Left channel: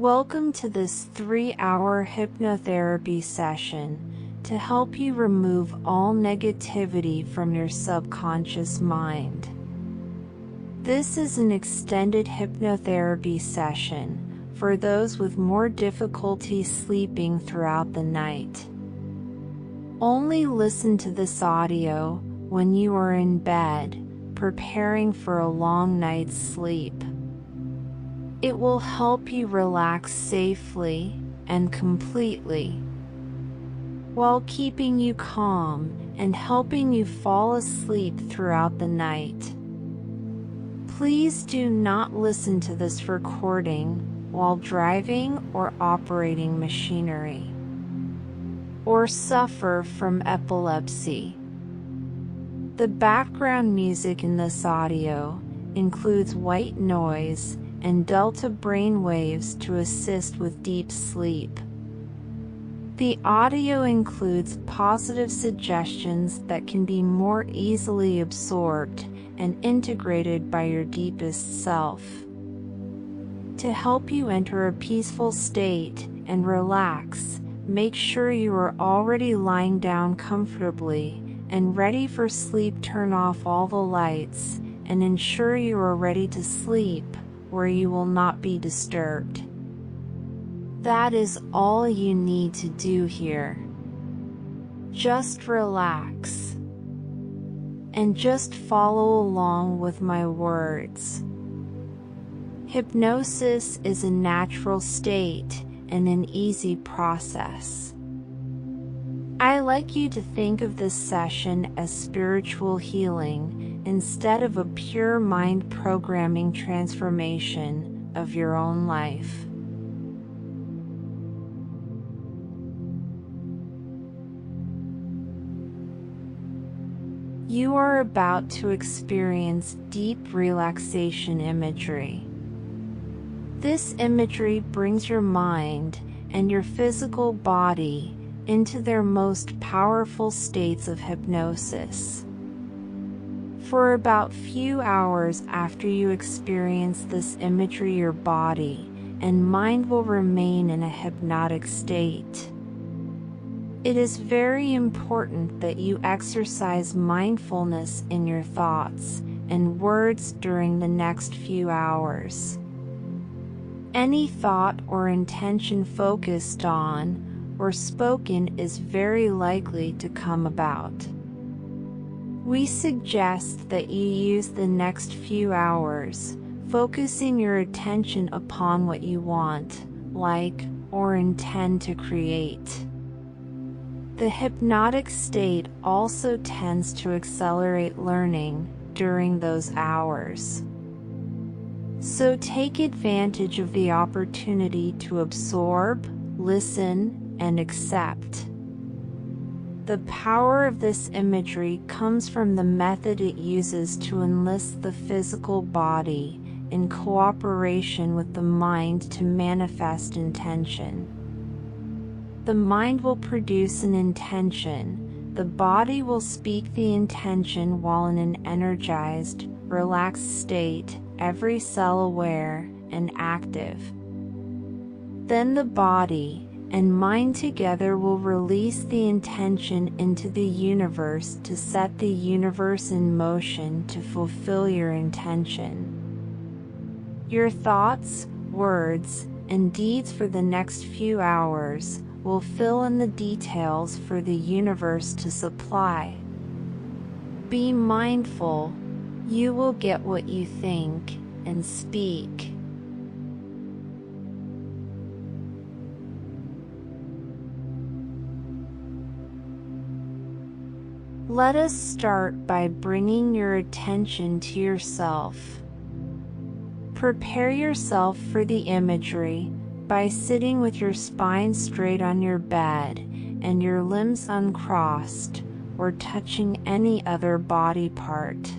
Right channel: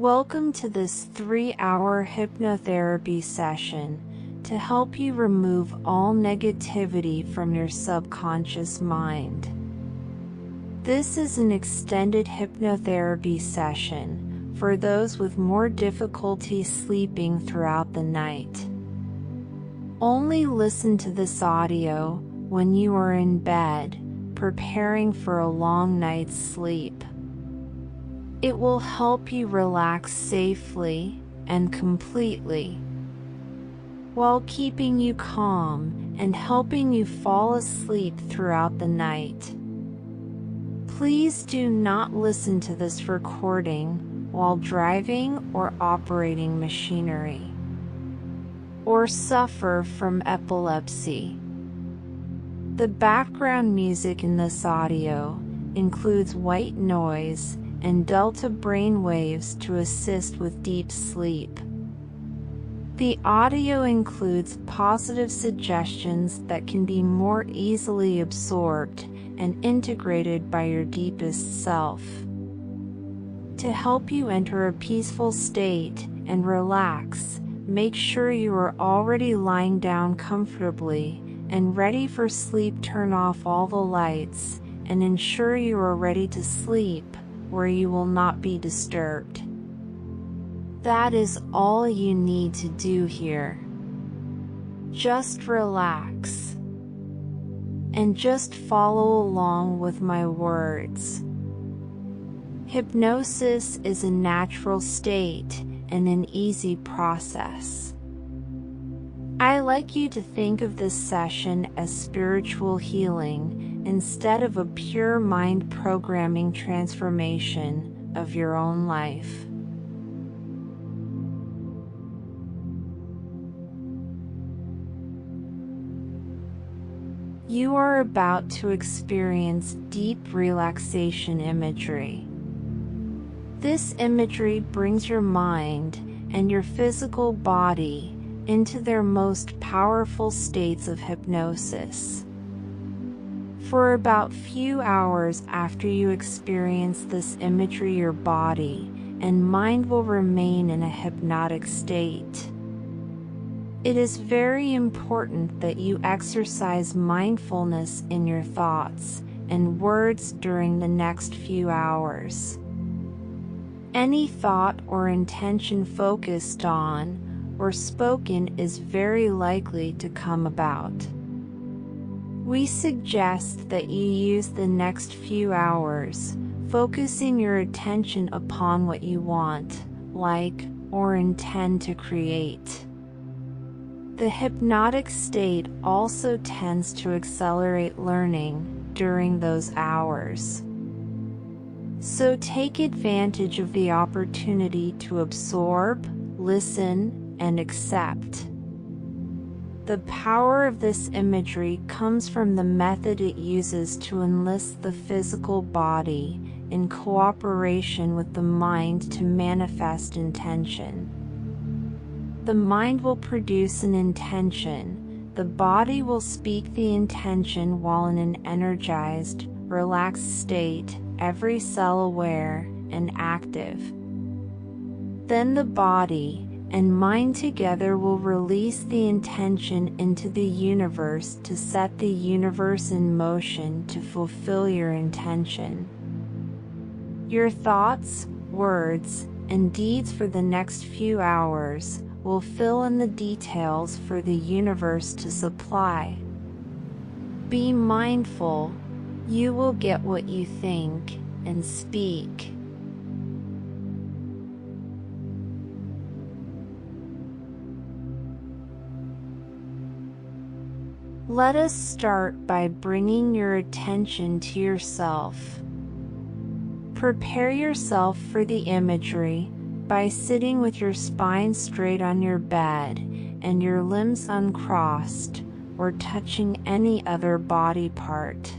Welcome to this 3-hour hypnotherapy session to help you remove all negativity from your subconscious mind. This is an extended hypnotherapy session for those with more difficulty sleeping throughout the night. Only listen to this audio when you are in bed, preparing for a long night's sleep. It will help you relax safely and completely, while keeping you calm and helping you fall asleep throughout the night. Please do not listen to this recording while driving or operating machinery, or suffer from epilepsy. The background music in this audio includes white noise and delta brain waves to assist with deep sleep. The audio includes positive suggestions that can be more easily absorbed and integrated by your deepest self. To help you enter a peaceful state and relax, make sure you are already lying down comfortably and ready for sleep. Turn off all the lights and ensure you are ready to sleep where you will not be disturbed. That is all you need to do here. Just relax and just follow along with my words. Hypnosis is a natural state and an easy process. I like you to think of this session as spiritual healing instead of a pure mind programming transformation of your own life. You are about to experience deep relaxation imagery. This imagery brings your mind and your physical body into their most powerful states of hypnosis. For about few hours after you experience this imagery, your body and mind will remain in a hypnotic state. It is very important that you exercise mindfulness in your thoughts and words during the next few hours. Any thought or intention focused on or spoken is very likely to come about. We suggest that you use the next few hours focusing your attention upon what you want, like, or intend to create. The hypnotic state also tends to accelerate learning during those hours. So take advantage of the opportunity to absorb, listen, and accept. The power of this imagery comes from the method it uses to enlist the physical body in cooperation with the mind to manifest intention. The mind will produce an intention, the body will speak the intention while in an energized, relaxed state, every cell aware and active. Then the body and mind together will release the intention into the universe to set the universe in motion to fulfill your intention. Your thoughts, words, and deeds for the next few hours will fill in the details for the universe to supply. Be mindful, you will get what you think and speak. Let us start by bringing your attention to yourself. Prepare yourself for the imagery by sitting with your spine straight on your bed and your limbs uncrossed or touching any other body part.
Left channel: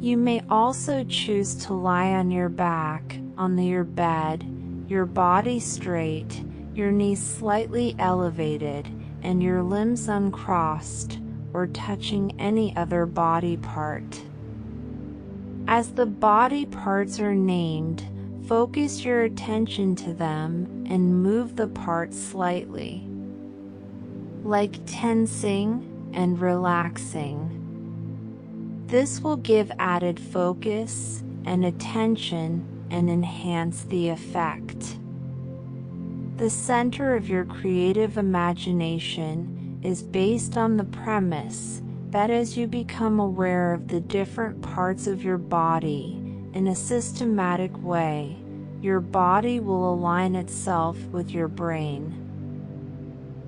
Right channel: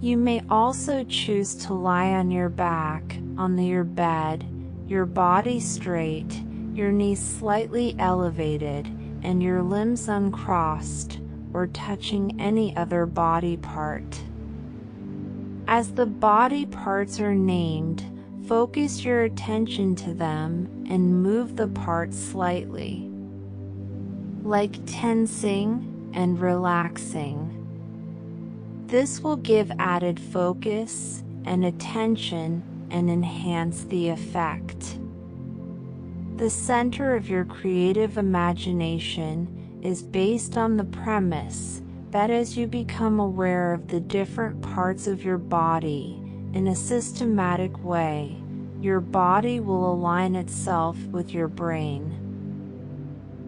You may also choose to lie on your back on your bed, your body straight, your knees slightly elevated, and your limbs uncrossed, or touching any other body part. As the body parts are named, focus your attention to them and move the parts slightly, like tensing and relaxing. This will give added focus and attention and enhance the effect. The center of your creative imagination is based on the premise that as you become aware of the different parts of your body in a systematic way, your body will align itself with your brain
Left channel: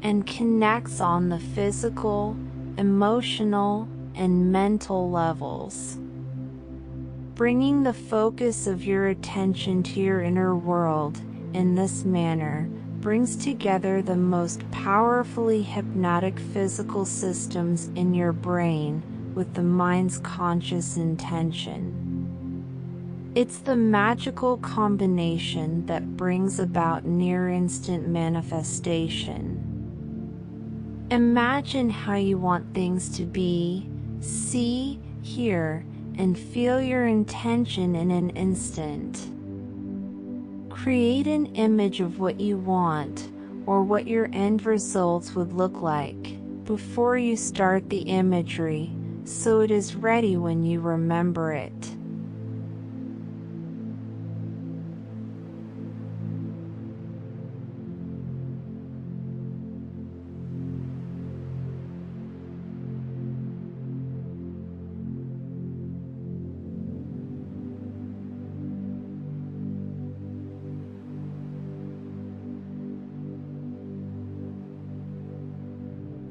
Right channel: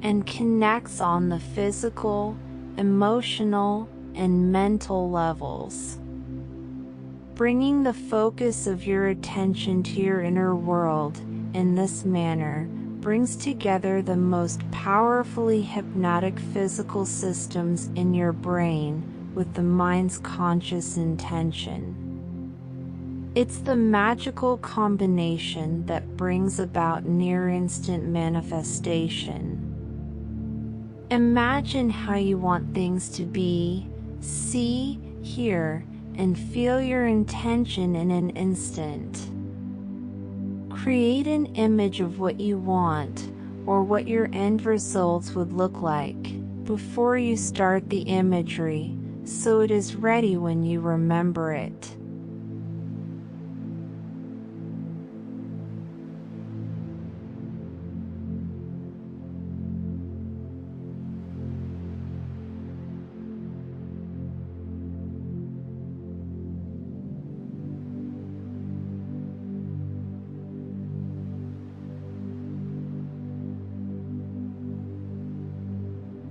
and connects on the physical, emotional, and mental levels. Bringing the focus of your attention to your inner world in this manner brings together the most powerfully hypnotic physical systems in your brain with the mind's conscious intention. It's the magical combination that brings about near-instant manifestation. Imagine how you want things to be, see, hear, and feel your intention in an instant. Create an image of what you want or what your end results would look like before you start the imagery, so it is ready when you remember it.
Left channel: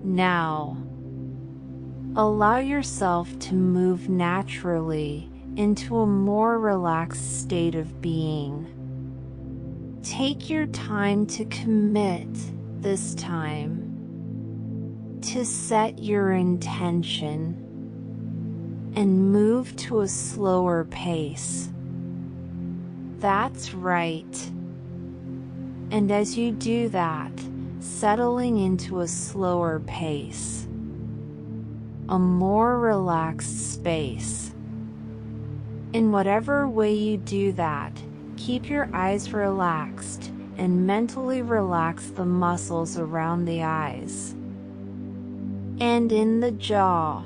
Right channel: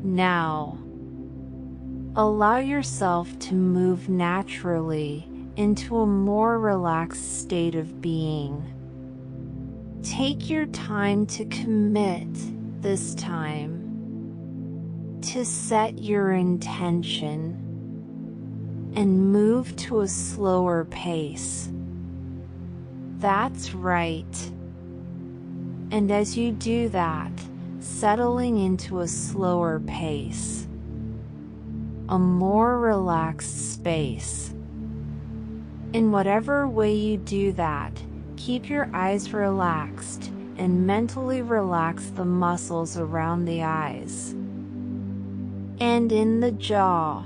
Now, allow yourself to move naturally into a more relaxed state of being. Take your time to commit this time, to set your intention, and move to a slower pace. That's right. And as you do that, settling into a slower pace, a more relaxed space. In whatever way you do that, keep your eyes relaxed and mentally relax the muscles around the eyes and in the jaw,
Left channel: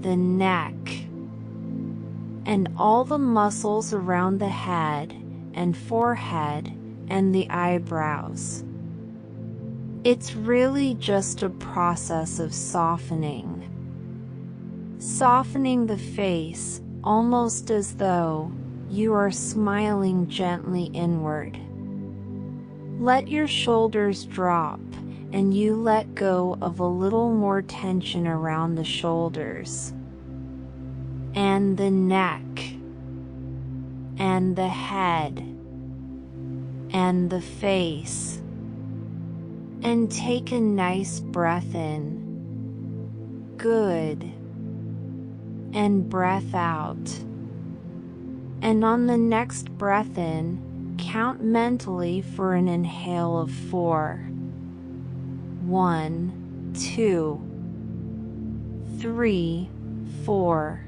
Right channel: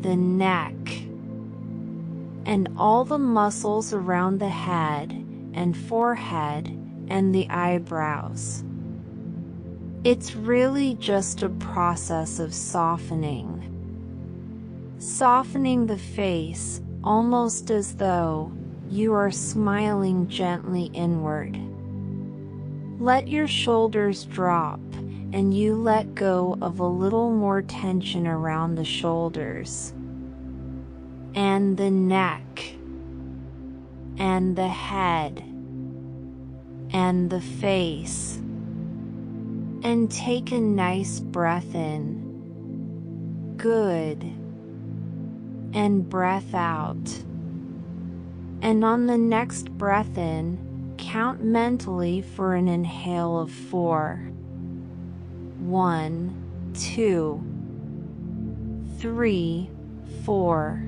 the neck, and all the muscles around the head and forehead and the eyebrows. It's really just a process of softening. Softening the face, almost as though you are smiling gently inward. Let your shoulders drop and you let go of a little more tension around the shoulders, and the neck, and the head, and the face. And take a nice breath in. Good. And breath out. And on the next breath in, count mentally for an inhale of 4. 1, 2, 3, 4.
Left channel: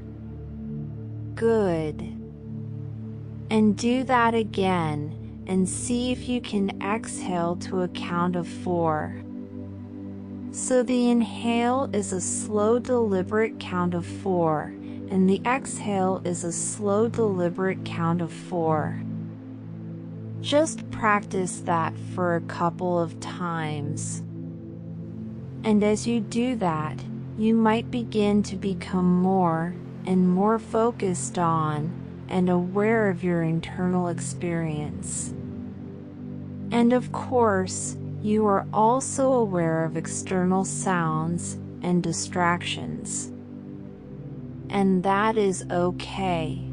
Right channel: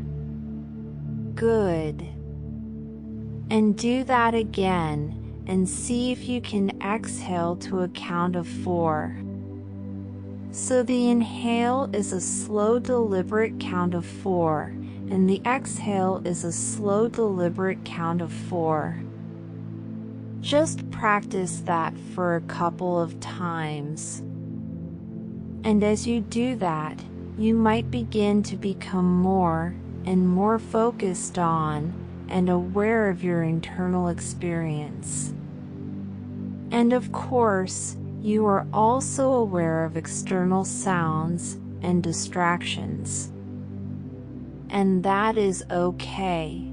Good. And do that again, and see if you can exhale to a count of 4. So the inhale is a slow, deliberate count of 4, and the exhale is a slow, deliberate count of 4. Just practice that for a couple of times. And as you do that, you might begin to become more and more focused on and aware of your internal experience. And of course, you are also aware of external sounds and distractions. And that is okay.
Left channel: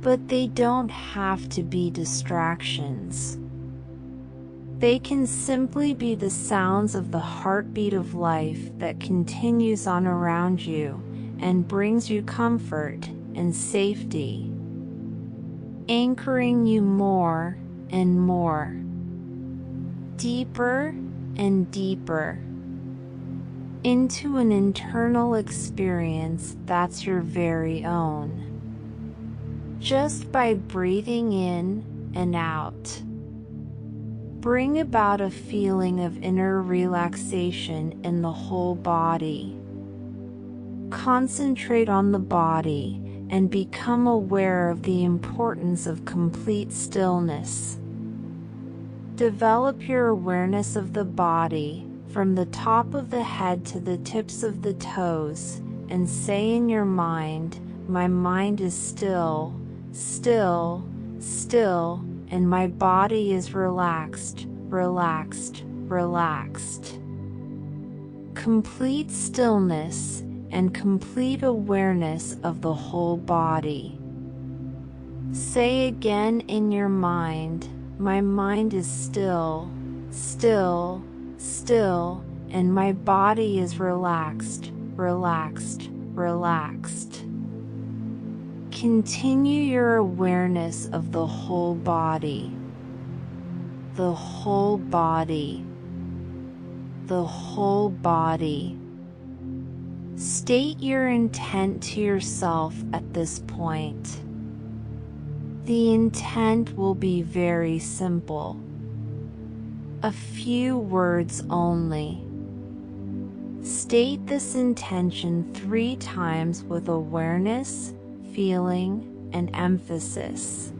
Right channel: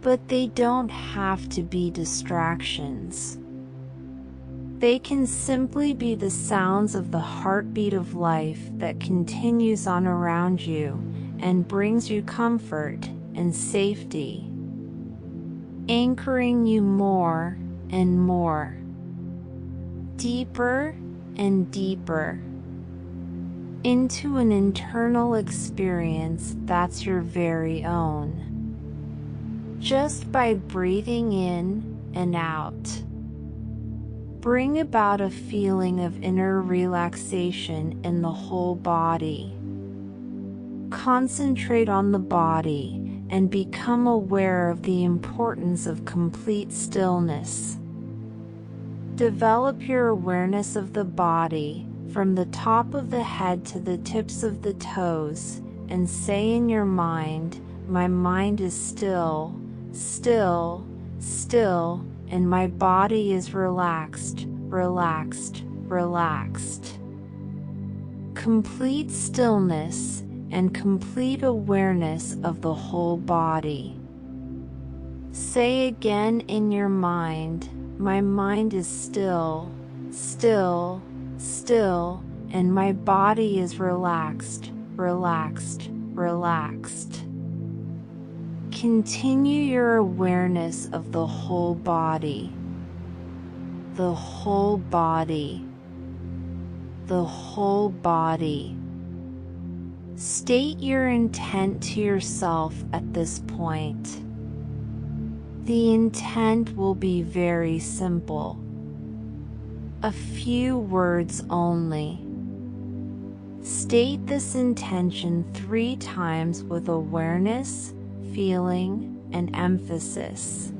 But they don't have to be distractions. They can simply be the sounds of the heartbeat of life that continues on around you and brings you comfort and safety, anchoring you more and more, deeper and deeper, into an internal experience that's your very own. just by breathing in and out. Bring about a feeling of inner relaxation in the whole body. Concentrate on the body and become aware of the importance of complete stillness. Develop your awareness of the body from the top of the head to the tips of the toes, and say in your mind, "My mind is still, still, still, and my body is relaxed, relaxed, relaxed." Complete stillness and complete awareness of the whole body. Say again in your mind, "My mind is still, still, still, and my body is relaxed, relaxed, relaxed." Continue your awareness of the whole body. The whole body. The whole body. State your intent to yourself at this point. The intent will be very simple. A few words only. State this intention 3 times with awareness, feeling, and emphasis.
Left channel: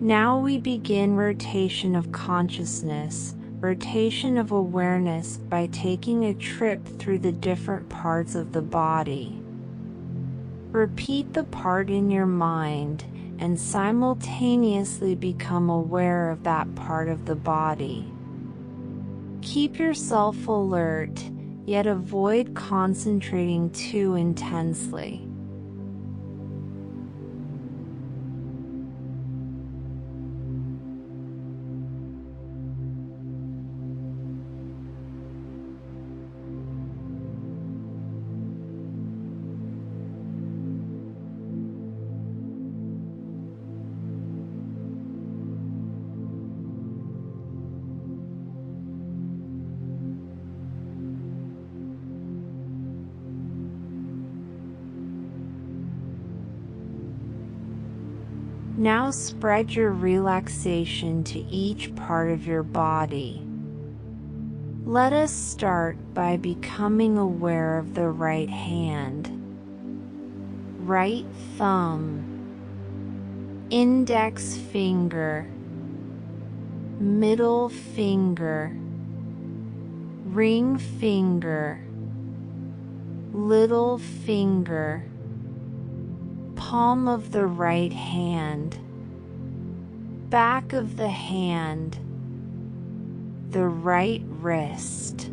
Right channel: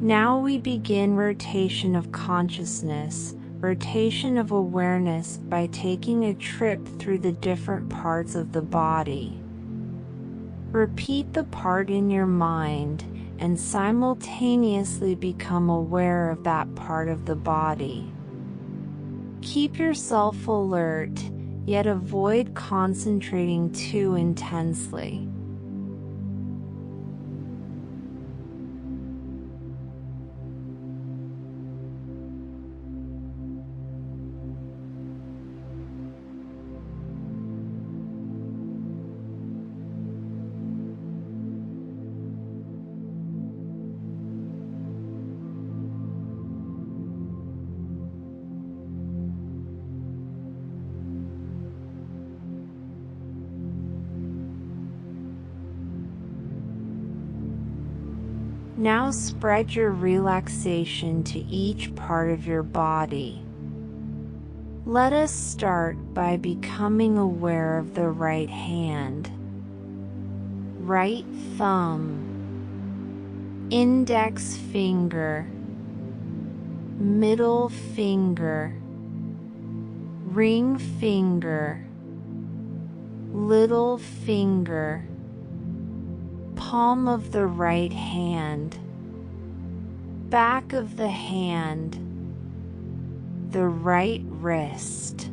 Now we begin rotation of consciousness, rotation of awareness by taking a trip through the different parts of the body. Repeat the part in your mind and simultaneously become aware of that part of the body. Keep yourself alert, yet avoid concentrating too intensely. Now spread your relaxation to each part of your body. Let us start by becoming aware of the right hand, right thumb, index finger, middle finger, ring finger, little finger, palm of the right hand, back of the hand, the right wrist,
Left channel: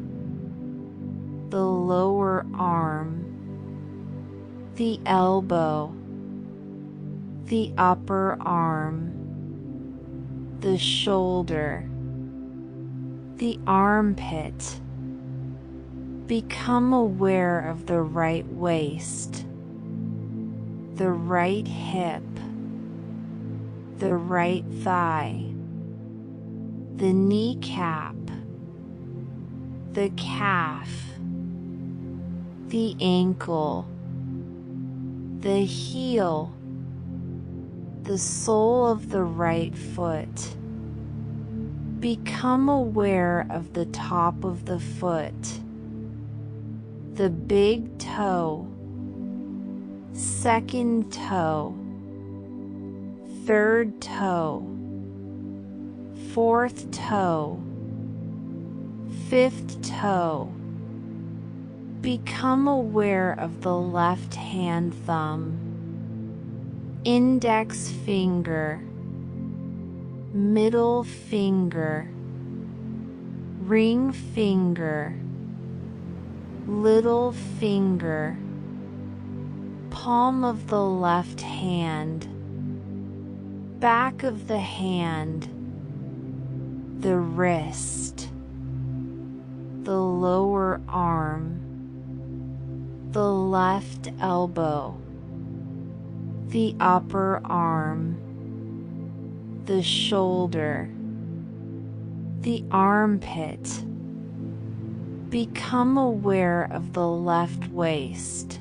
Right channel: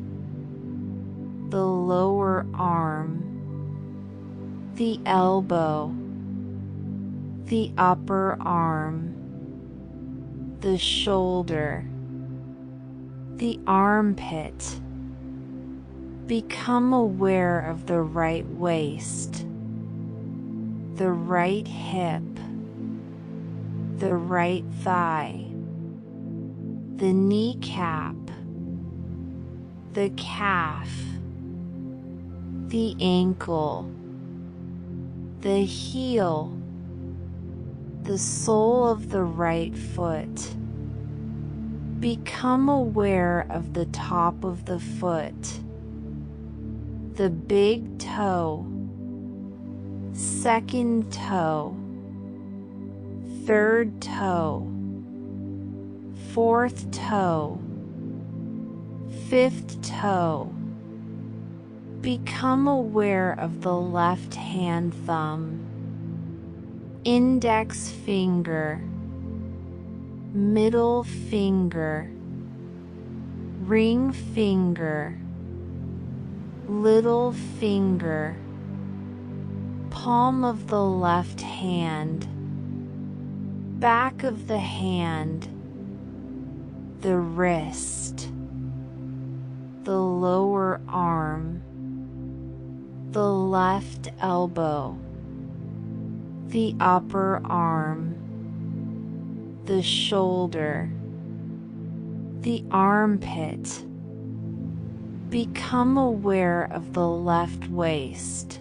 the lower arm, the elbow, the upper arm, the shoulder, the armpit. Become aware of the right waist, the right hip, the right thigh, the kneecap, the calf, the ankle, the heel, the sole of the right foot. Become aware of the top of the foot, the big toe, second toe, third toe, fourth toe, fifth toe. Become aware of the left hand thumb, index finger, middle finger, ring finger, little finger, palm of the left hand, back of the hand, the wrist, the lower arm, the left elbow, the upper arm, the shoulder, the armpit. Become aware of the left waist,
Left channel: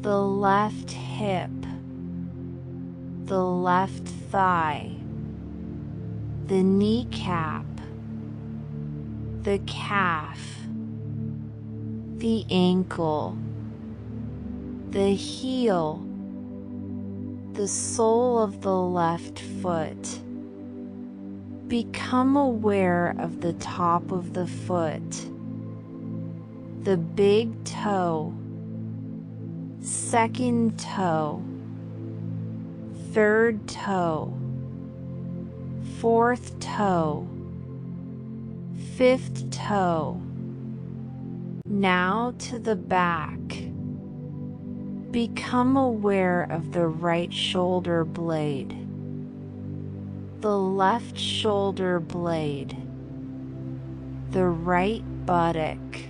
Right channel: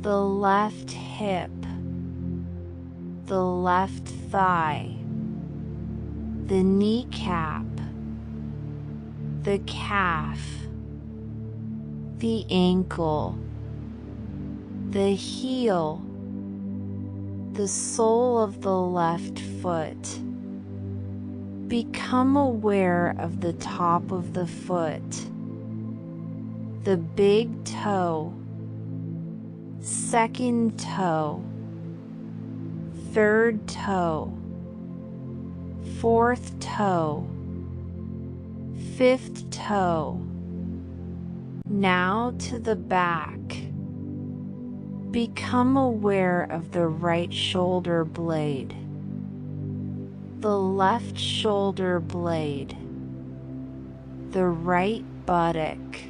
the left hip, the left thigh, the kneecap, the calf, the ankle, the heel, the sole of the left foot. Become aware of the top of the foot, the big toe, second toe, third toe, fourth toe, fifth toe. Now to the back. Become aware of the right shoulder blade, the left shoulder blade, the right buttock,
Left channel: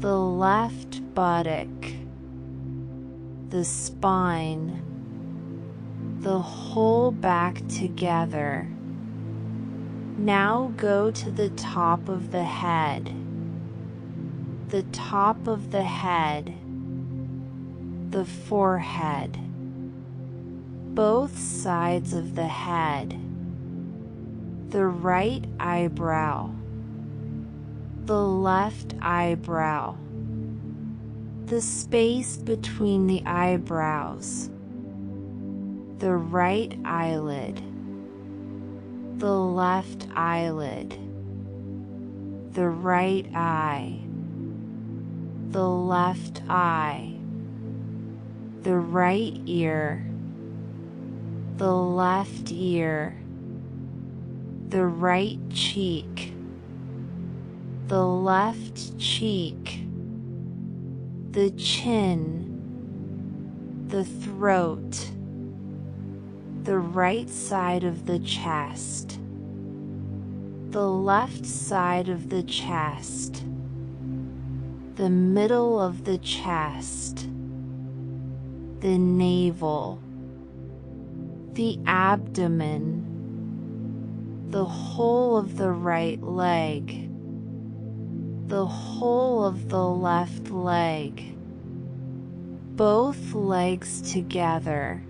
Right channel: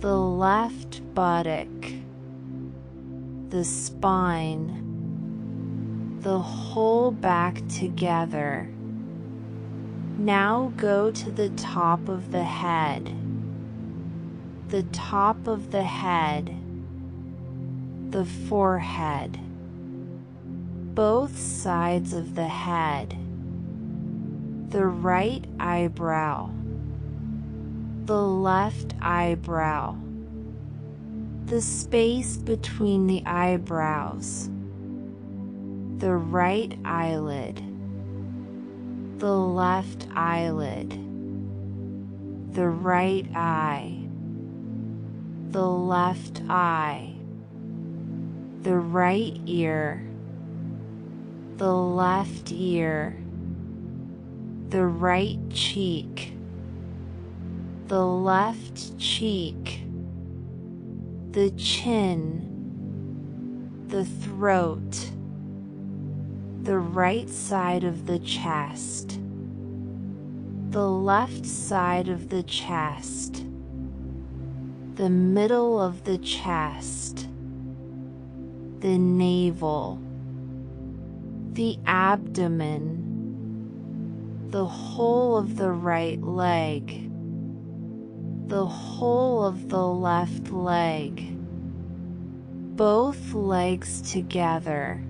the left buttock, the spine, the whole back together. Now go to the top of the head, the top of the head, the forehead, both sides of the head, the right eyebrow, the left eyebrow, the space between the eyebrows, the right eyelid, the left eyelid, the right eye, the left eye, the right ear, the left ear, the right cheek, the left cheek, the chin, the throat, the right side of the chest, the left side of the chest, the middle of the chest, the navel, the abdomen, the whole of the right leg, the whole of the left leg, both legs together,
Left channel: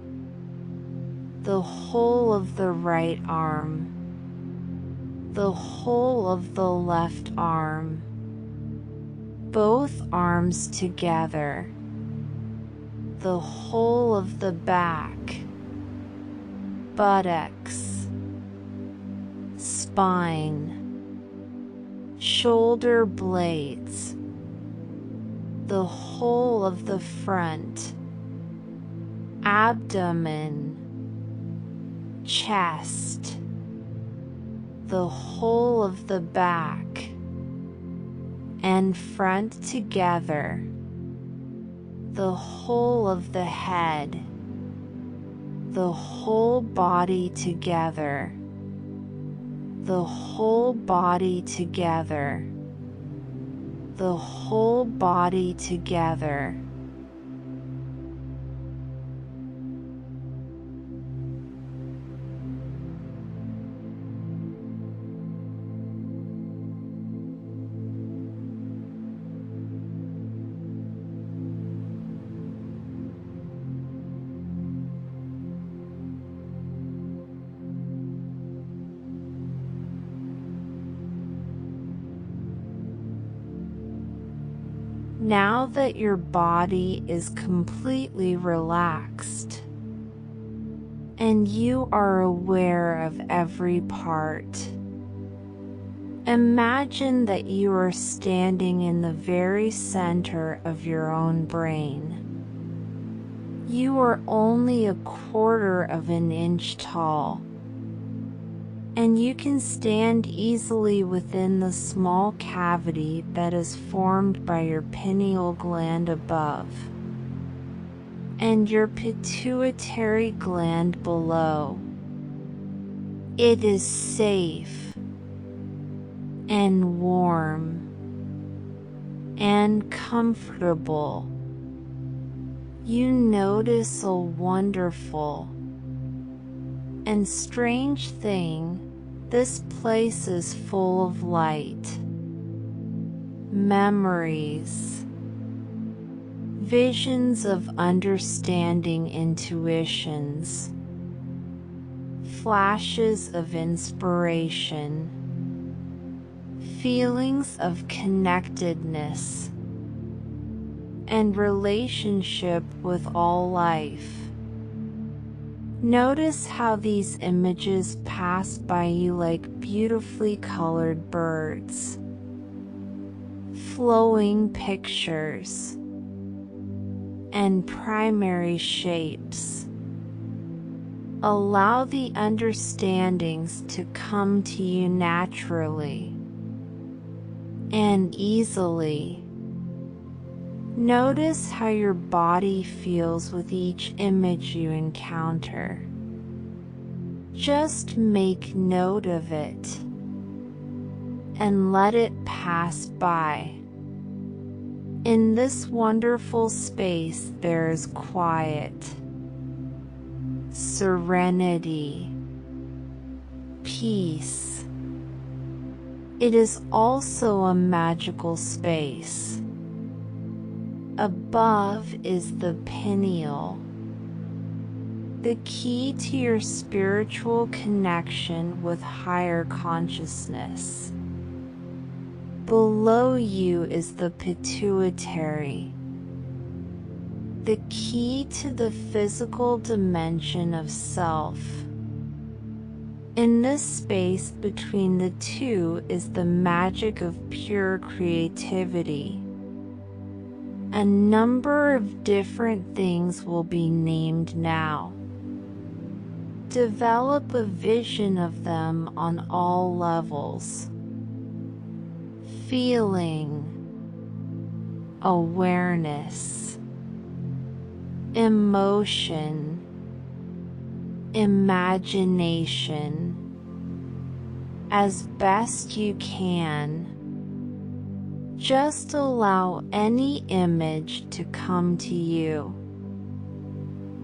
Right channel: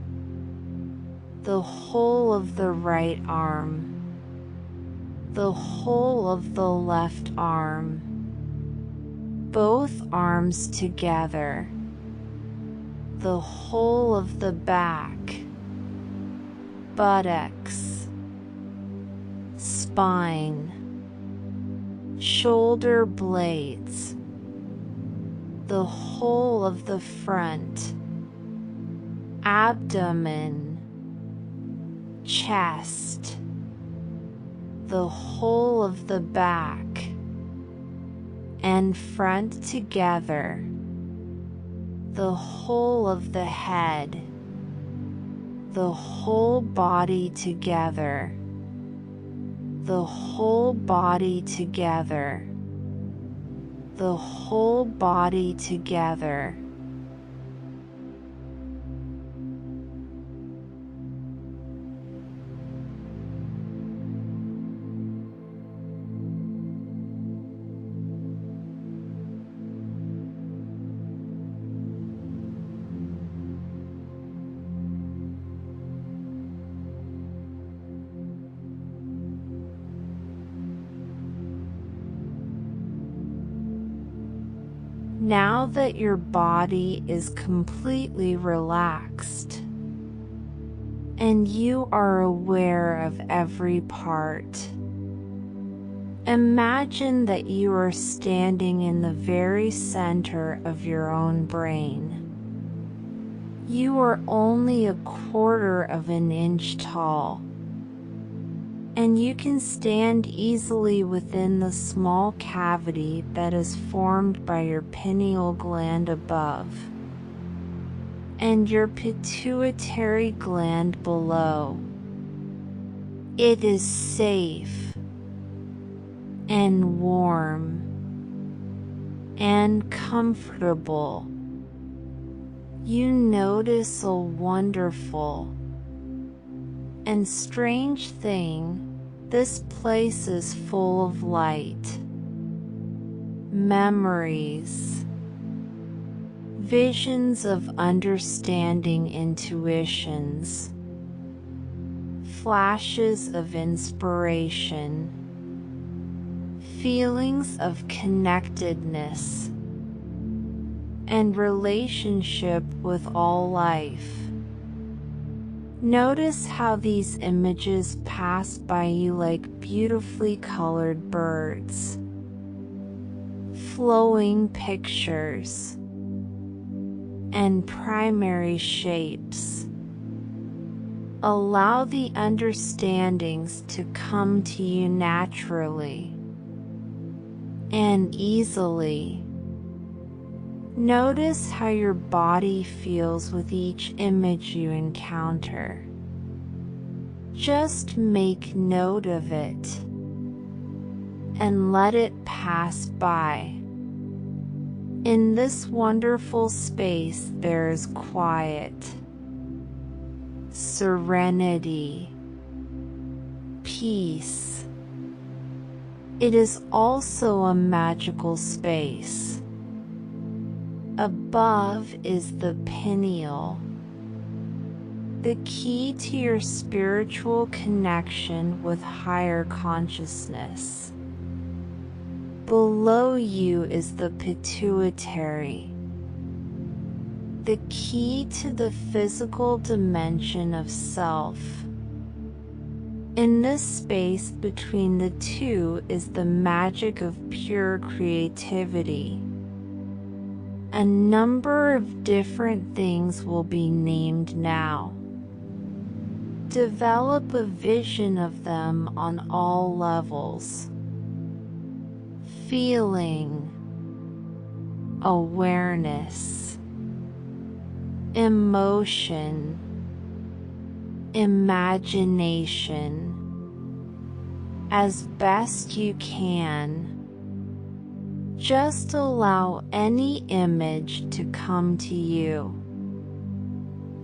the whole of the right arm, the whole of the left arm, both arms together, the whole of the back, buttocks, spine, shoulder blades, the whole of the front, abdomen, chest, the whole of the back and front together, the whole of the head, the whole body together, the whole body together, the whole body together. Now that your body is completely relaxed and you are aware of every part, imagine that you are standing in the very center of your own brain. You are only 1/4 of an inch tall, and you can stand easily within the small cavity that is formed by your pineal gland above and your pituitary gland below. It is safe and warm and comfortable. You notice a wonderful and strange thing. This place is full of light, memories, visions of understanding intuitions, flashes of inspiration, feelings of connectedness, and relationship with all life. Notice how these images pass by you like beautifully colored birds, flowing pictures, and primary shapes. Allow the understandings to come to you naturally and easily. Notice how your body feels with each image you encounter. Just make note of it and let it pass by. In this wonderful space there is quiet, serenity, peace. It is also a magical space. Above is the pineal, the key to your spiritual connection with higher consciousness. Below you is the pituitary, the key to the physical dimension of self. In this space between the two is the magic of pure creativity. A number of different things will be named now. Develop a vision of them on all levels. Feeling, awareness, emotion, imagination. As best you can, just allow any image to come to you.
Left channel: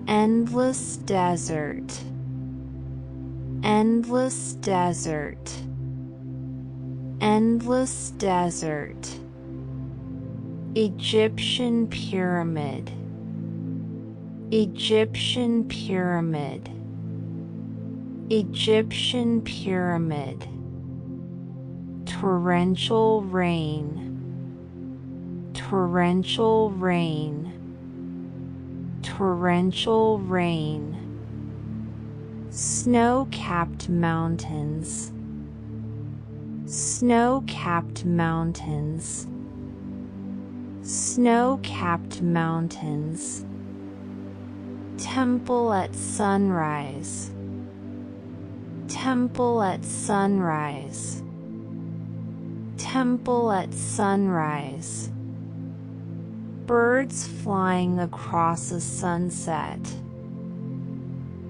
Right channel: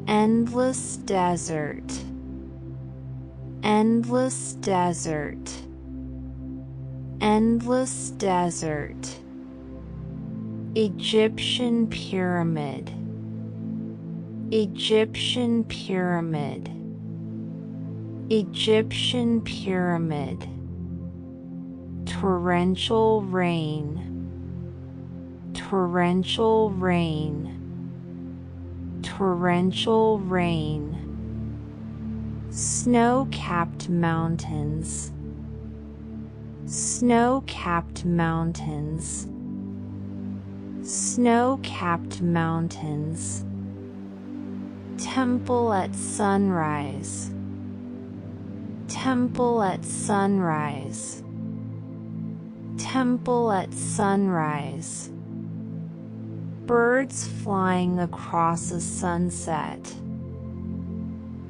Endless desert, endless desert, endless desert. Egyptian pyramid, Egyptian pyramid, Egyptian pyramid. Torrential rain, torrential rain, torrential rain. Snow-capped mountains, snow-capped mountains, snow-capped mountains. Temple at sunrise, temple at sunrise, temple at sunrise. Birds flying across a sunset,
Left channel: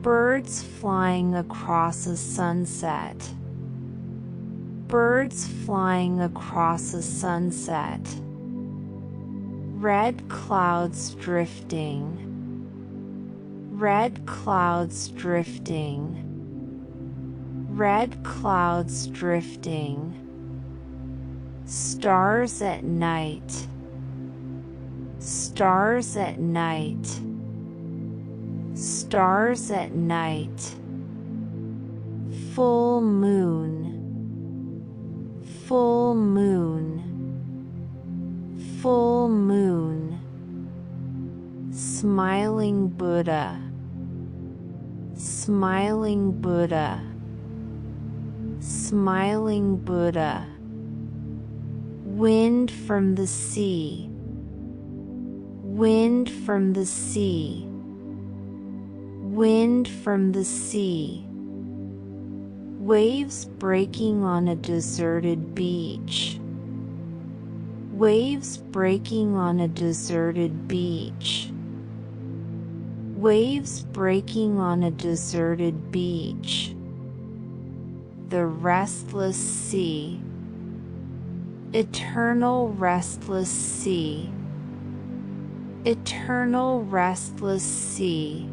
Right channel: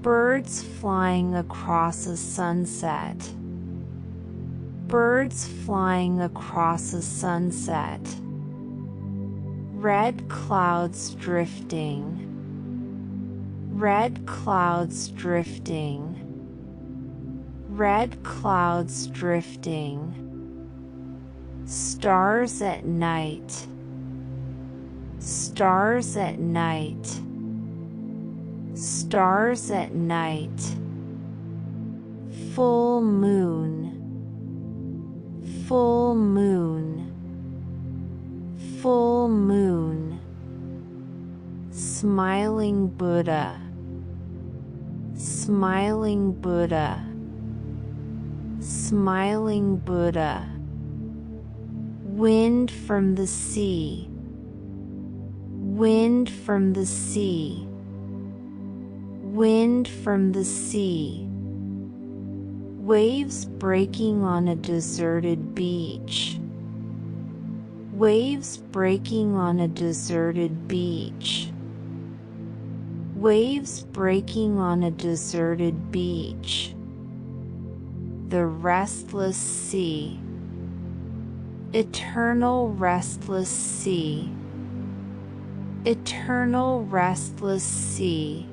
birds flying across a sunset, birds flying across a sunset. Red clouds drifting, red clouds drifting, red clouds drifting. Stars at night, stars at night, stars at night. Full moon, full moon, full moon. Smiling Buddha, smiling Buddha, smiling Buddha. Wind from the sea, wind from the sea, wind from the sea. Waves breaking on a deserted beach, waves breaking on a deserted beach, waves breaking on a deserted beach. The restless sea, eternal restless sea, eternal restless sea.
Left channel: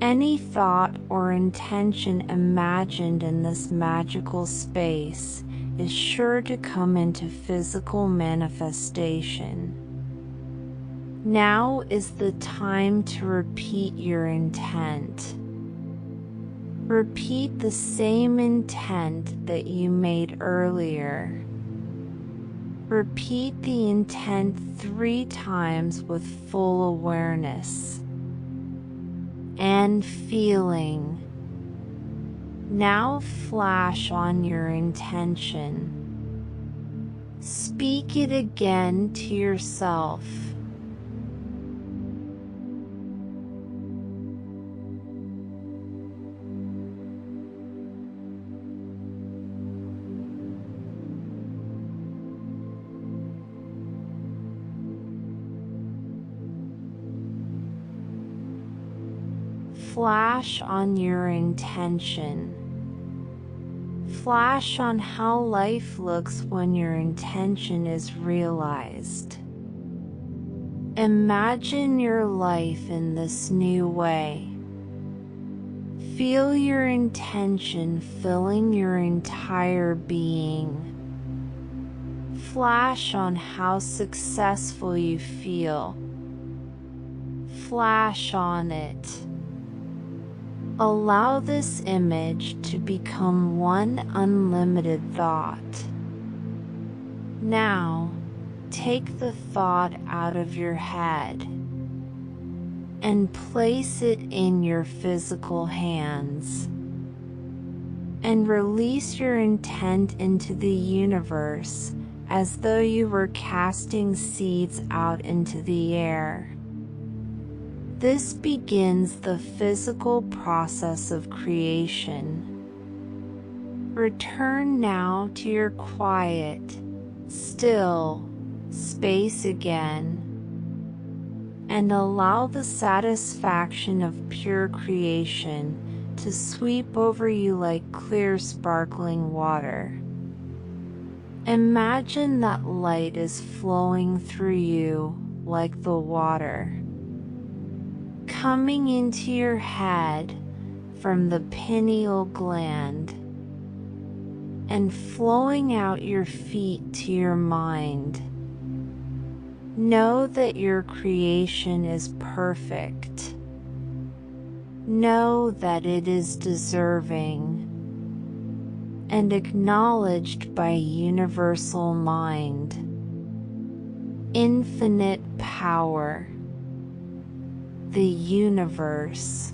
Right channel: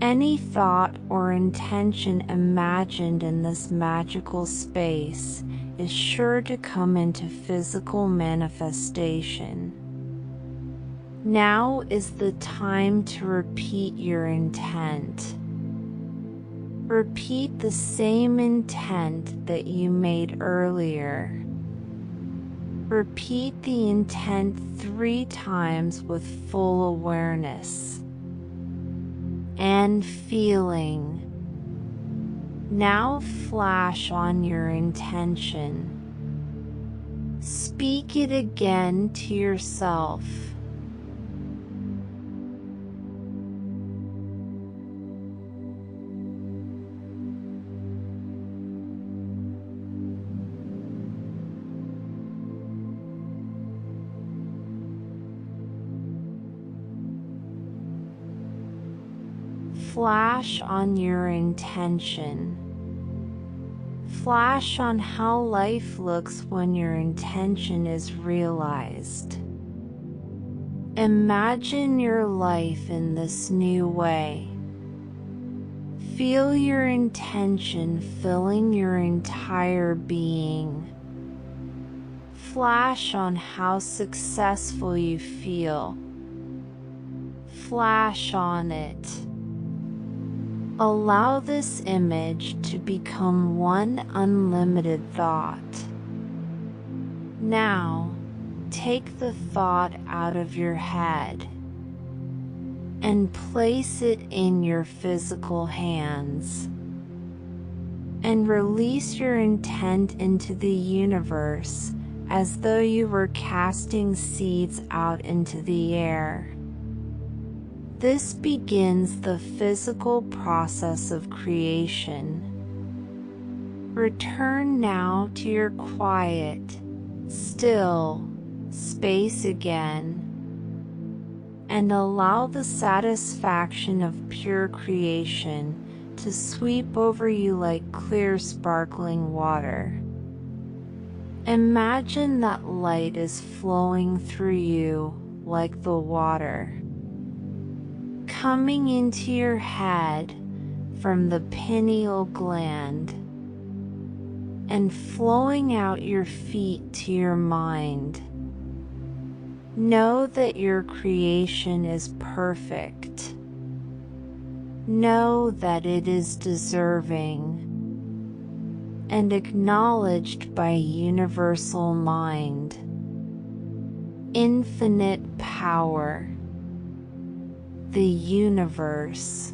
Any thought or intention imagined in this magical space is sure to come into physical manifestation. Now is the time to repeat your intent. Repeat the same intent that you made earlier. Repeat the intent 3 times with full awareness and feeling. Now flash on your intention. Speak it again to yourself. Flash on your intention. Flash on how life looks when your intention is realized. Imagine your life in this new way. Feel your intention filling your entire being. Flash on how successful you feel. Flash on it. Allow this image to become one unlimited thought. Now, take the thought out of your head and place it in your physical hands. And release your intent into the universe as though you were casting seeds out into the air. This begins the physical process of creation. Return now to your quiet, still space again, and allow the satisfaction of pure creation to sweep over you like clear sparkling water. Imagine that light is flowing through you like the water, coming into your head from the pineal gland and flowing out your feet to your mind. Know that your creation is perfect. Know that it is deserving and acknowledged by universal mind, infinite power, the universe.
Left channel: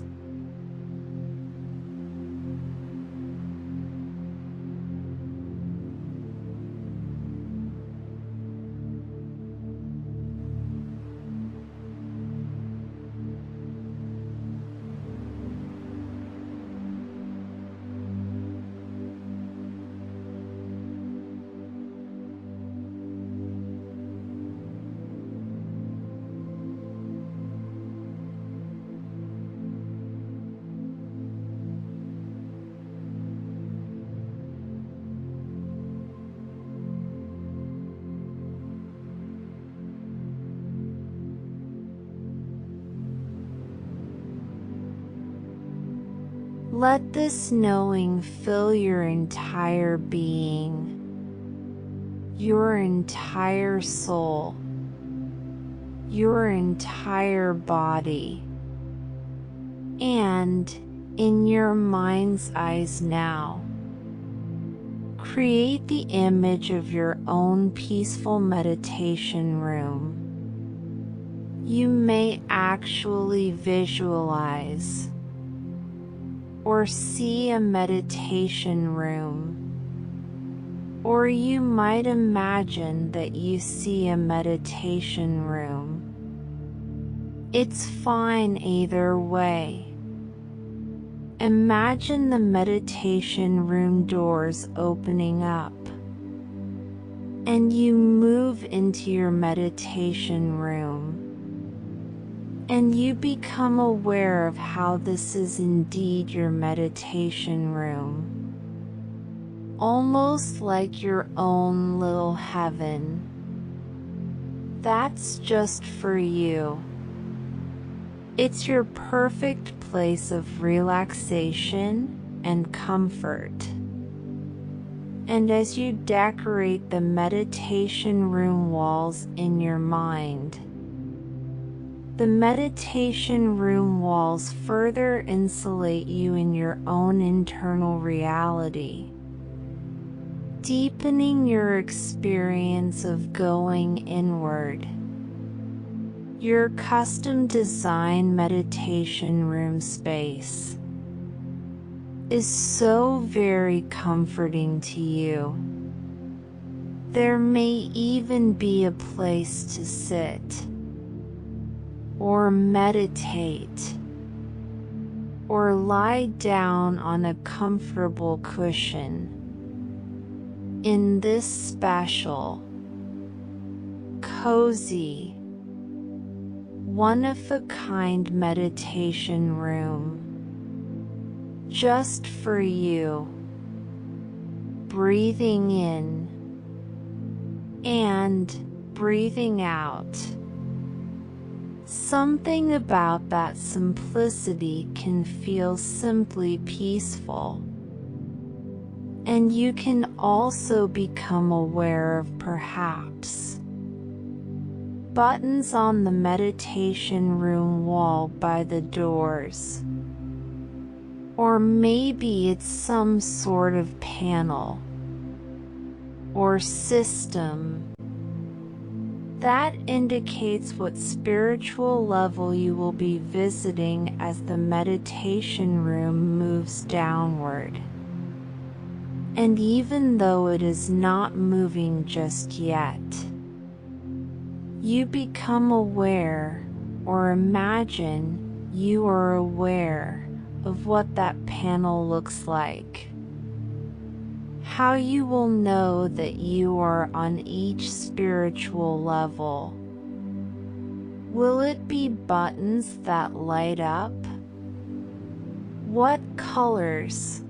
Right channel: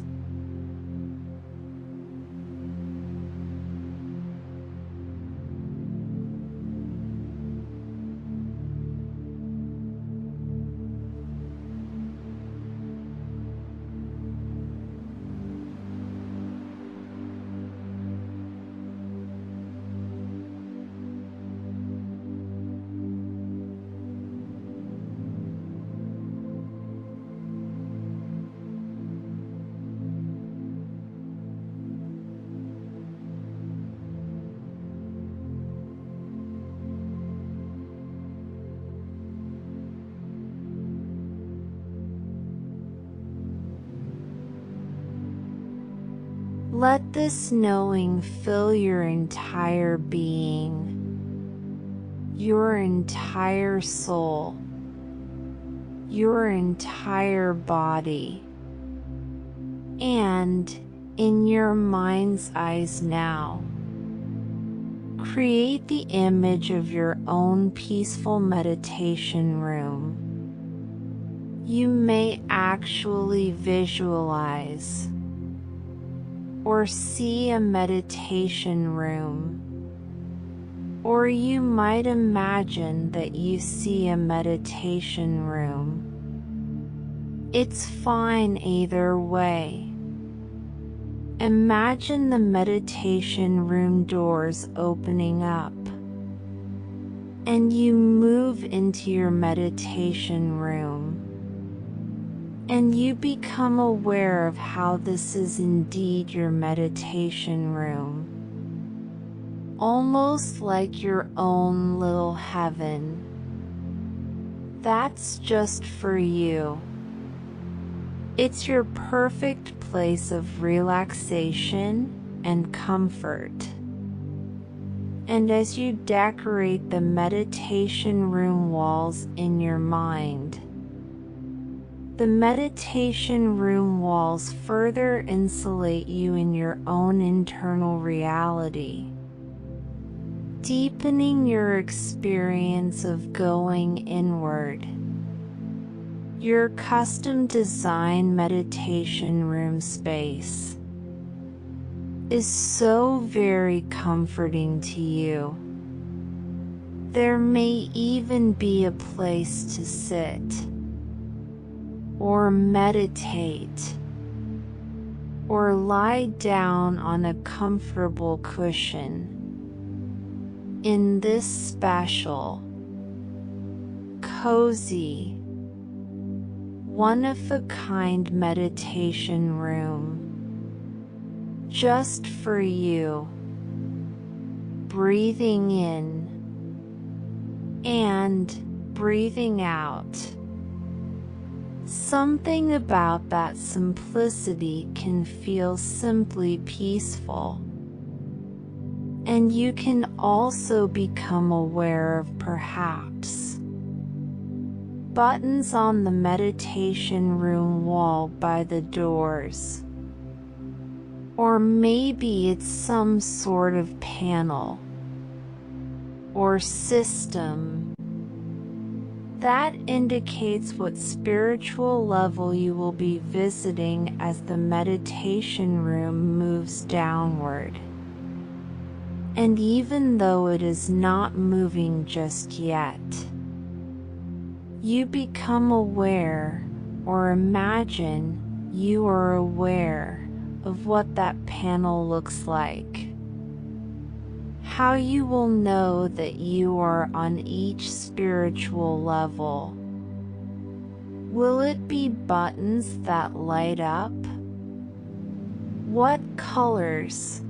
Let this knowing fill your entire being, your entire soul, your entire body, and in your mind's eyes now, create the image of your own peaceful meditation room. You may actually visualize or see a meditation room, or you might imagine that you see a meditation room. It's fine either way. Imagine the meditation room doors opening up, and you move into your meditation room. And you become aware of how this is indeed your meditation room, almost like your own little heaven. That's just for you. It's your perfect place of relaxation and comfort. And as you decorate the meditation room walls in your mind, The meditation room walls further insulate you in your own internal reality, deepening your experience of going inward. Your custom-designed meditation room space is so very comforting to you. There may even be a place to sit or meditate or lie down on a comfortable cushion in this special, cozy, one-of-a-kind meditation room just for you. Breathing in and breathing out. Something about that simplicity can feel simply peaceful. And you can also become aware of perhaps buttons on the meditation room wall by the doors. Or maybe it's some sort of panel or system that indicates what spiritual level you will be visiting as the meditation room moves downward. And even though it is not moving just yet, you become aware, or imagine you are aware of what that panel looks like. How you will know that you are on each spiritual level. Will it be buttons that light up? What colors?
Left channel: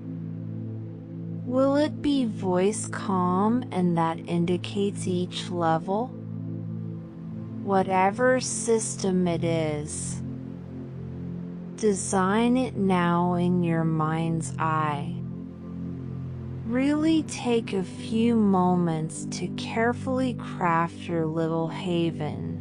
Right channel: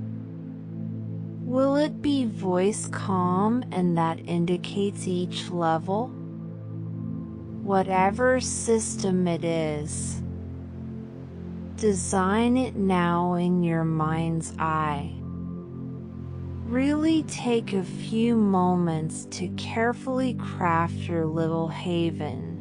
Will it be voice calm and that indicates each level? Whatever system it is, design it now in your mind's eye. Really take a few moments to carefully craft your little haven.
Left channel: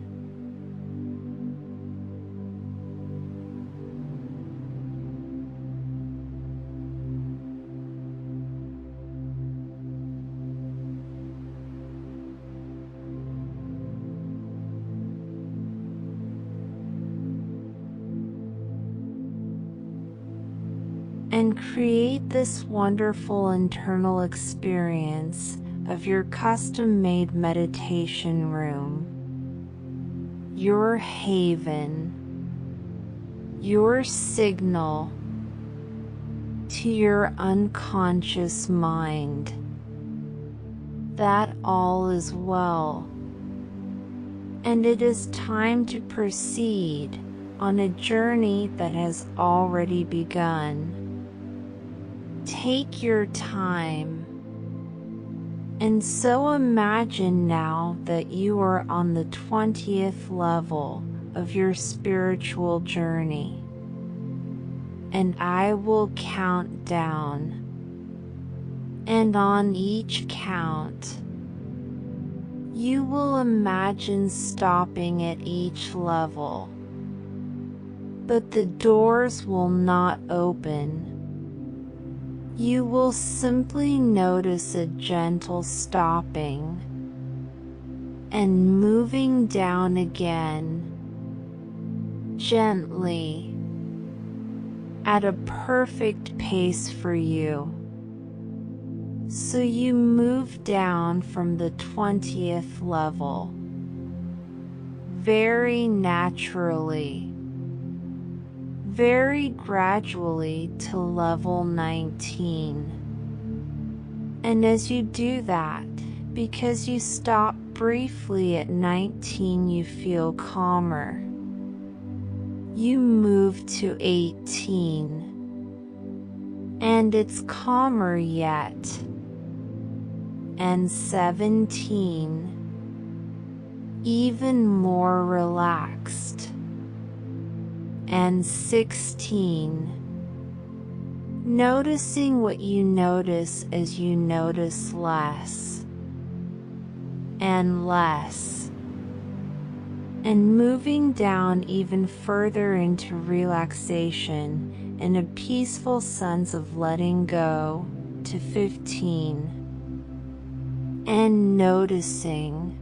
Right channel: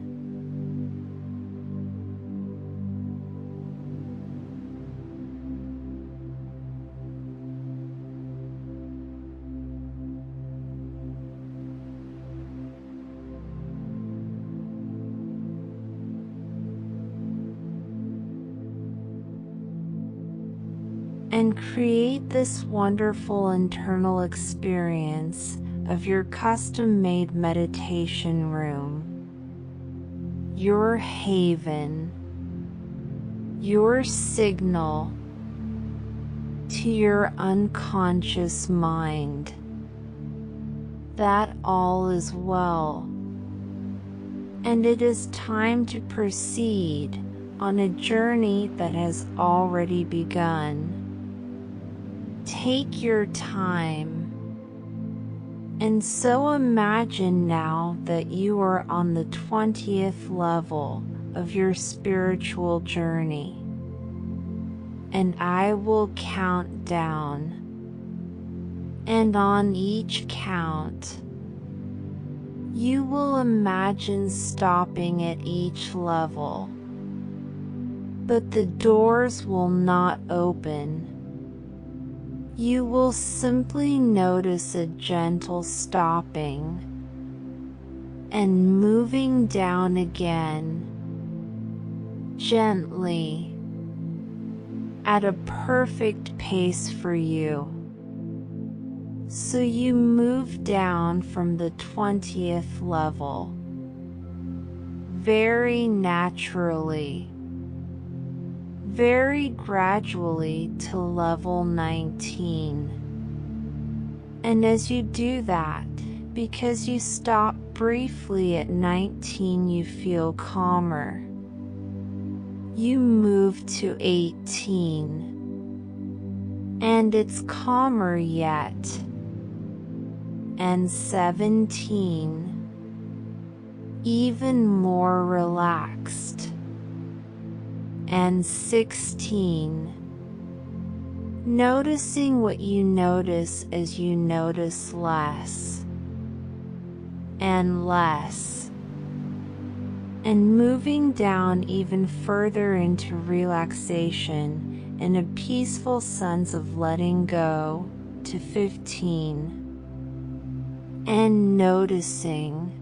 And create this wonderful internal experience of your custom-made meditation room, your haven, your signal to your unconscious mind that all is well, and it is time to proceed on a journey that has already begun. Take your time, and so imagine now that you are on the 20th level of your spiritual journey, and I will count down, and on each count, you will imagine stopping at each level, but the doors will not open. You will simply notice a gentle stopping and moving down again, gently, at a perfect pace for you. So you move down from the 20th level, very naturally, very gradually to level 19. And as you do that, because you stop briefly at 19, you feel calmer. You move to 18, and it's calmer yet. And 17, even more relaxed. And 16, noticing what you notice as you notice less and less. and moving down even further into relaxation and a peaceful sense of letting go to 15, and noticing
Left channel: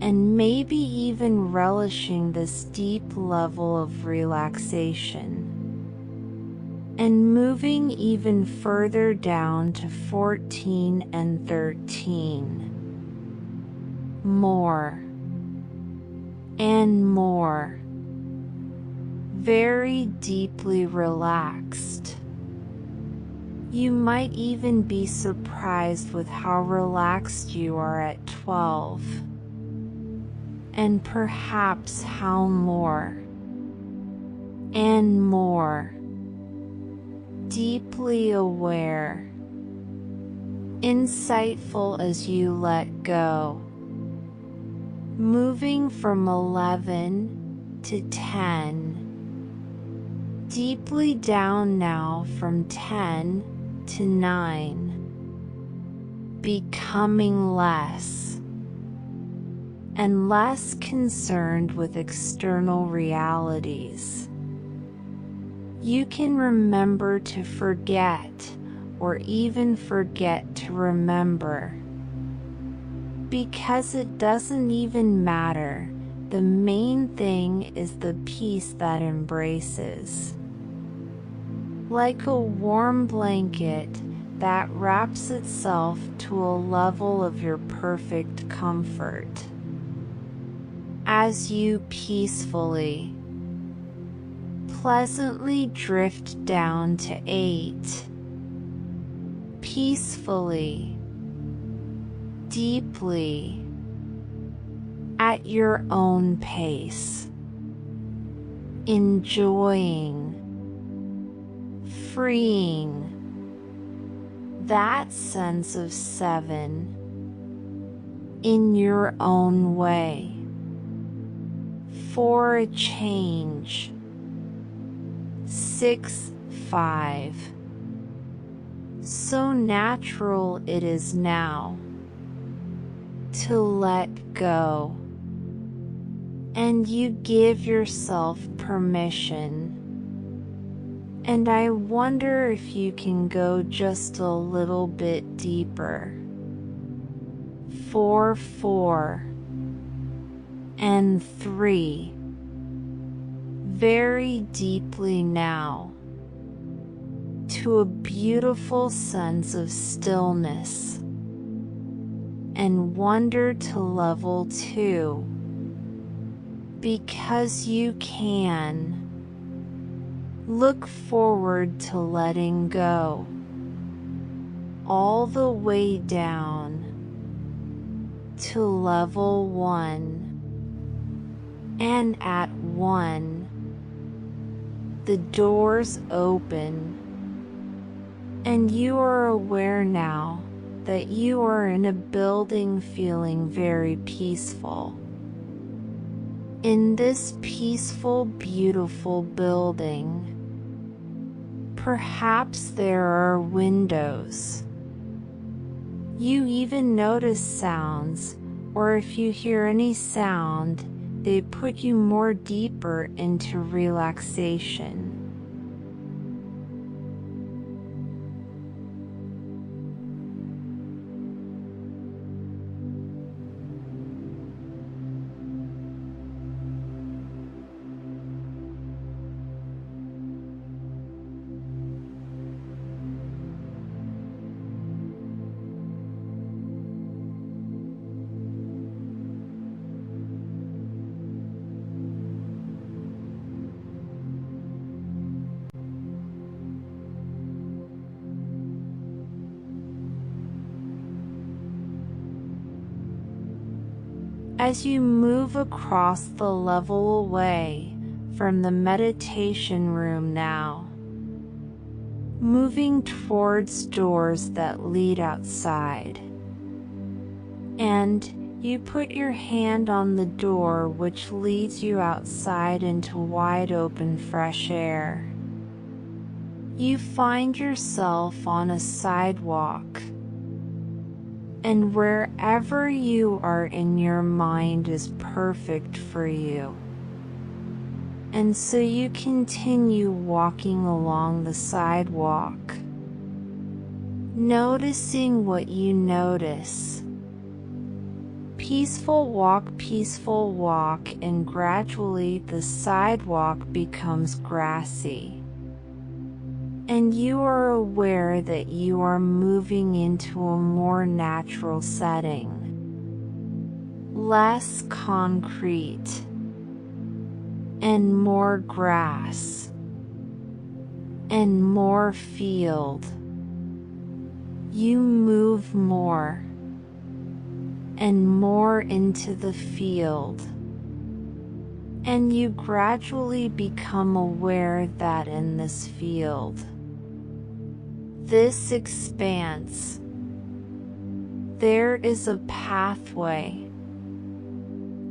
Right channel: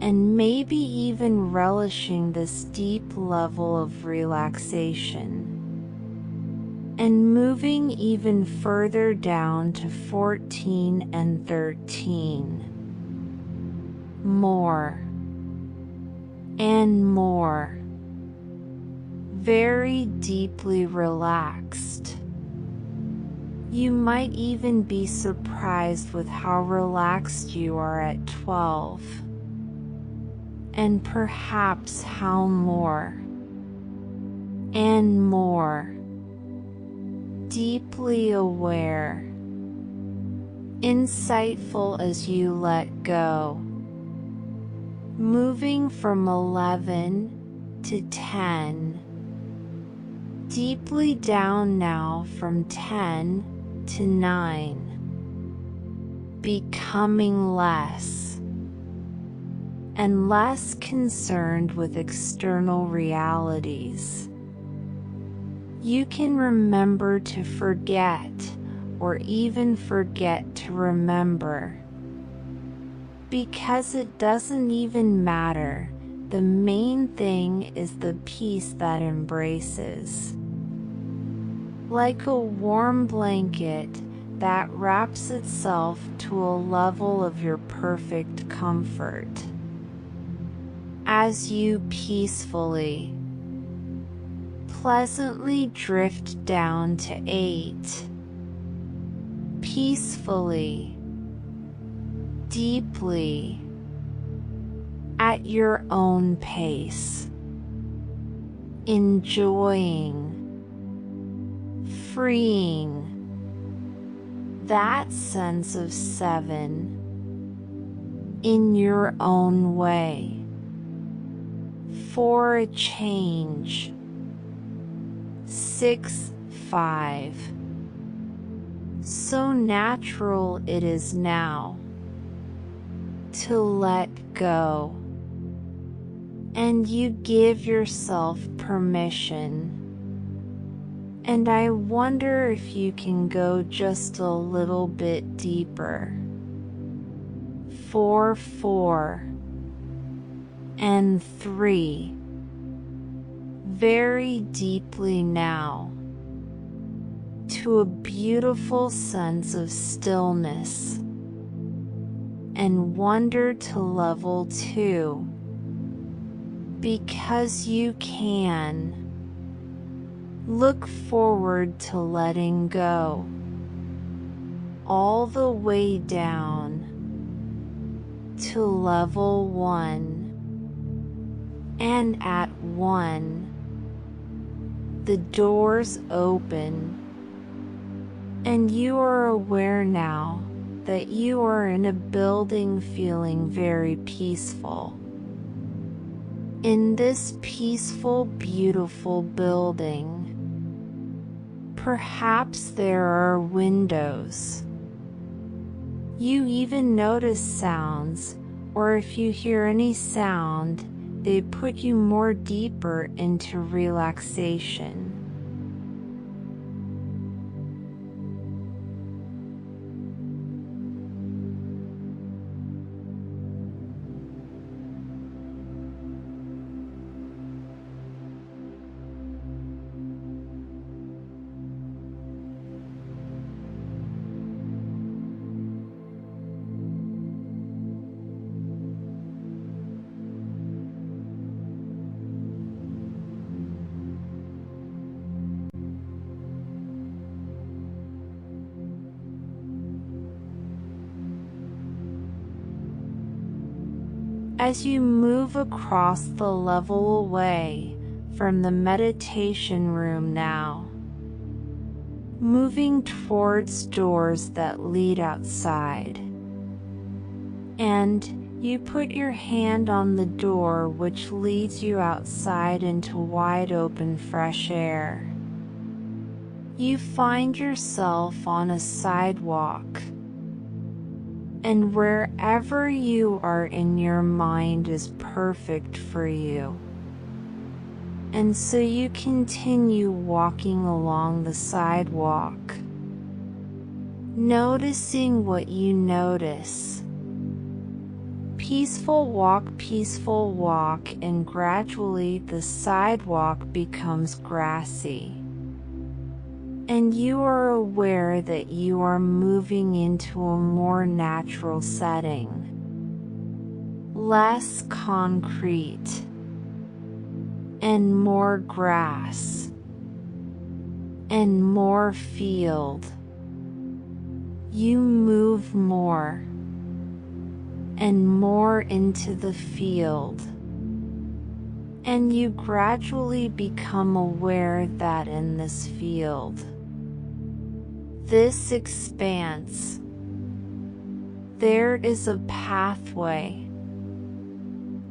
and maybe even relishing this deep level of relaxation, and moving even further down to 14 and 13. More and more, very deeply relaxed. You might even be surprised with how relaxed you are at 12, and perhaps how more and more deeply aware, insightful as you let go, moving from 11 to 10, deeply down now from 10 to 9, becoming less and less concerned with external realities. You can remember to forget, or even forget to remember, because it doesn't even matter. The main thing is the peace that embraces, like a warm blanket that wraps itself to a level of your perfect comfort. As you peacefully, pleasantly drift down to 8, peacefully, deeply, at your own pace, enjoying, freeing that sense of 7 in your own way. For a change, 6, 5. So natural it is now to let go, and you give yourself permission. And I wonder if you can go just a little bit deeper. 4, 4 and 3, very deeply now, to a beautiful sense of stillness, and wonder to level 2, because you can. Look forward to letting go, all the way down to level 1, and at 1, the doors open, and you are aware now that you are in a building feeling very peaceful. In this peaceful, beautiful building, perhaps there are windows. You even notice sounds, or if you hear any sound, they put you more deeper into relaxation. As you move across the level away from the meditation room now, moving towards doors that lead outside, and you put your hand on the door which leads you outside into wide open fresh air. You find yourself on a sidewalk, and wherever you are in your mind is perfect for you. And so you continue walking along the sidewalk, noticing what you notice. Peaceful walk, and gradually the sidewalk becomes grassy. And you are aware that you are moving into a more natural setting, less concrete, and more grass, and more field. You move more and more into the field, and you gradually become aware that in this field, this expanse, there is a pathway.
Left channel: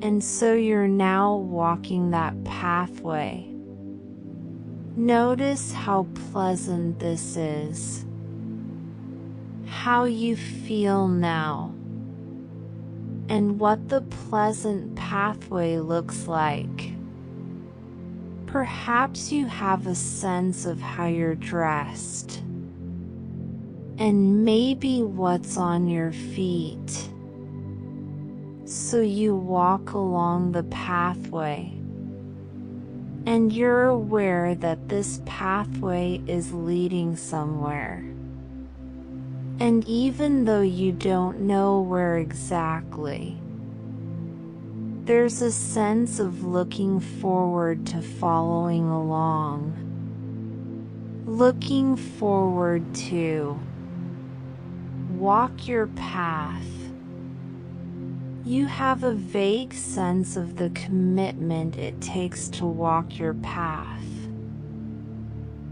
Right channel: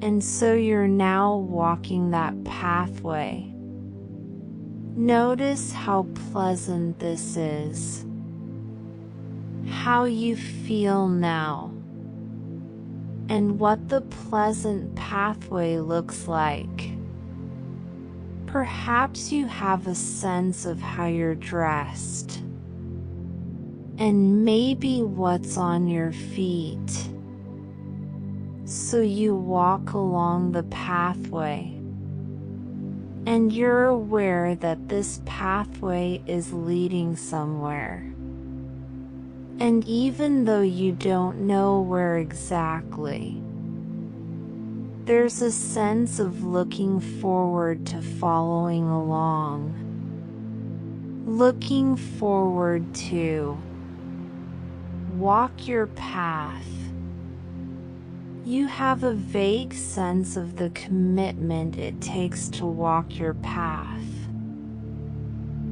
And so you're now walking that pathway. Notice how pleasant this is, how you feel now, and what the pleasant pathway looks like. Perhaps you have a sense of how you're dressed, and maybe what's on your feet. So you walk along the pathway, and you're aware that this pathway is leading somewhere. And even though you don't know where exactly, there's a sense of looking forward to following along, looking forward to walk your path. You have a vague sense of the commitment it takes to walk your path.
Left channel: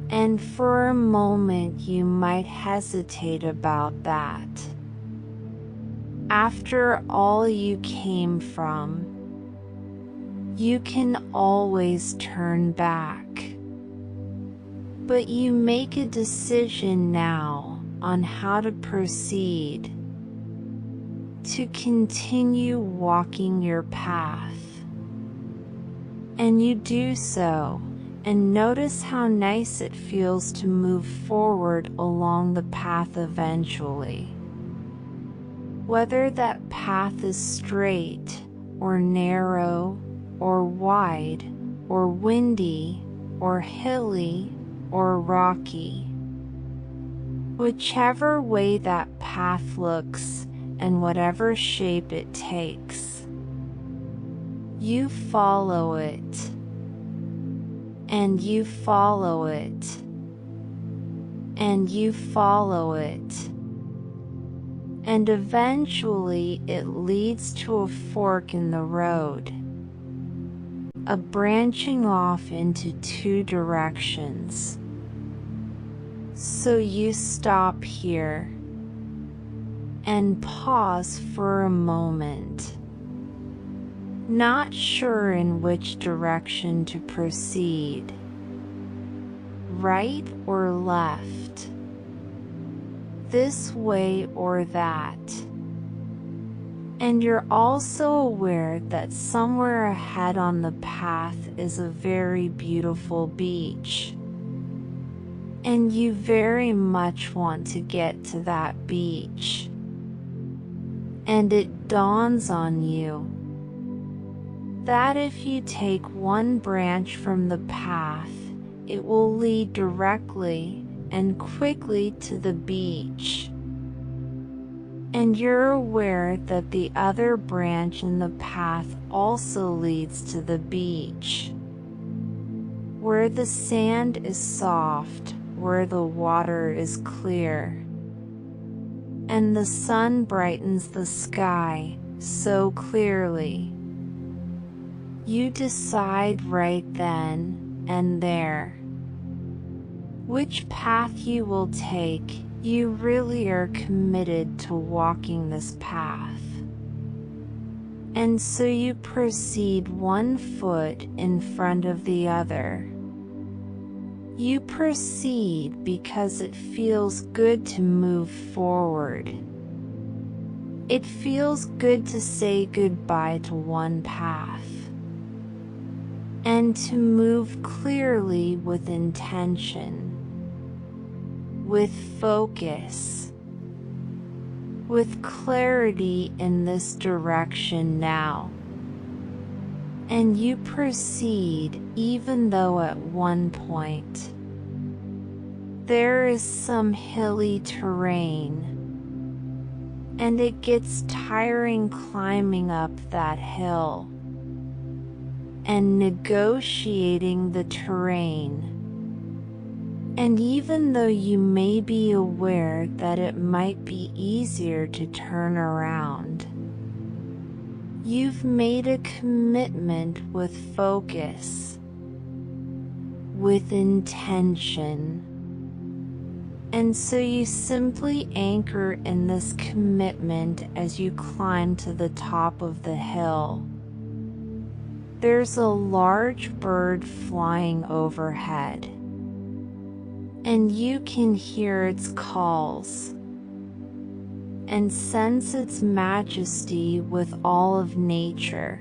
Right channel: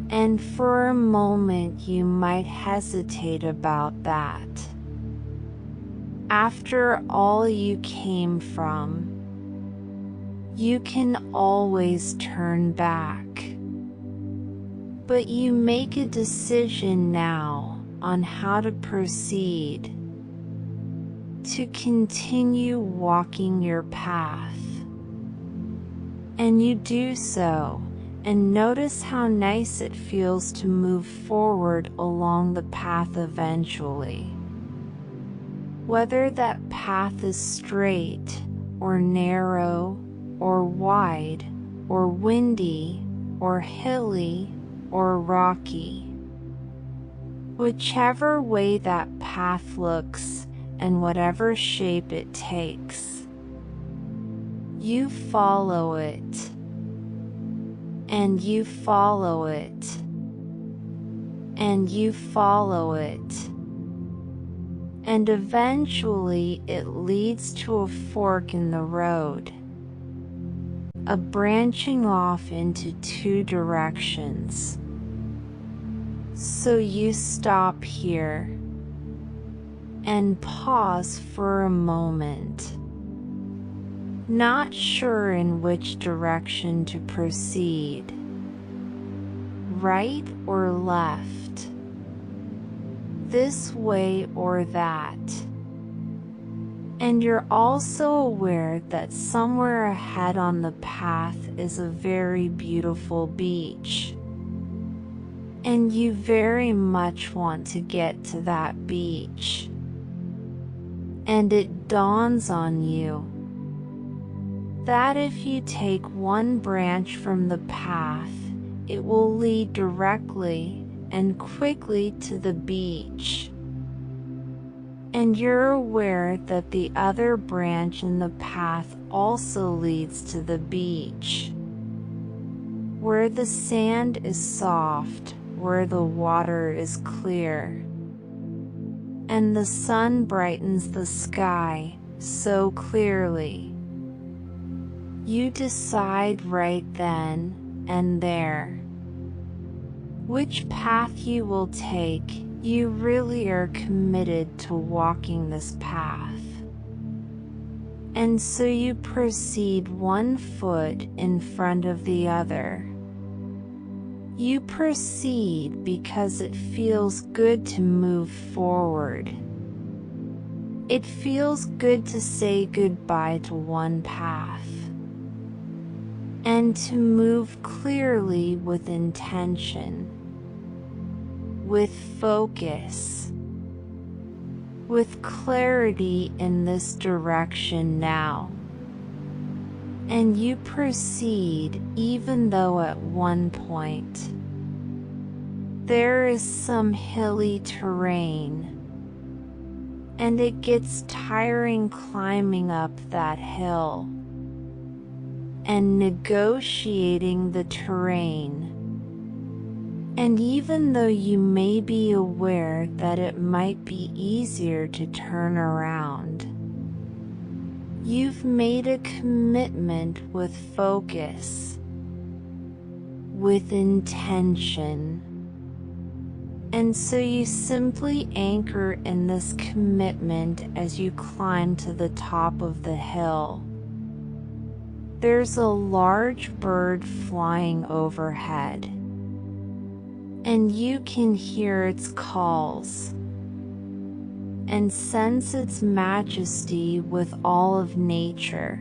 And for a moment you might hesitate about that. After all you came from, you can always turn back. But you make a decision now on how to proceed, to continue walking your path. And you do so, and notice how nice it feels to move forward along the path eventually. Whether that path is straight, or narrow, or wide, or windy, or hilly, or rocky. Whichever way that path looks, and whatever shape it takes, you follow it, and you follow it, and you follow it, and eventually it leads to a fork in the road, a branching off into two directions. So you stop here and pause for a moment, not sure in which direction to proceed, right or left, this way or that. And you're also aware that somewhere ahead on the path is a very beautiful beach. And you very much want to get to that beach. And it dawns on you that if you take one branch from the path, it will lead directly and quickly to the beach. And you're aware that the other branch in the path also leads to the beach, where the sand is soft, where the water is clear, and the sun brightens the sky so clearly. You decide right then and there which path you will take. You really are committed to walking this path. And so you proceed one foot in front of the other. You proceed because it feels good to move forward. It feels good to say goodbye to one path and to move clearly with intention, with focus, with clarity in this direction now. And you proceed even though at one point there is some hilly terrain, and it gets tiring climbing up that hill and negotiating the terrain. And even though you may be aware that it might be easier to turn around, you've made a commitment with focus, with intention. And so you simply anchor in this commitment as you climb to the top of the hill. There's a large bird flying overhead, and you can hear its calls and sense its majesty with all of nature,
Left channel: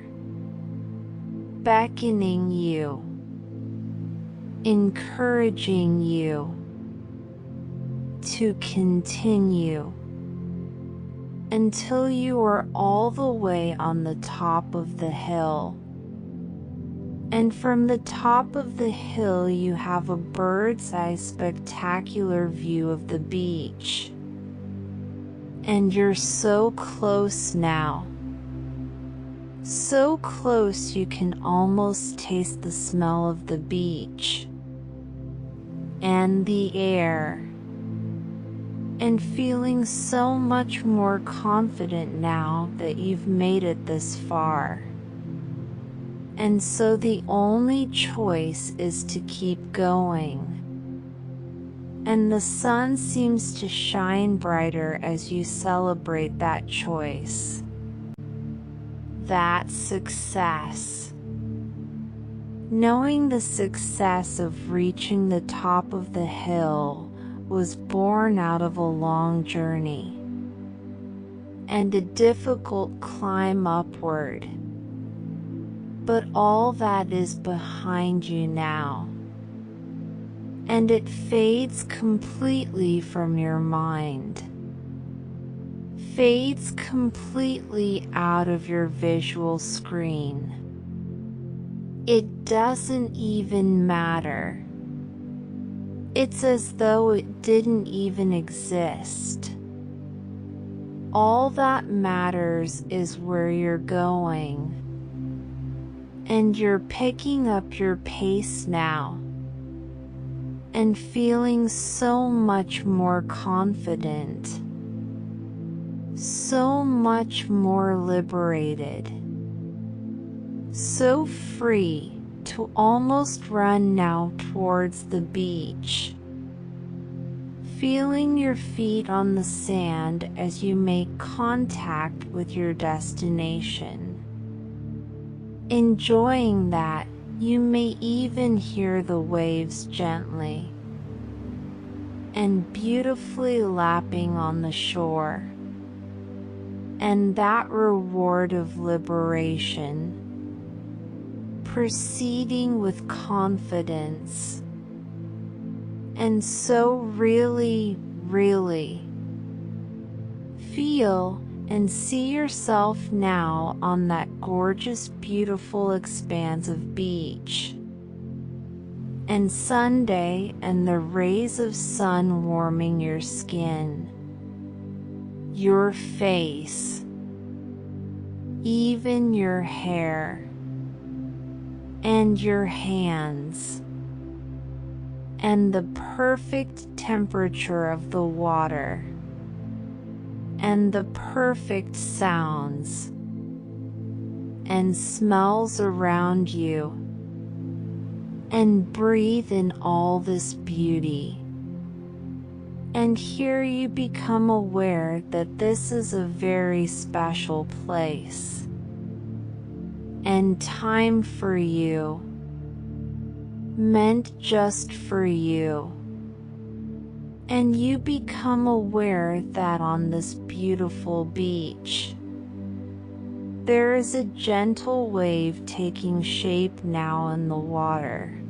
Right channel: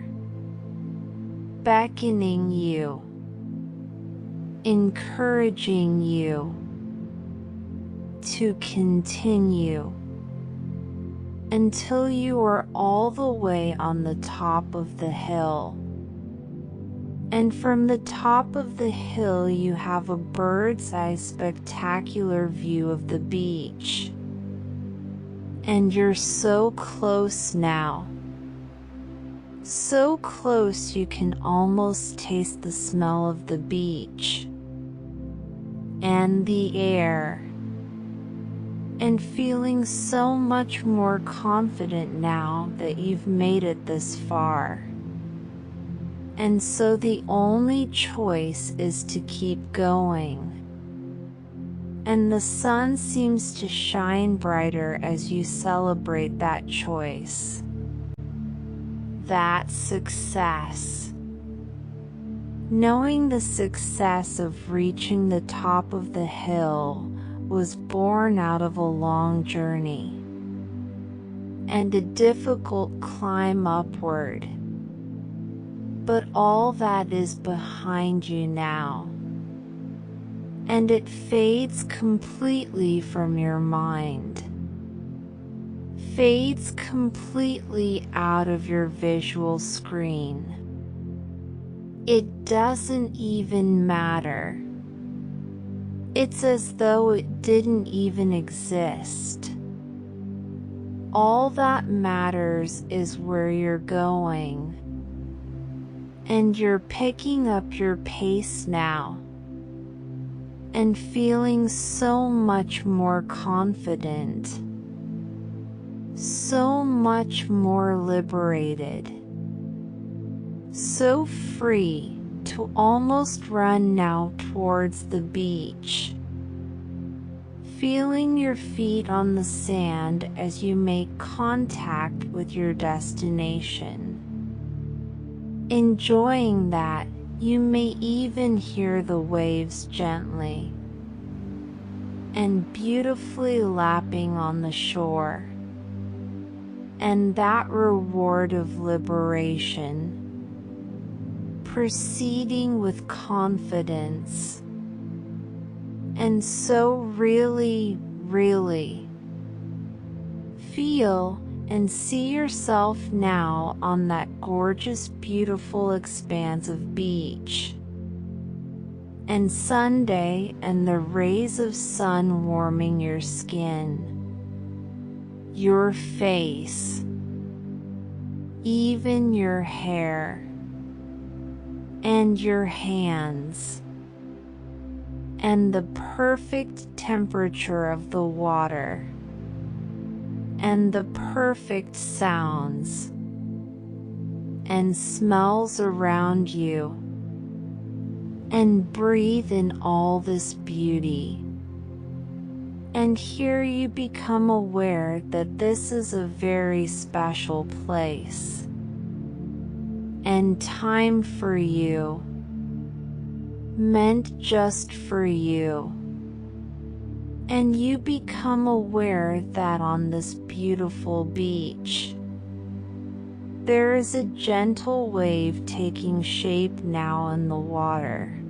beckoning you, encouraging you to continue until you are all the way on the top of the hill. And from the top of the hill you have a bird's eye spectacular view of the beach. And you're so close now. So close you can almost taste the smell of the beach and the air. And feeling so much more confident now that you've made it this far. And so the only choice is to keep going. And the sun seems to shine brighter as you celebrate that choice, that success. Knowing the success of reaching the top of the hill was born out of a long journey and a difficult climb upward. But all that is behind you now, and it fades completely from your mind, fades completely out of your visual screen. It doesn't even matter. It's as though it didn't even exist. All that matters is where you're going. And you're picking up your pace now and feeling so much more confident, so much more liberated, so free to almost run now towards the beach, feeling your feet on the sand as you make contact with your destination. Enjoying that, you may even hear the waves gently and beautifully lapping on the shore. And that reward of liberation, proceeding with confidence, and so really, really feel and see yourself now on that gorgeous, beautiful expanse of beach. And Sunday and the rays of sun warming your skin, your face, even your hair, and your hands, and the perfect temperature of the water, and the perfect sounds and smells around you, and breathe in all this beauty. And here you become aware that this is a very special place and time for you, meant just for you. And you become aware that on this beautiful beach, there is a gentle wave taking shape now in the water.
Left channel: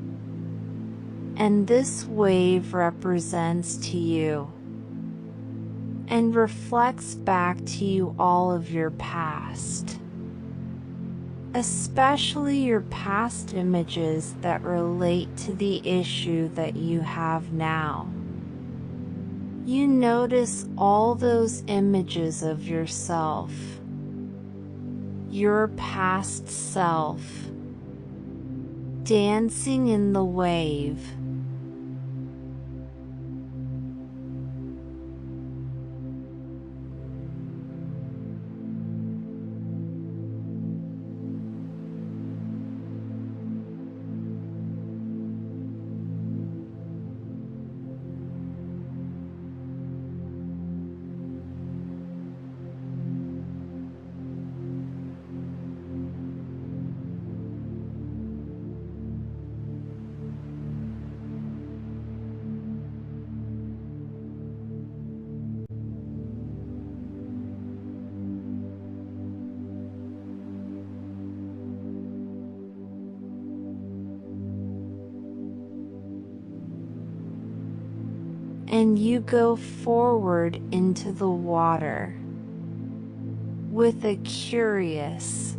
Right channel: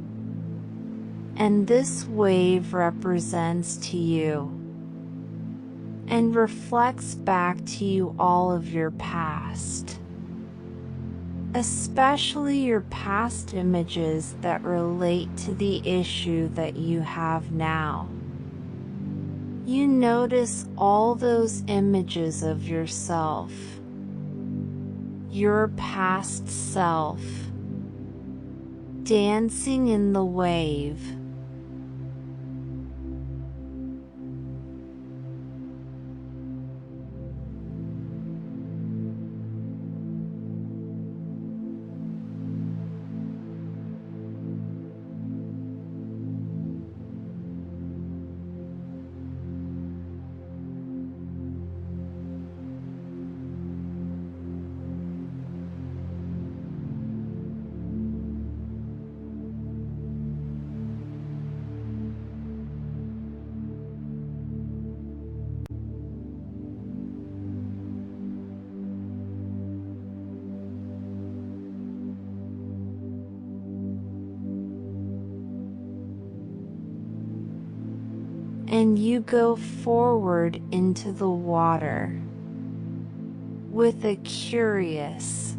And this wave represents to you and reflects back to you all of your past, especially your past images that relate to the issue that you have now. You notice all those images of yourself, your past self, dancing in the wave. And you go forward into the water with a curious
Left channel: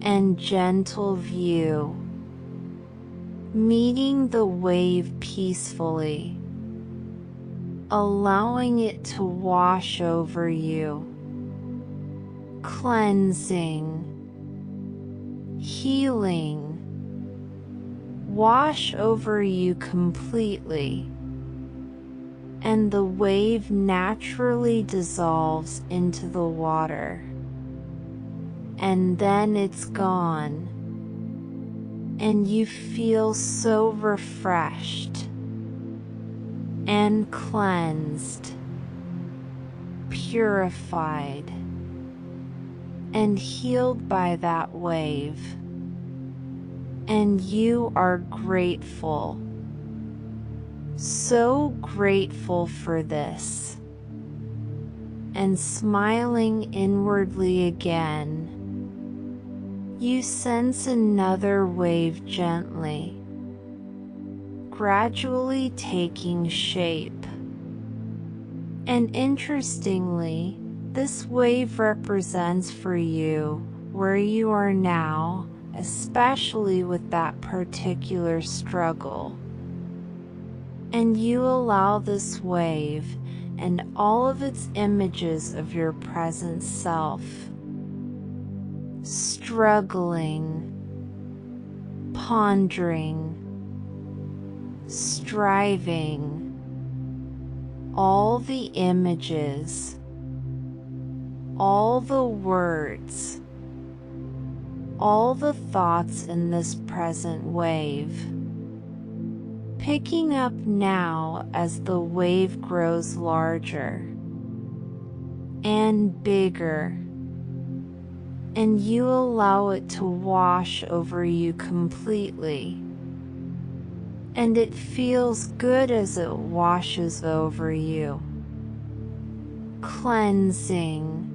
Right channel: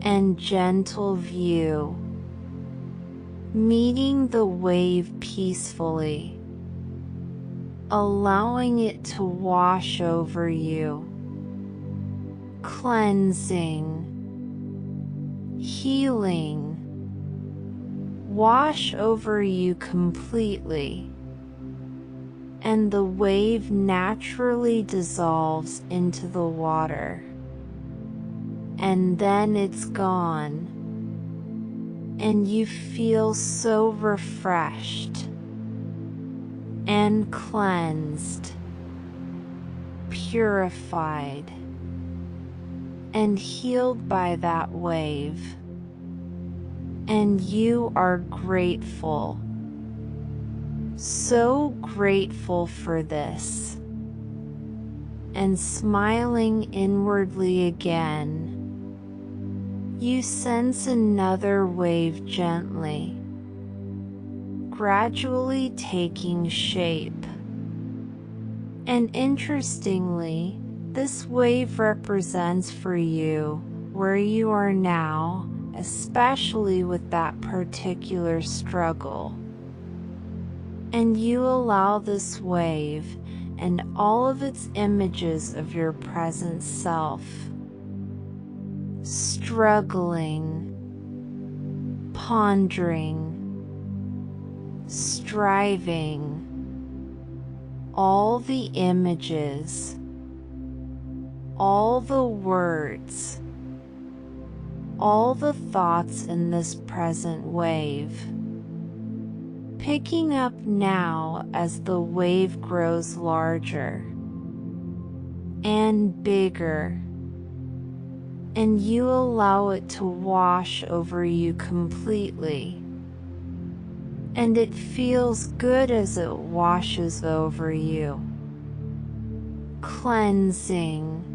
and gentle view, meeting the wave peacefully, allowing it to wash over you, cleansing, healing, wash over you completely. And the wave naturally dissolves into the water. And then it's gone. And you feel so refreshed and cleansed, purified, and healed by that wave. And you are grateful. So grateful for this, and smiling inwardly again, you sense another wave gently, gradually taking shape. And interestingly, this wave represents for you where you are now, especially with that particular struggle. And you allow this wave and all of its images of your present self, struggling, pondering, striving, all the images, all the words, all the thoughts in this present wave, picking up now as the wave grows larger and bigger, and you allow it to wash over you completely. And it feels good as it washes over you, cleansing,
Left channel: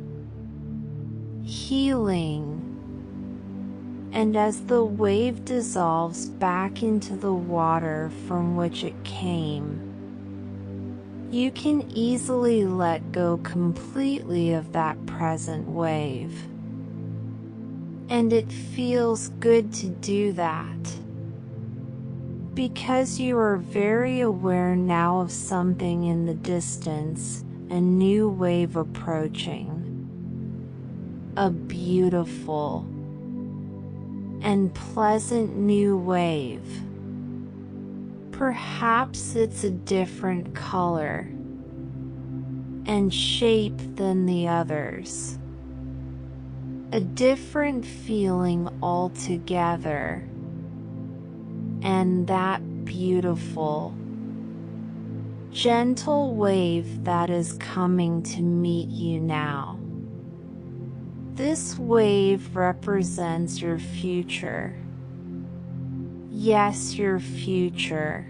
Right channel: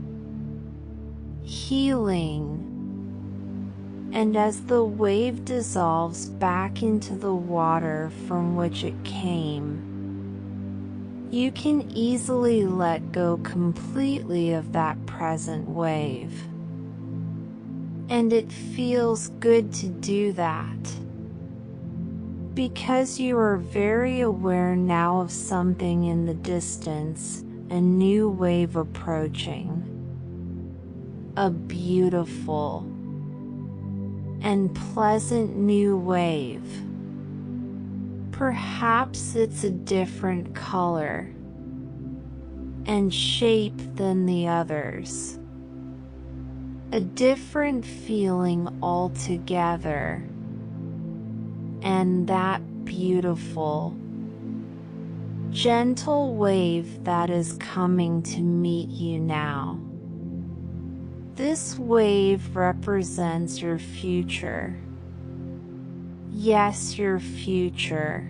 healing. And as the wave dissolves back into the water from which it came, you can easily let go completely of that present wave. And it feels good to do that, because you are very aware now of something in the distance, a new wave approaching, a beautiful and pleasant new wave. Perhaps it's a different color and shape than the others, a different feeling altogether, and that beautiful, gentle wave that is coming to meet you now. This wave represents your future. Yes, your future.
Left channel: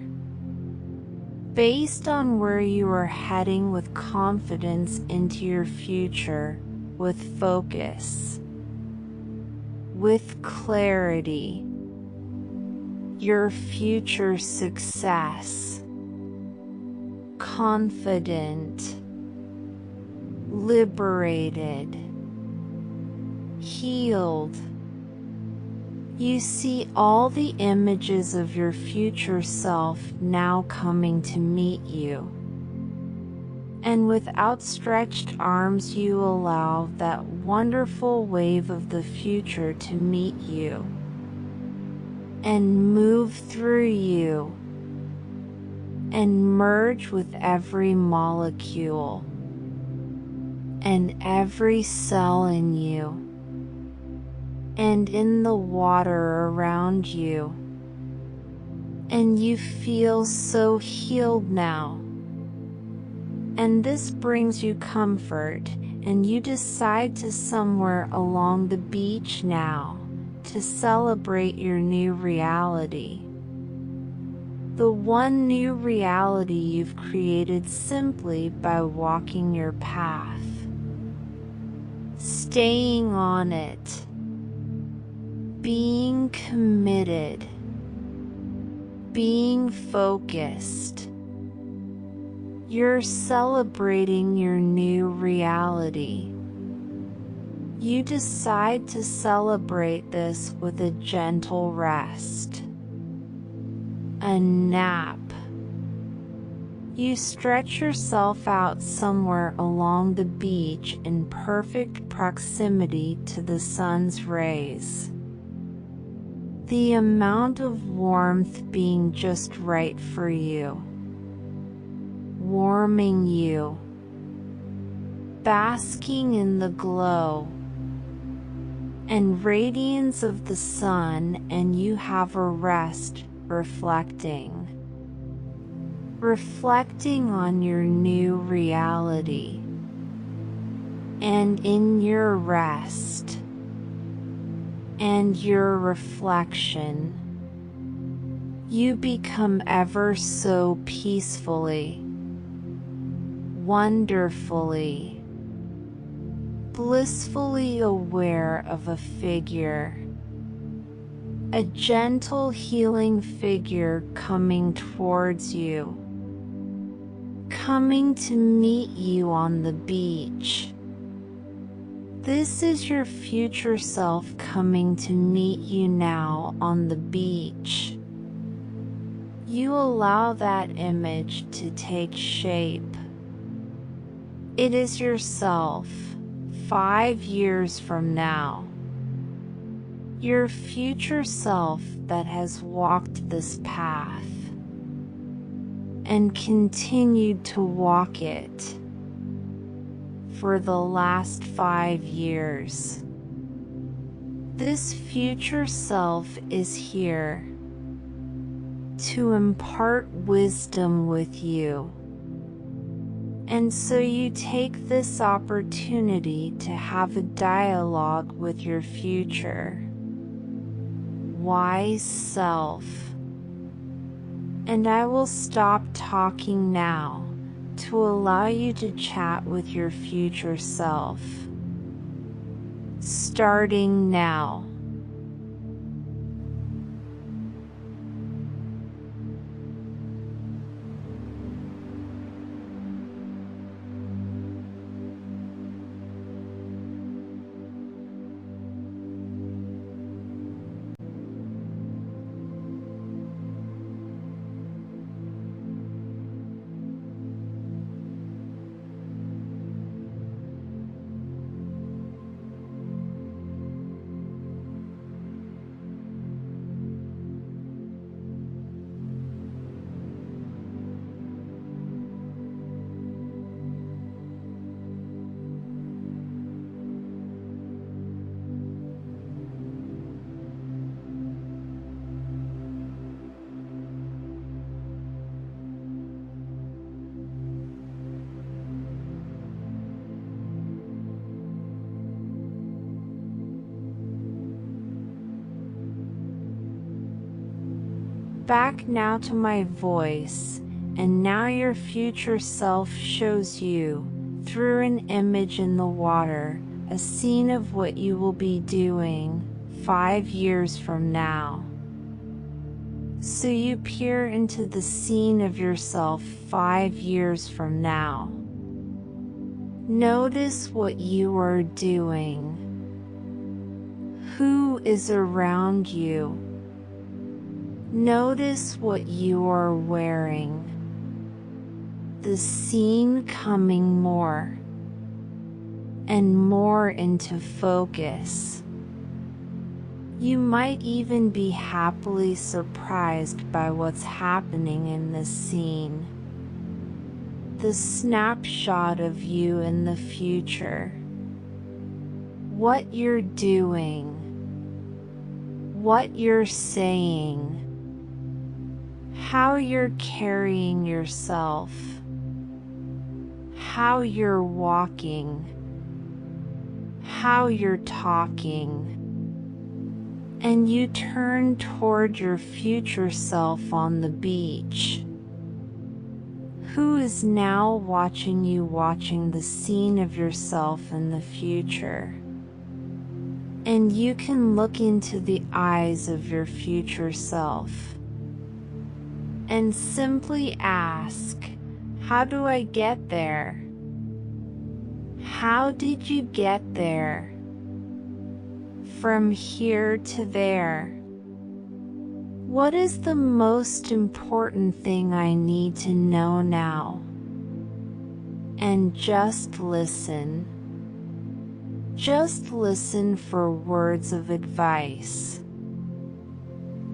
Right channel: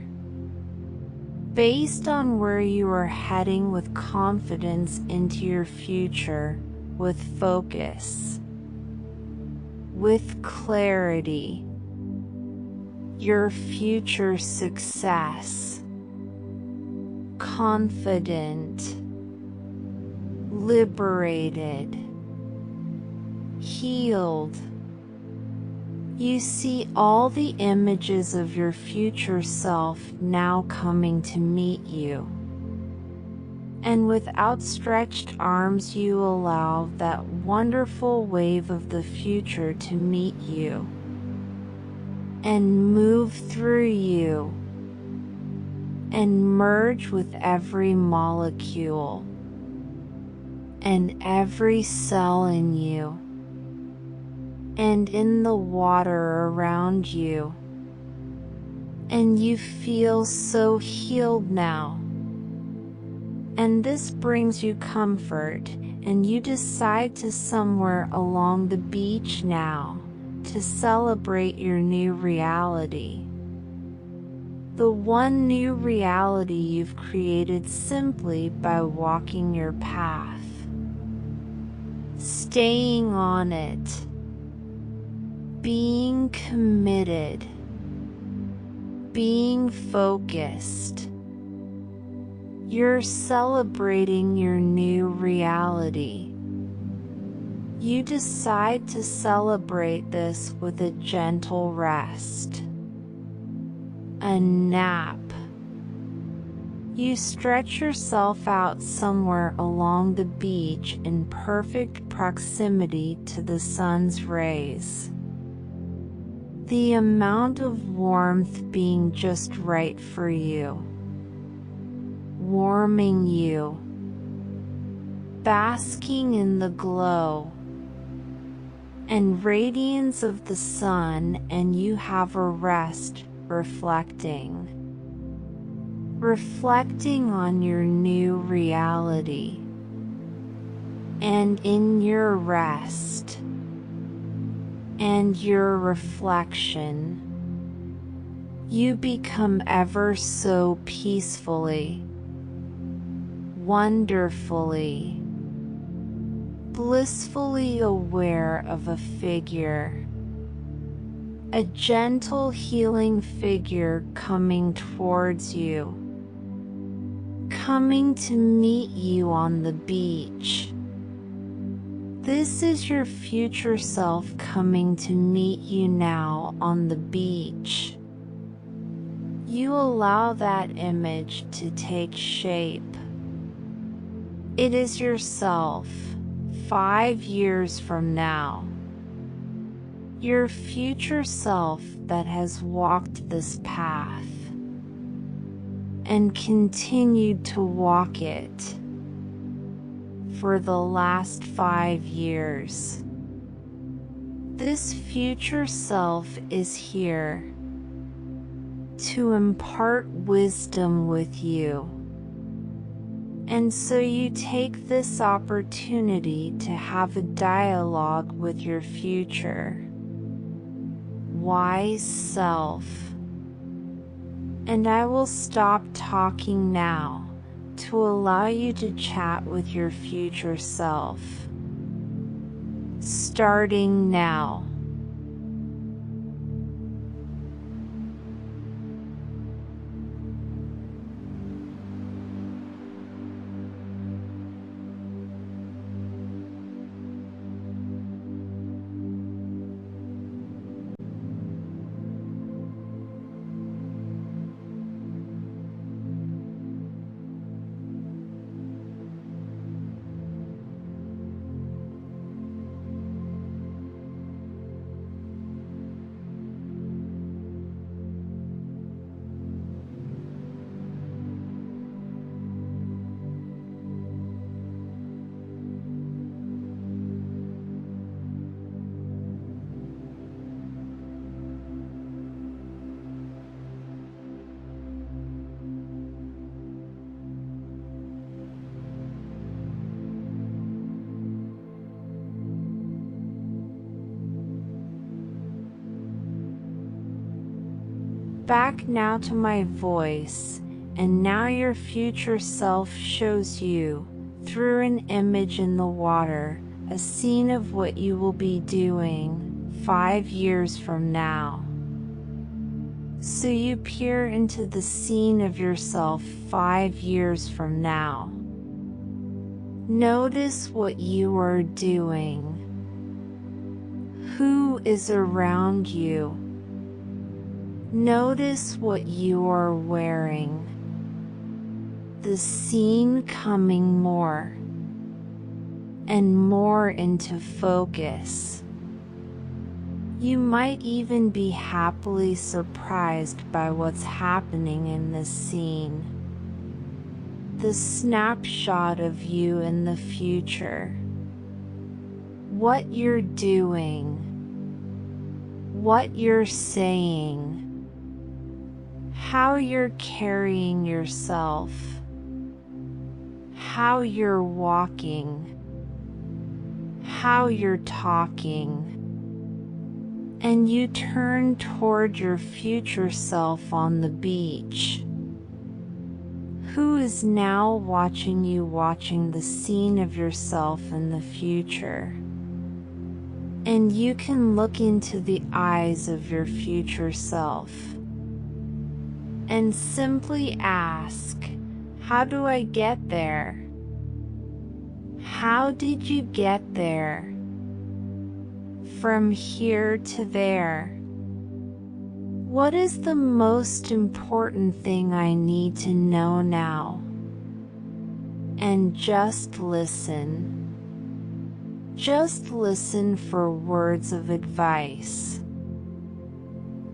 based on where you are heading with confidence into your future, with focus, with clarity, your future success, confident, liberated, healed. You see all the images of your future self now coming to meet you. And with outstretched arms you allow that wonderful wave of the future to meet you and move through you and merge with every molecule and every cell in you and in the water around you. And you feel so healed now. And this brings you comfort, and you decide to somewhere along the beach now to celebrate your new reality. The one new reality you've created simply by walking your path, staying on it, being committed, being focused. You're celebrating your new reality. You decide to celebrate this with a gentle rest, a nap. You stretch yourself out somewhere along the beach in perfect proximity to the sun's rays. The amount of warmth being just right for you, warming you, basking in the glow and radiance of the sun, and you have a rest, reflecting on your new reality. And in your rest and your reflection, you become ever so peacefully, wonderfully, blissfully aware of a figure, a gentle healing figure coming towards you, coming to meet you on the beach. This is your future self coming to meet you now on the beach. You allow that image to take shape. It is yourself 5 years from now. Your future self that has walked this path and continued to walk it for the last 5 years. This future self is here to impart wisdom with you. And so you take this opportunity to have a dialogue with your future wise self. And I will stop talking now to allow you to chat with your future self. Starting now. Back now to my voice, and now your future self shows you, through an image in the water, a scene of what you will be doing 5 years from now. So you peer into the scene of yourself 5 years from now. Notice what you are doing. Who is around you? Notice what you are wearing. The scene coming more and more into focus. You might even be happily surprised by what's happening in this scene. The snapshot of you in the future. What you're doing. What you're saying. How you're carrying yourself. How you're walking. How you're talking. And you turn toward your future self on the beach, who is now watching you, watching the scene of yourself in the future. And you can look into the eyes of your future self and simply ask, how do I get there? How did you get there? From here to there. What is the most important thing I need to know now? And just listen. Just listen for words of advice.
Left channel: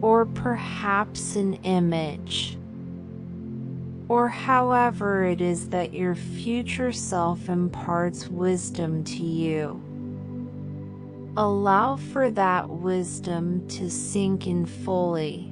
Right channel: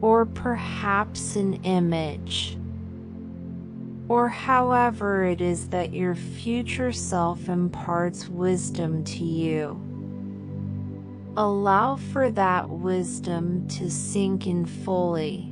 Or perhaps an image. Or however it is that your future self imparts wisdom to you. Allow for that wisdom to sink in fully.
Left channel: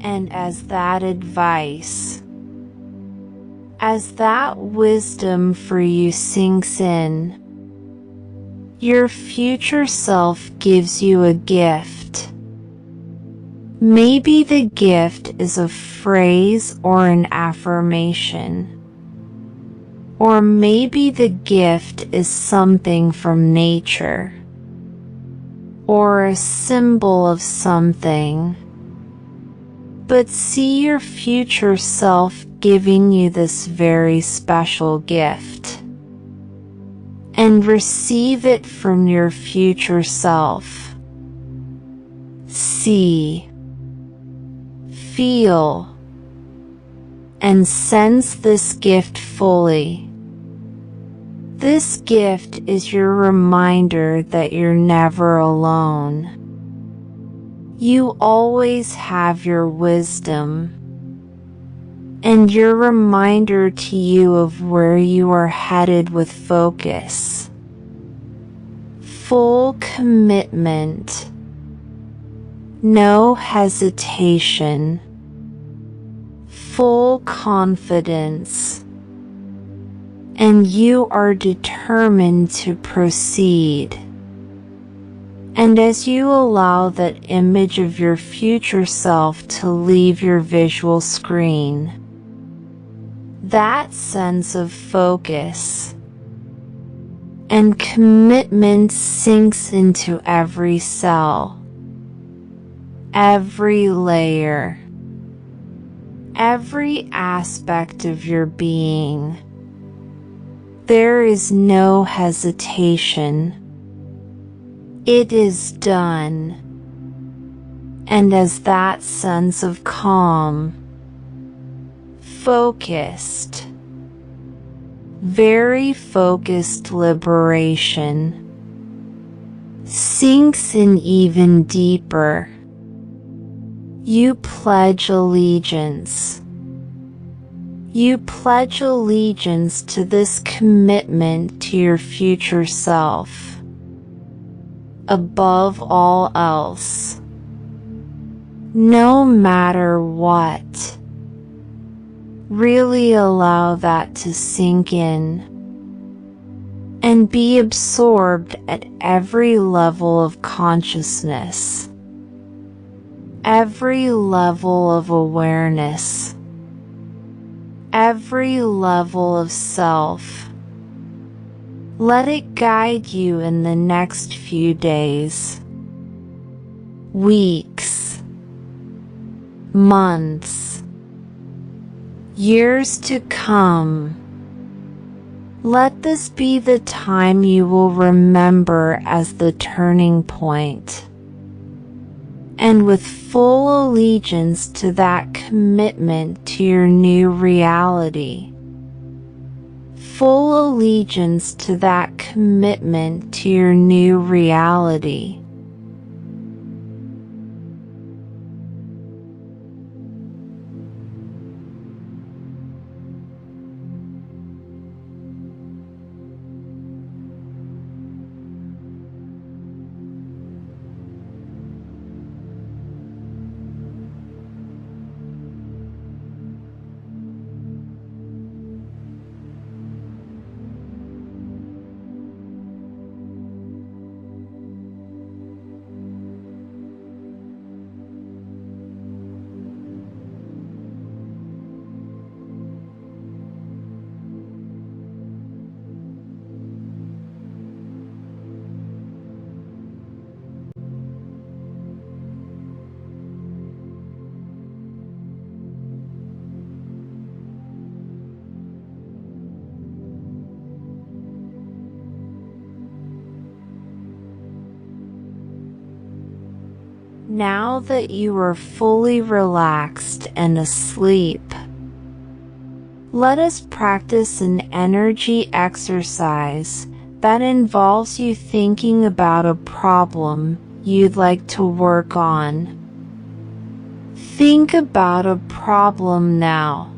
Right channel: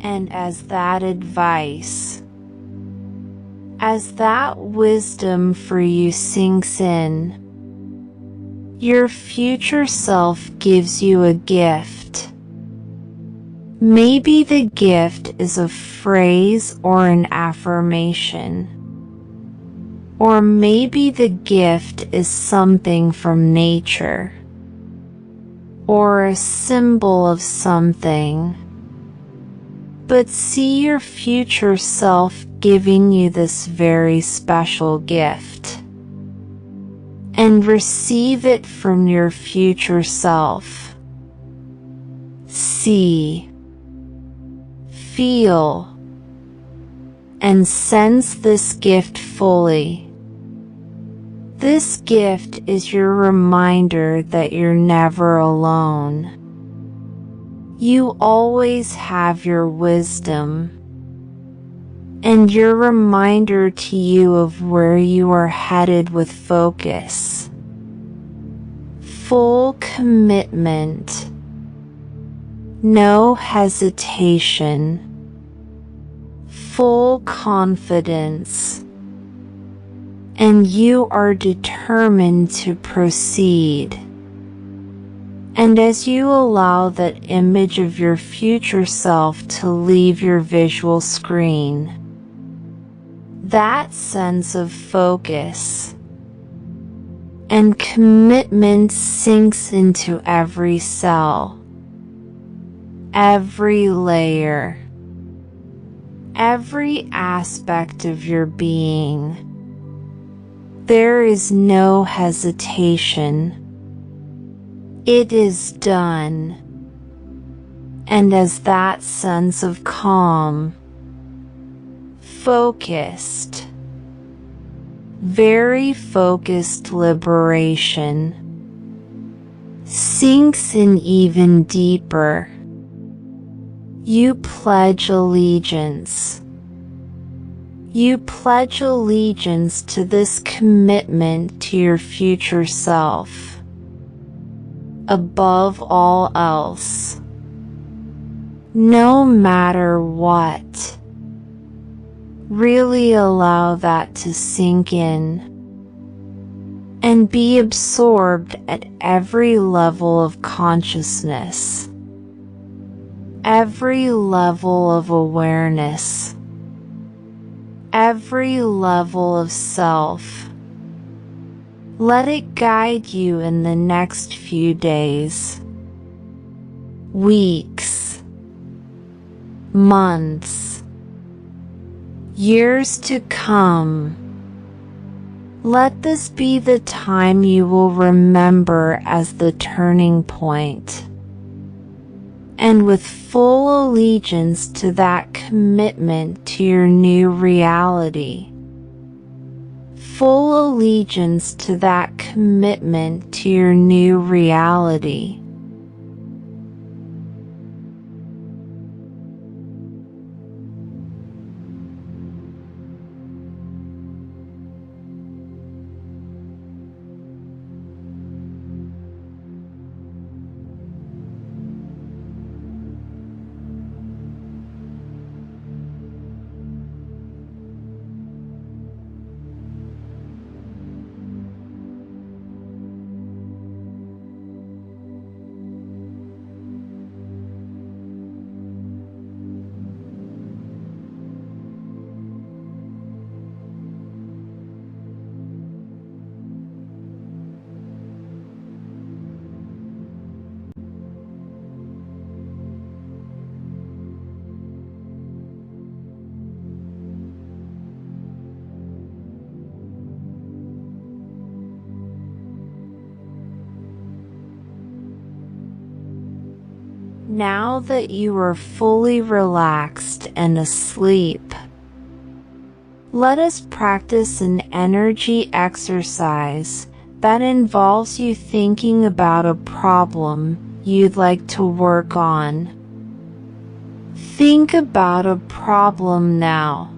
And as that advice, as that wisdom for you sinks in, your future self gives you a gift. Maybe the gift is a phrase or an affirmation. Or maybe the gift is something from nature. Or a symbol of something. But see your future self giving you this very special gift. And receive it from your future self. See, feel, and sense this gift fully. This gift is your reminder that you're never alone. You always have your wisdom, and your reminder to you of where you are headed with focus, full commitment, no hesitation, full confidence, and you are determined to proceed. And as you allow that image of your future self to leave your visual screen, that sense of focus and commitment sinks into every cell, every layer, every aspect of your being. There is no hesitation. It is done. And as that sense of calm, focused, very focused liberation sinks in even deeper. You pledge allegiance. You pledge allegiance to this commitment to your future self, above all else. No matter what. Really allow that to sink in and be absorbed at every level of consciousness, every level of awareness, every level of self. Let it guide you in the next few days, weeks, months, years to come. Let this be the time you will remember as the turning point. And with full allegiance to that commitment to your new reality. Full allegiance to that commitment to your new reality. Now that you are fully relaxed and asleep, let us practice an energy exercise that involves you thinking about a problem you'd like to work on. Think about a problem now.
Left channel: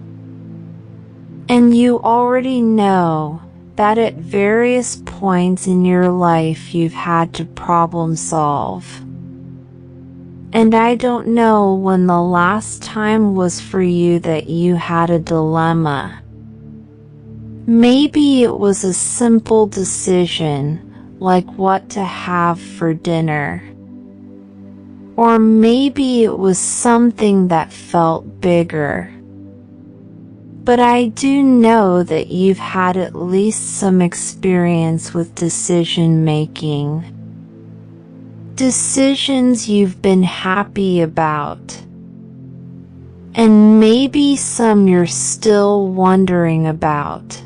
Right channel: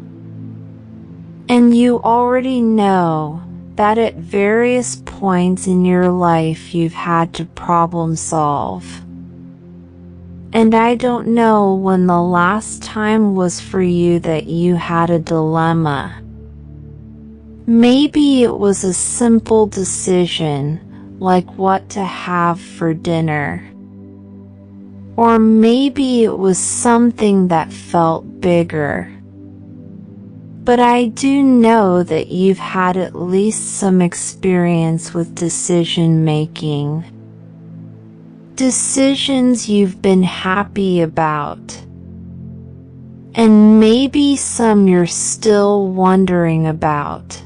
And you already know that at various points in your life you've had to problem solve. And I don't know when the last time was for you that you had a dilemma. Maybe it was a simple decision, like what to have for dinner. Or maybe it was something that felt bigger. But I do know that you've had at least some experience with decision making. Decisions you've been happy about. And maybe some you're still wondering about.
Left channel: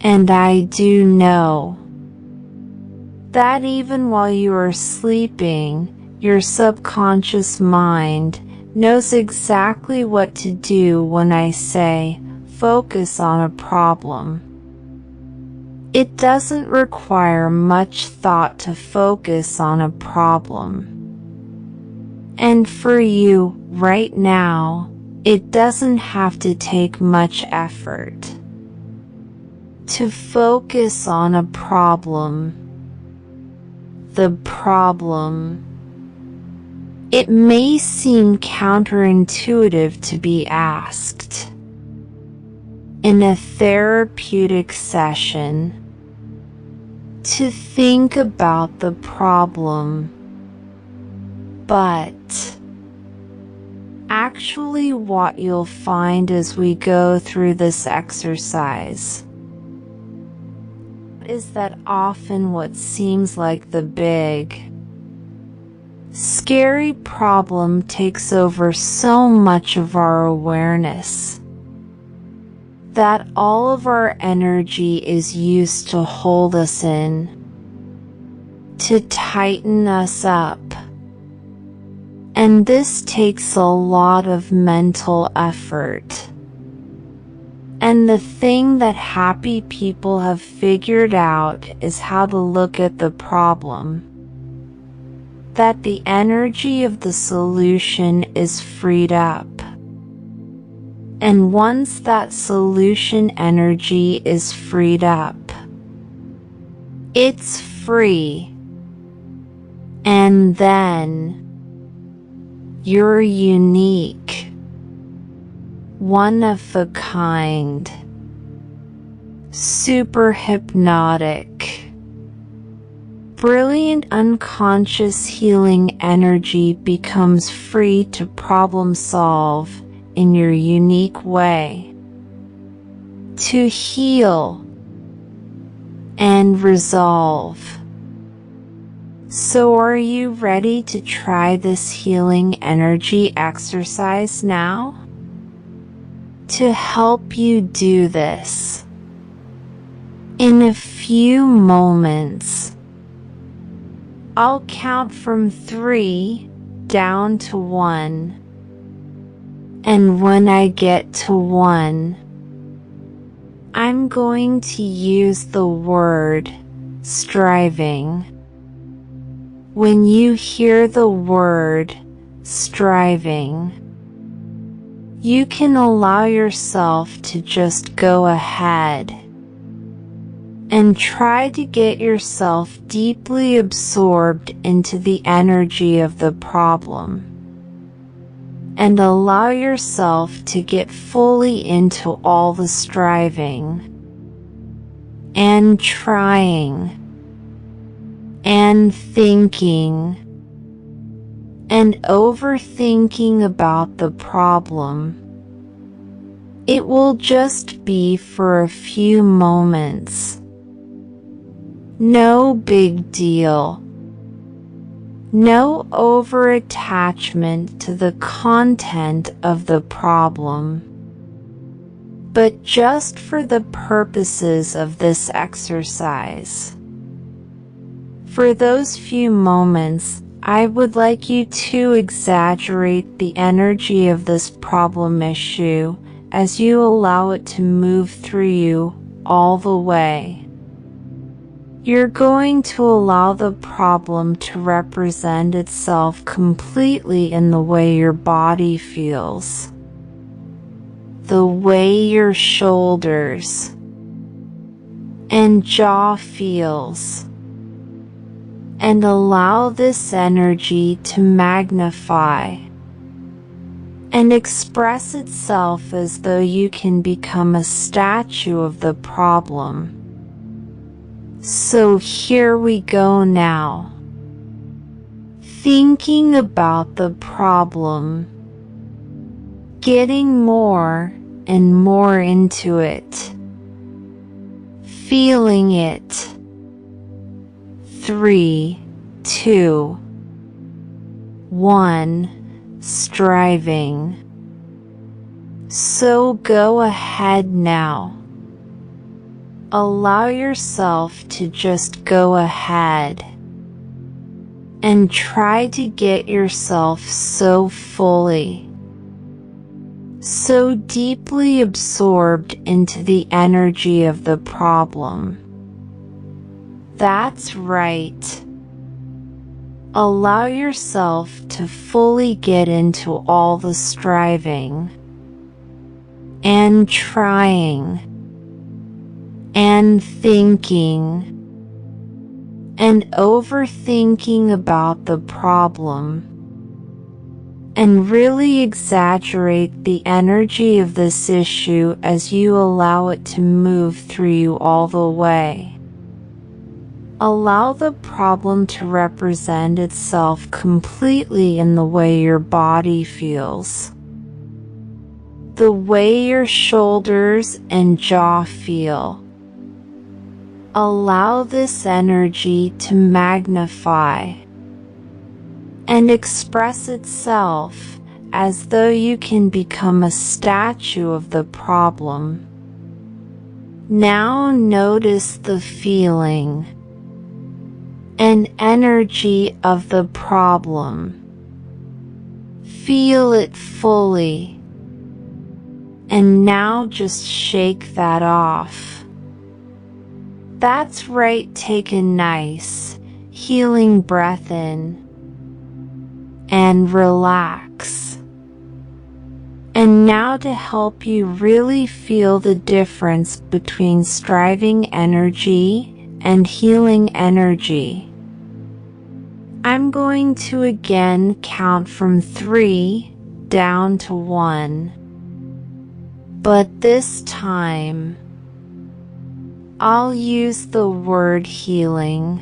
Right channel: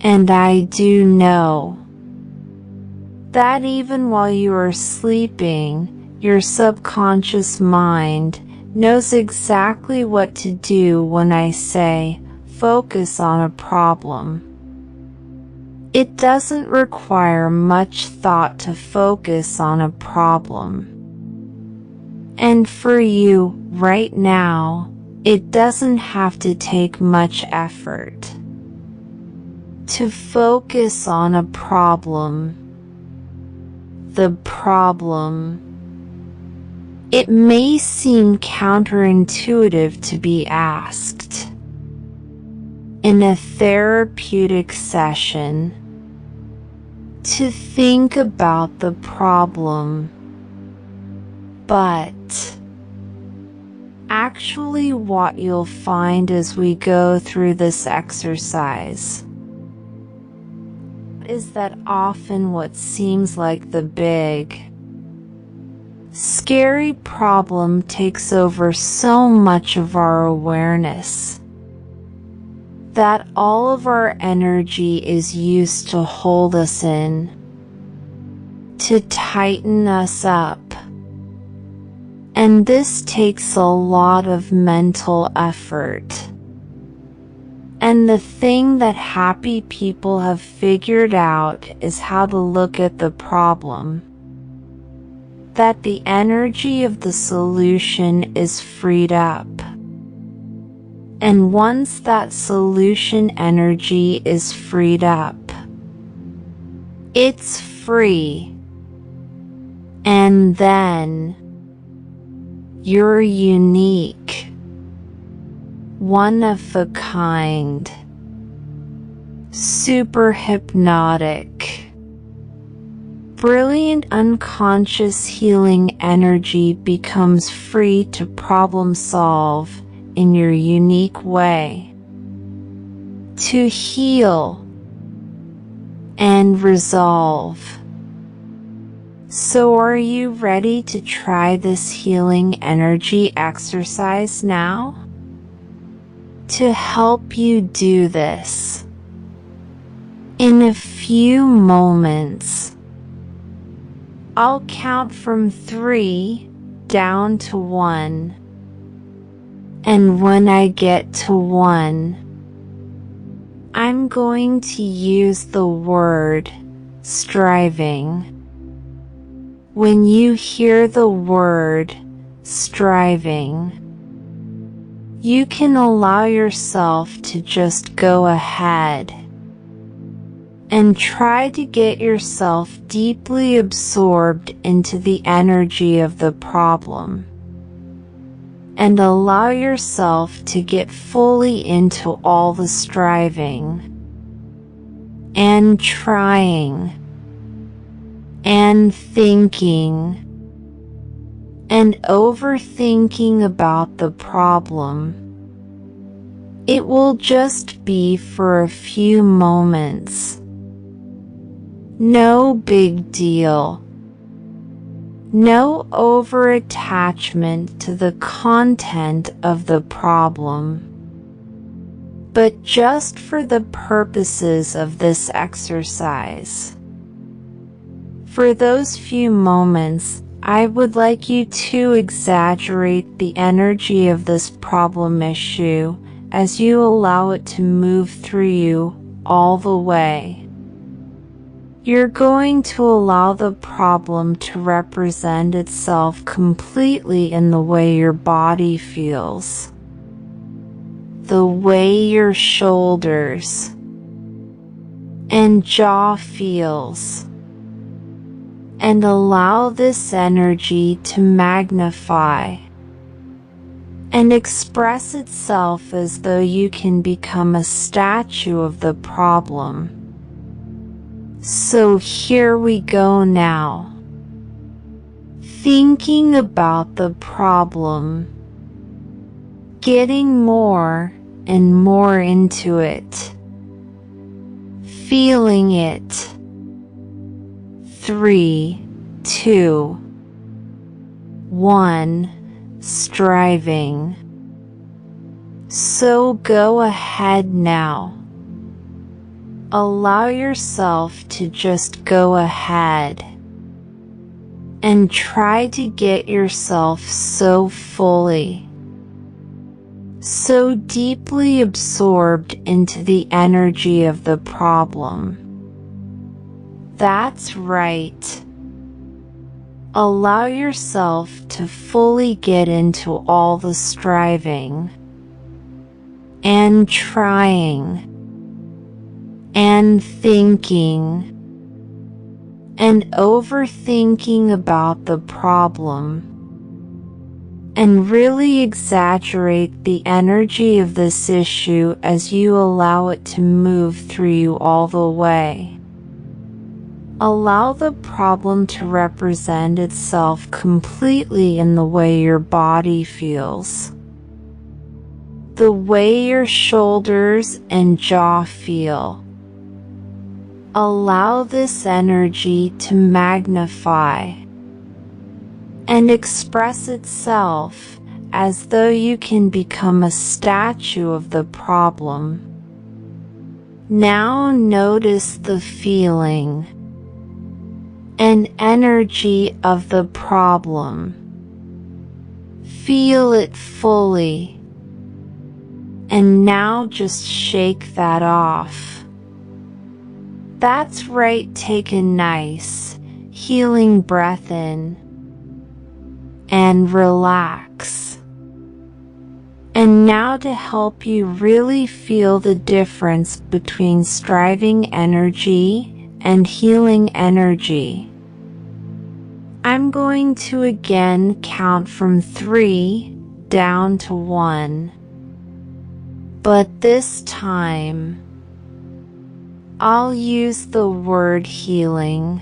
And I do know that even while you are sleeping, your subconscious mind knows exactly what to do when I say, focus on a problem. It doesn't require much thought to focus on a problem. And for you, right now, it doesn't have to take much effort to focus on a problem. The problem. It may seem counterintuitive to be asked in a therapeutic session to think about the problem, but actually what you'll find as we go through this exercise is that often what seems like the big, scary problem takes over so much of our awareness that all of our energy is used to hold us in, to tighten us up. And this takes a lot of mental effort. And the thing that happy people have figured out is how to look at the problem. That the energy of the solution is freed up. And once that solution energy is freed up, it's free. And then you're unique, one of a kind, super hypnotic, brilliant unconscious healing energy becomes free to problem solve in your unique way, to heal and resolve. So are you ready to try this healing energy exercise now? To help you do this, in a few moments, I'll count from 3 down to 1. And when I get to 1, I'm going to use the word striving. When you hear the word striving, you can allow yourself to just go ahead and try to get yourself deeply absorbed into the energy of the problem, and allow yourself to get fully into all the striving and trying and thinking and overthinking about the problem. It will just be for a few moments. No big deal. No over-attachment to the content of the problem. But just for the purposes of this exercise, for those few moments, I would like you to exaggerate the energy of this problem issue as you allow it to move through you all the way. You're going to allow the problem to represent itself completely in the way your body feels, the way your shoulders and jaw feels, and allow this energy to magnify and express itself as though you can become a statue of the problem. So here we go now. Thinking about the problem, getting more and more into it, feeling it. 3, 2, 1, striving. So go ahead now. Allow yourself to just go ahead and try to get yourself so fully, so deeply absorbed into the energy of the problem. That's right. Allow yourself to fully get into all the striving and trying and thinking and overthinking about the problem, and really exaggerate the energy of this issue as you allow it to move through you all the way. Allow the problem to represent itself completely in the way your body feels, the way your shoulders and jaw feel. Allow this energy to magnify and express itself as though you can become a statue of the problem. Now notice the feeling and energy of the problem. Feel it fully And now just shake that off. That's right, take a nice, healing breath in. And relax. And now to help you really feel the difference between striving energy and healing energy, I'm going to again count from 3 down to 1. But this time, I'll use the word healing.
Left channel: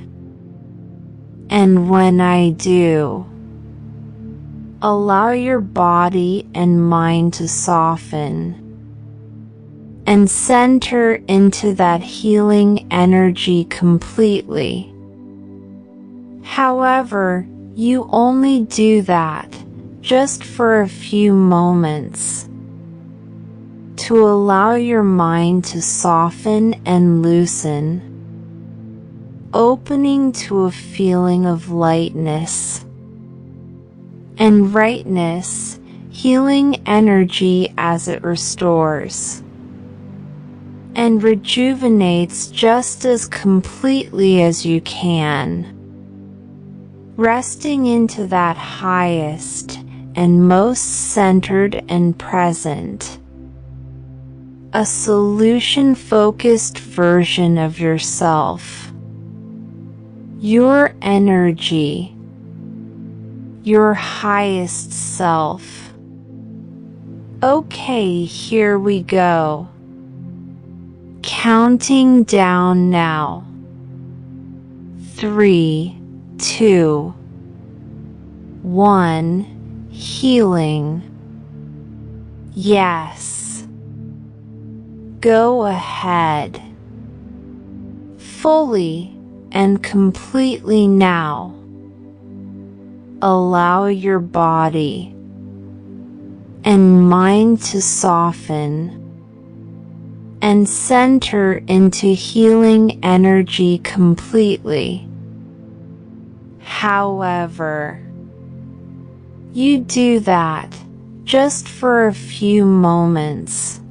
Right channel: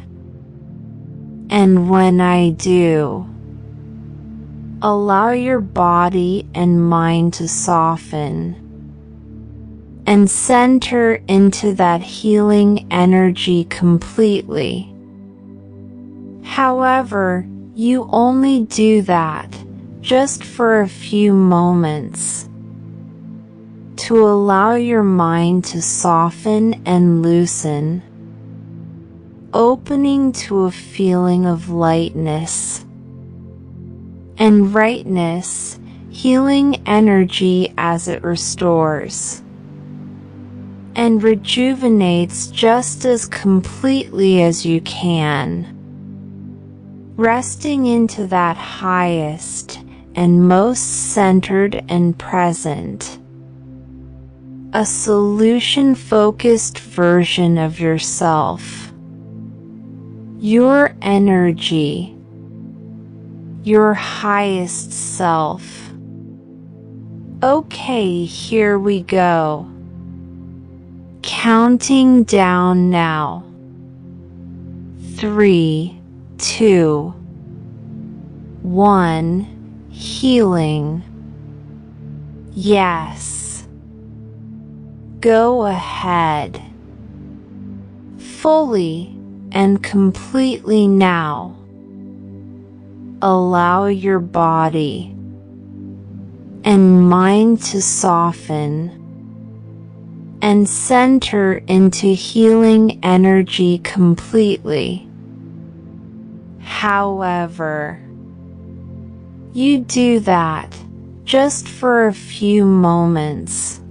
And when I do, allow your body and mind to soften and center into that healing energy completely. However, you only do that just for a few moments to allow your mind to soften and loosen, opening to a feeling of lightness and rightness, healing energy as it restores and rejuvenates just as completely as you can, resting into that highest and most centered and present, a solution-focused version of yourself, your energy, your highest self. Okay, here we go. Counting down now. 3, 2, 1. Healing. Yes. Go ahead. Fully and completely now. Allow your body and mind to soften and center into healing energy completely. However, you do that just for a few moments,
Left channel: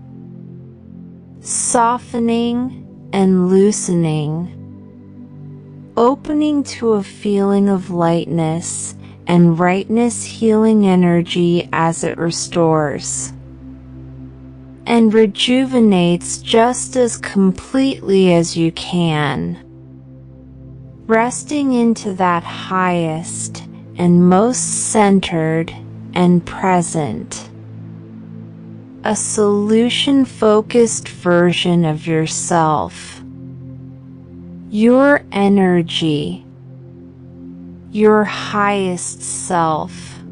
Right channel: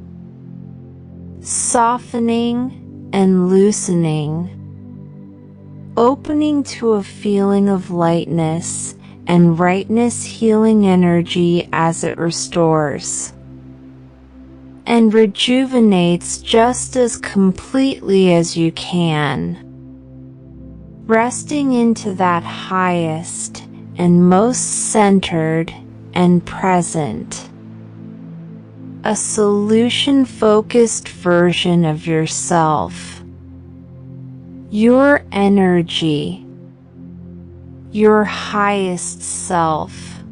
softening and loosening, opening to a feeling of lightness and rightness, healing energy as it restores and rejuvenates just as completely as you can, resting into that highest and most centered and present, a solution-focused version of yourself, your energy, your highest self.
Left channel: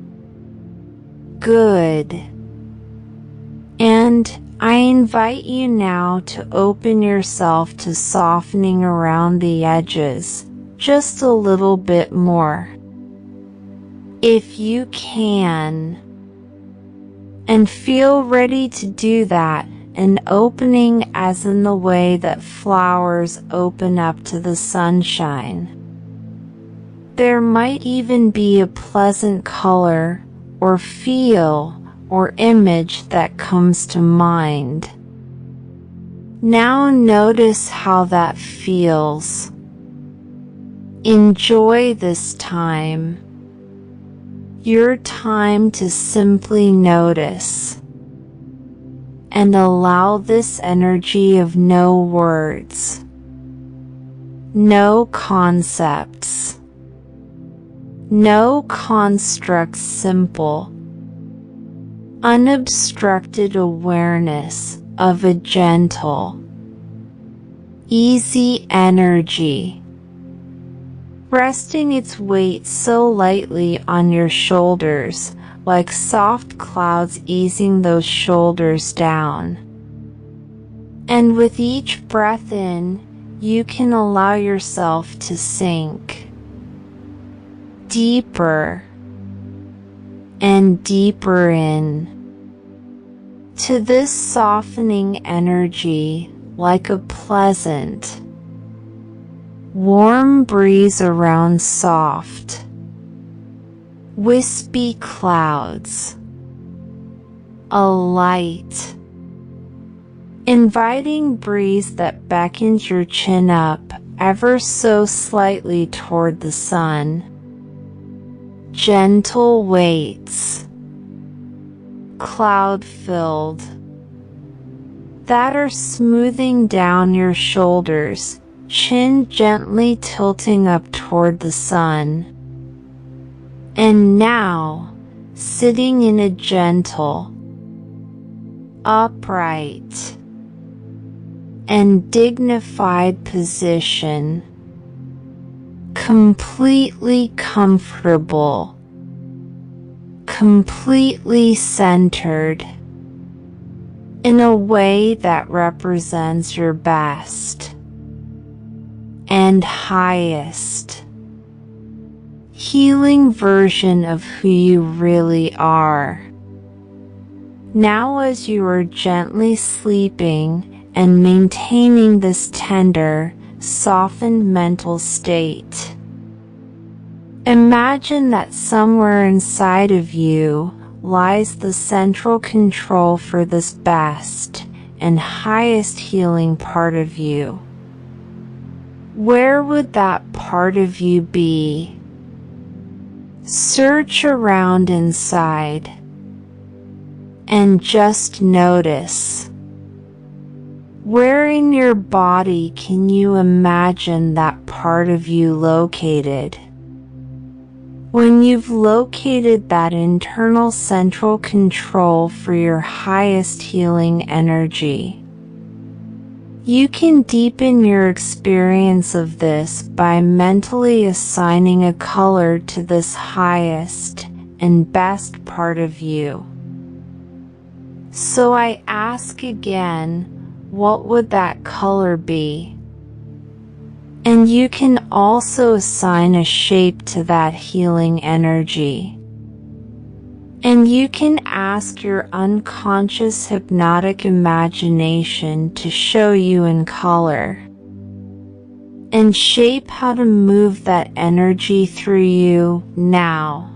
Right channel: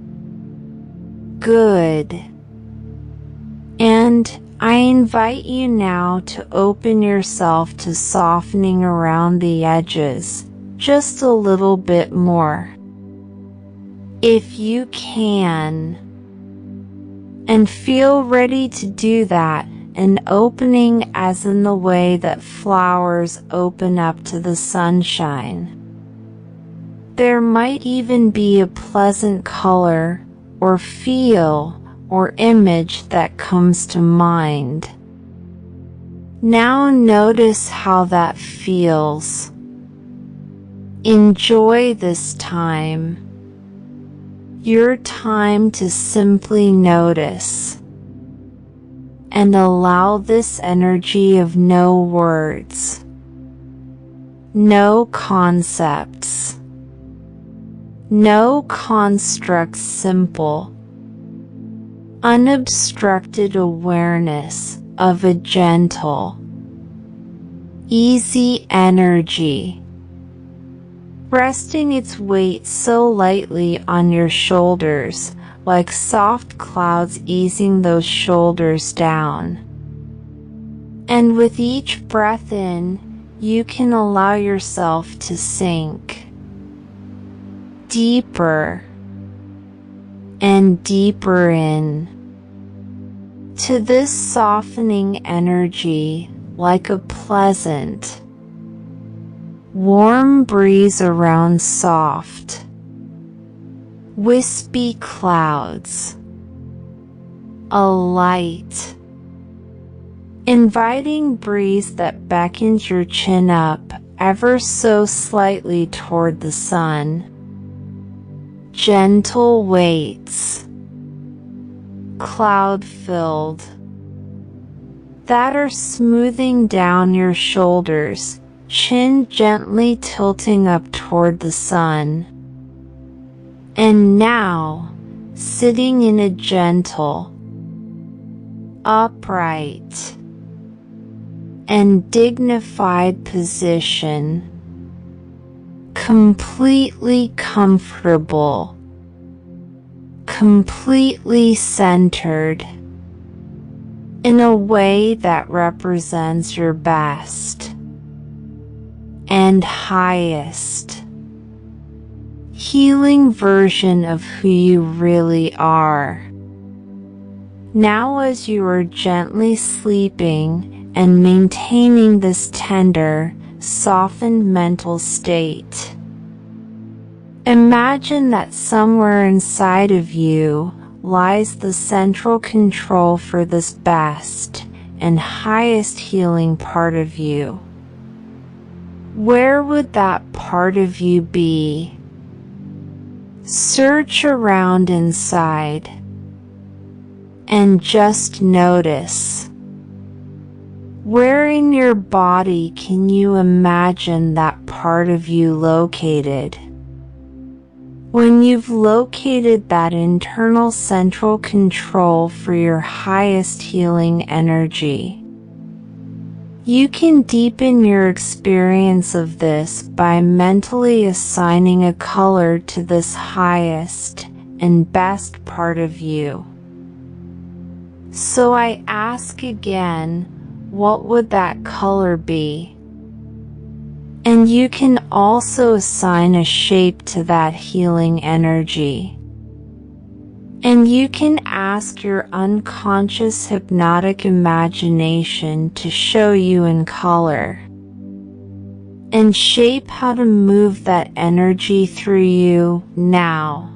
Good. And I invite you now to open yourself to softening around the edges just a little bit more, if you can, and feel ready to do that, an opening as in the way that flowers open up to the sunshine. There might even be a pleasant color or feel or image that comes to mind. Now notice how that feels. Enjoy this time, your time to simply notice, and allow this energy of no words, no concepts, no constructs, simple, unobstructed awareness of a gentle, easy energy, resting its weight so lightly on your shoulders, like soft clouds easing those shoulders down. And with each breath in, you can allow yourself to sink deeper and deeper in to this softening energy, like a pleasant, warm breeze around soft, wispy clouds, a light, Inviting breeze that beckons your chin up ever so slightly toward the sun. Gentle weights, cloud-filled, that are smoothing down your shoulders, chin gently tilting up toward the sun. And now, sitting in a gentle, upright, and dignified position, completely comfortable, completely centered, in a way that represents your best and highest healing version of who you really are. Now, as you are gently sleeping and maintaining this tender, softened mental state, imagine that somewhere inside of you lies the central control for this best and highest healing part of you. Where would that part of you be? Search around inside and just notice. Where in your body can you imagine that part of you located? When you've located that internal central control for your highest healing energy, you can deepen your experience of this by mentally assigning a color to this highest and best part of you. So I ask again, what would that color be? And you can also assign a shape to that healing energy. And you can ask your unconscious hypnotic imagination to show you in color and shape how to move that energy through you now.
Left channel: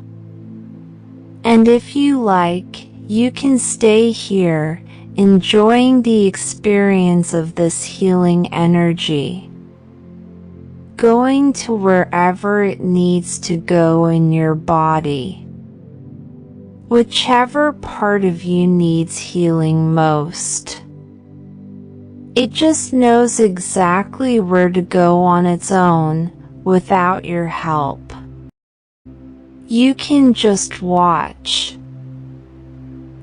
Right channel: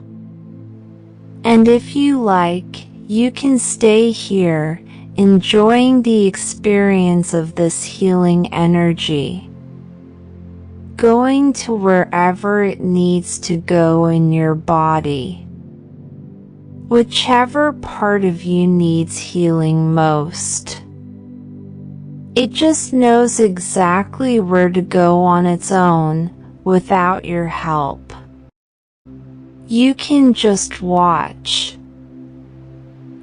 And if you like, you can stay here, enjoying the experience of this healing energy, going to wherever it needs to go in your body, whichever part of you needs healing most. It just knows exactly where to go on its own, without your help. You can just watch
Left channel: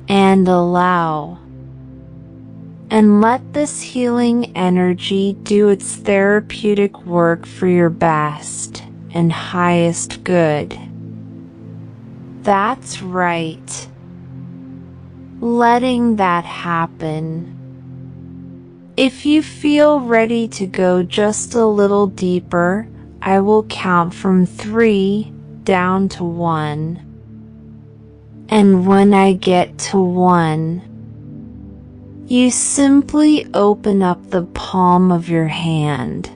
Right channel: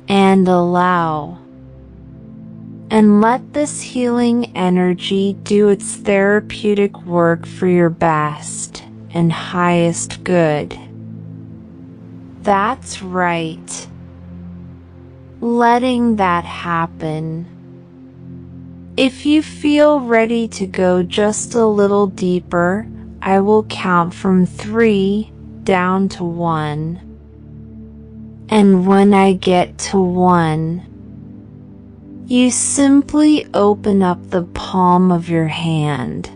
and allow, and let this healing energy do its therapeutic work for your best and highest good. That's right. Letting that happen. If you feel ready to go just a little deeper, I will count from 3 down to 1. And when I get to 1, you simply open up the palm of your hand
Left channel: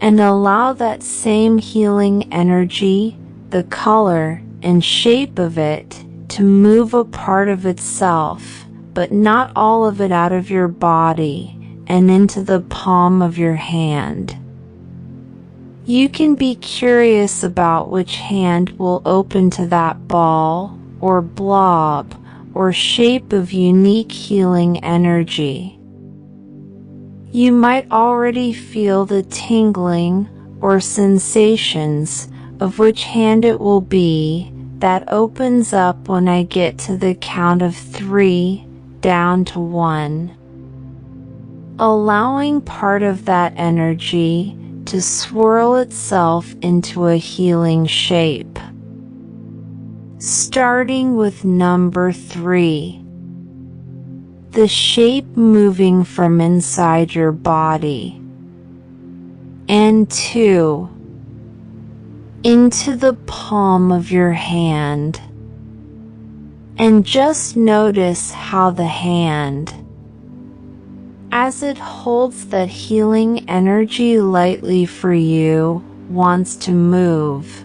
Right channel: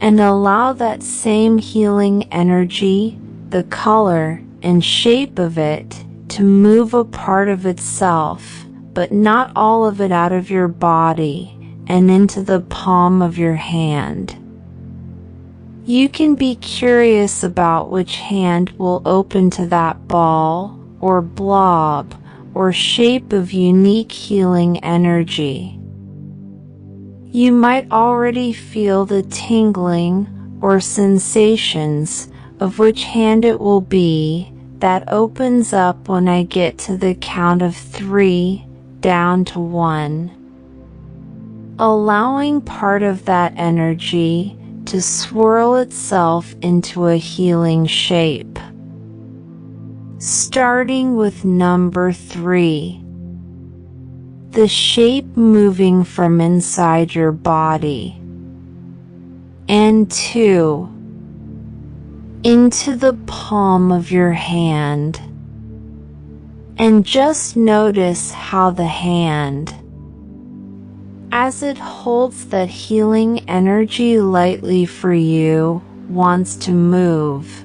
and allow that same healing energy, the color and shape of it, to move a part of itself, but not all of it, out of your body and into the palm of your hand. You can be curious about which hand will open to that ball or blob or shape of unique healing energy. You might already feel the tingling or sensations of which hand it will be that opens up when I get to the count of 3 down to 1. Allowing part of that energy to swirl itself into a healing shape. Starting with number 3. The shape moving from inside your body. And 2. Into the palm of your hand. And just notice how the hand, as it holds that healing energy lightly for you, wants to move.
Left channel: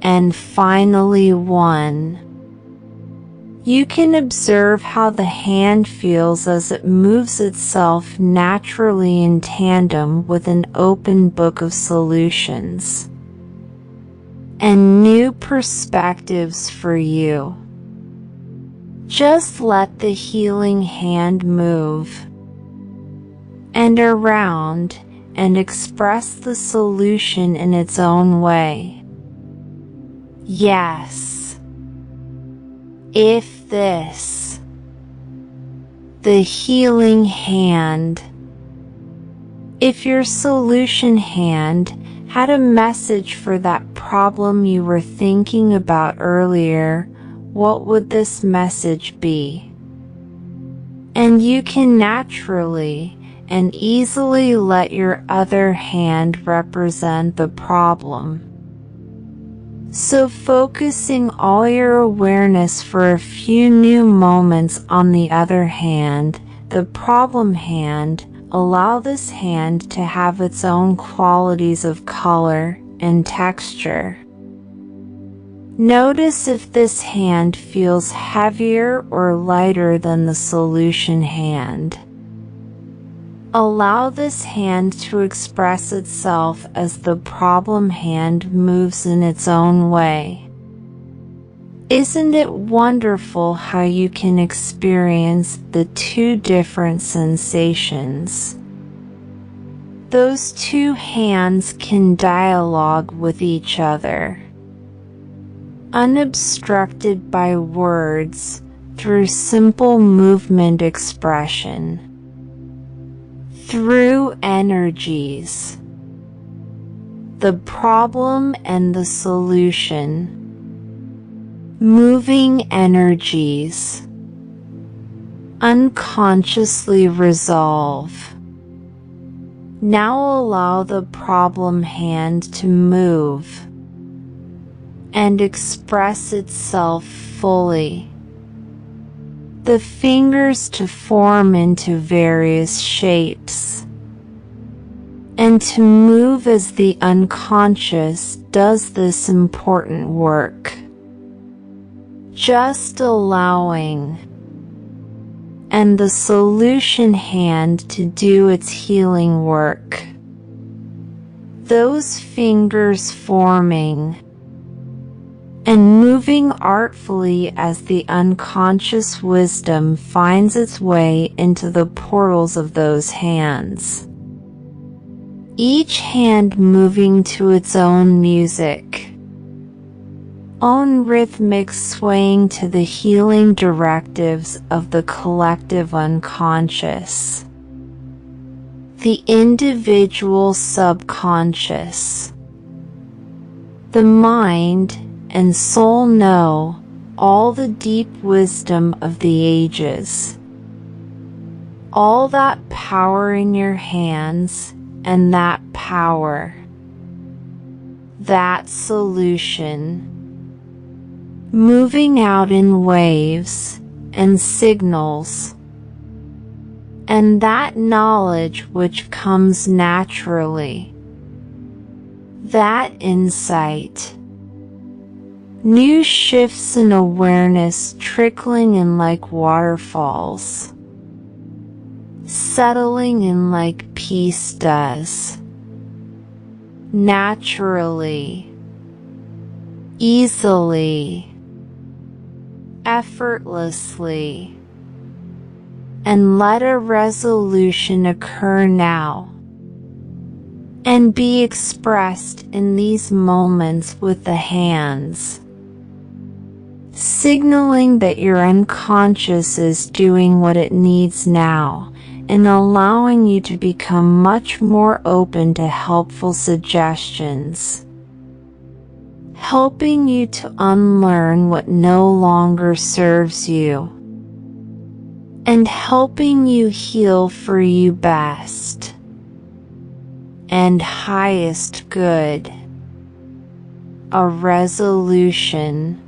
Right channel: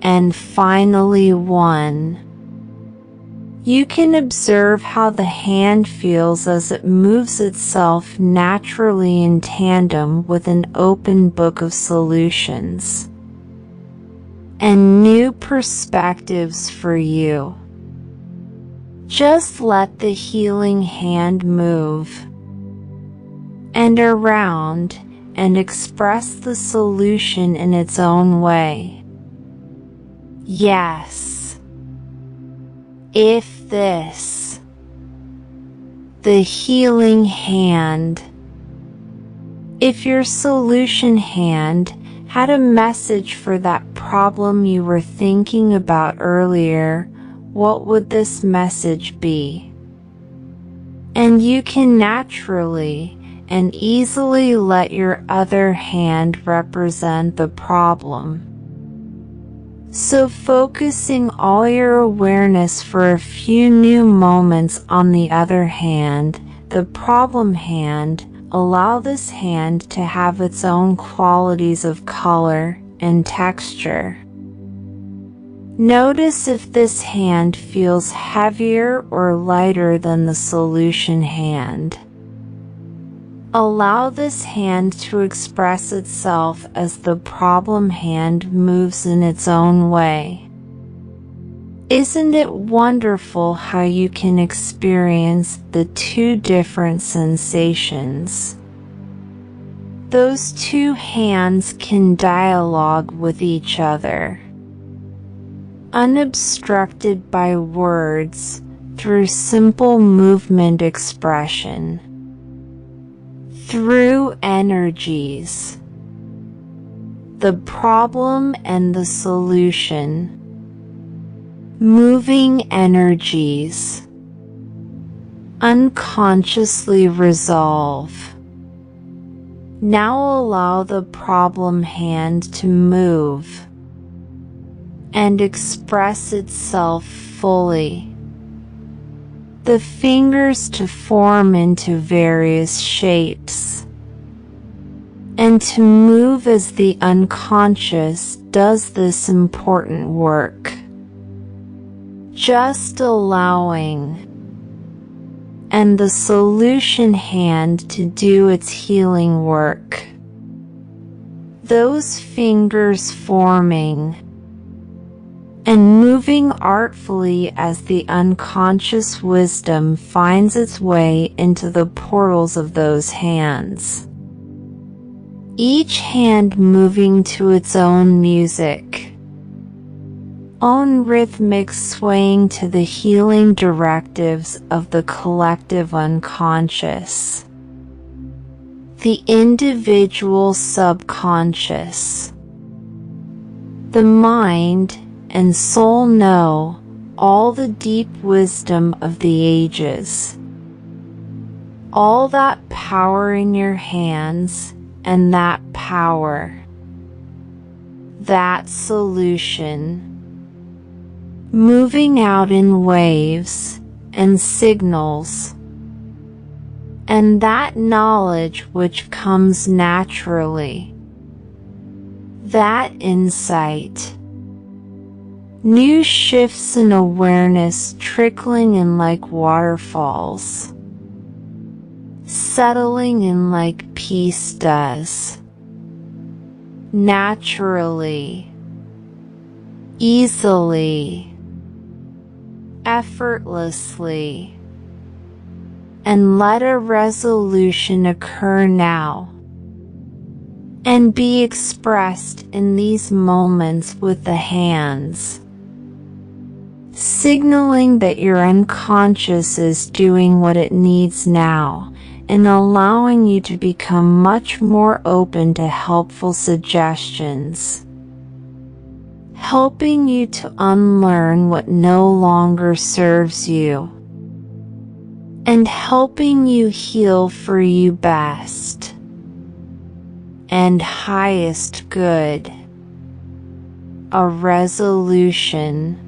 And finally 1. You can observe how the hand feels as it moves itself naturally in tandem with an open book of solutions and new perspectives for you. Just let the healing hand move and around and express the solution in its own way. Yes. If this, the healing hand, if your solution hand had a message for that problem you were thinking about earlier, what would this message be? And you can naturally and easily let your other hand represent the problem. So focusing all your awareness for a few new moments on the other hand, the problem hand, allow this hand to have its own qualities of color and texture. Notice if this hand feels heavier or lighter than the solution hand. Allow this hand to express itself as the problem hand moves in its own way. Isn't it wonderful how you can experience the two different sensations? Those two hands can dialogue with each other, unobstructed by words, through simple movement expression. Through energies, the problem and the solution, moving energies, unconsciously resolve. Now allow the problem hand to move and express itself fully. The fingers to form into various shapes, and to move as the unconscious does this important work. Just allowing, and the solution hand to do its healing work. Those fingers forming and moving artfully as the unconscious wisdom finds its way into the portals of those hands. Each hand moving to its own music, own rhythmic swaying to the healing directives of the collective unconscious, the individual subconscious. The mind and soul know all the deep wisdom of the ages. All that power in your hands, and that power, that solution, moving out in waves and signals, and that knowledge which comes naturally, that insight. New shifts in awareness trickling in like waterfalls, settling in like peace does, naturally, easily, effortlessly. And let a resolution occur now, and be expressed in these moments with the hands, signaling that your unconscious is doing what it needs now, and allowing you to become much more open to helpful suggestions, helping you to unlearn what no longer serves you, and helping you heal for you best and highest good. A resolution,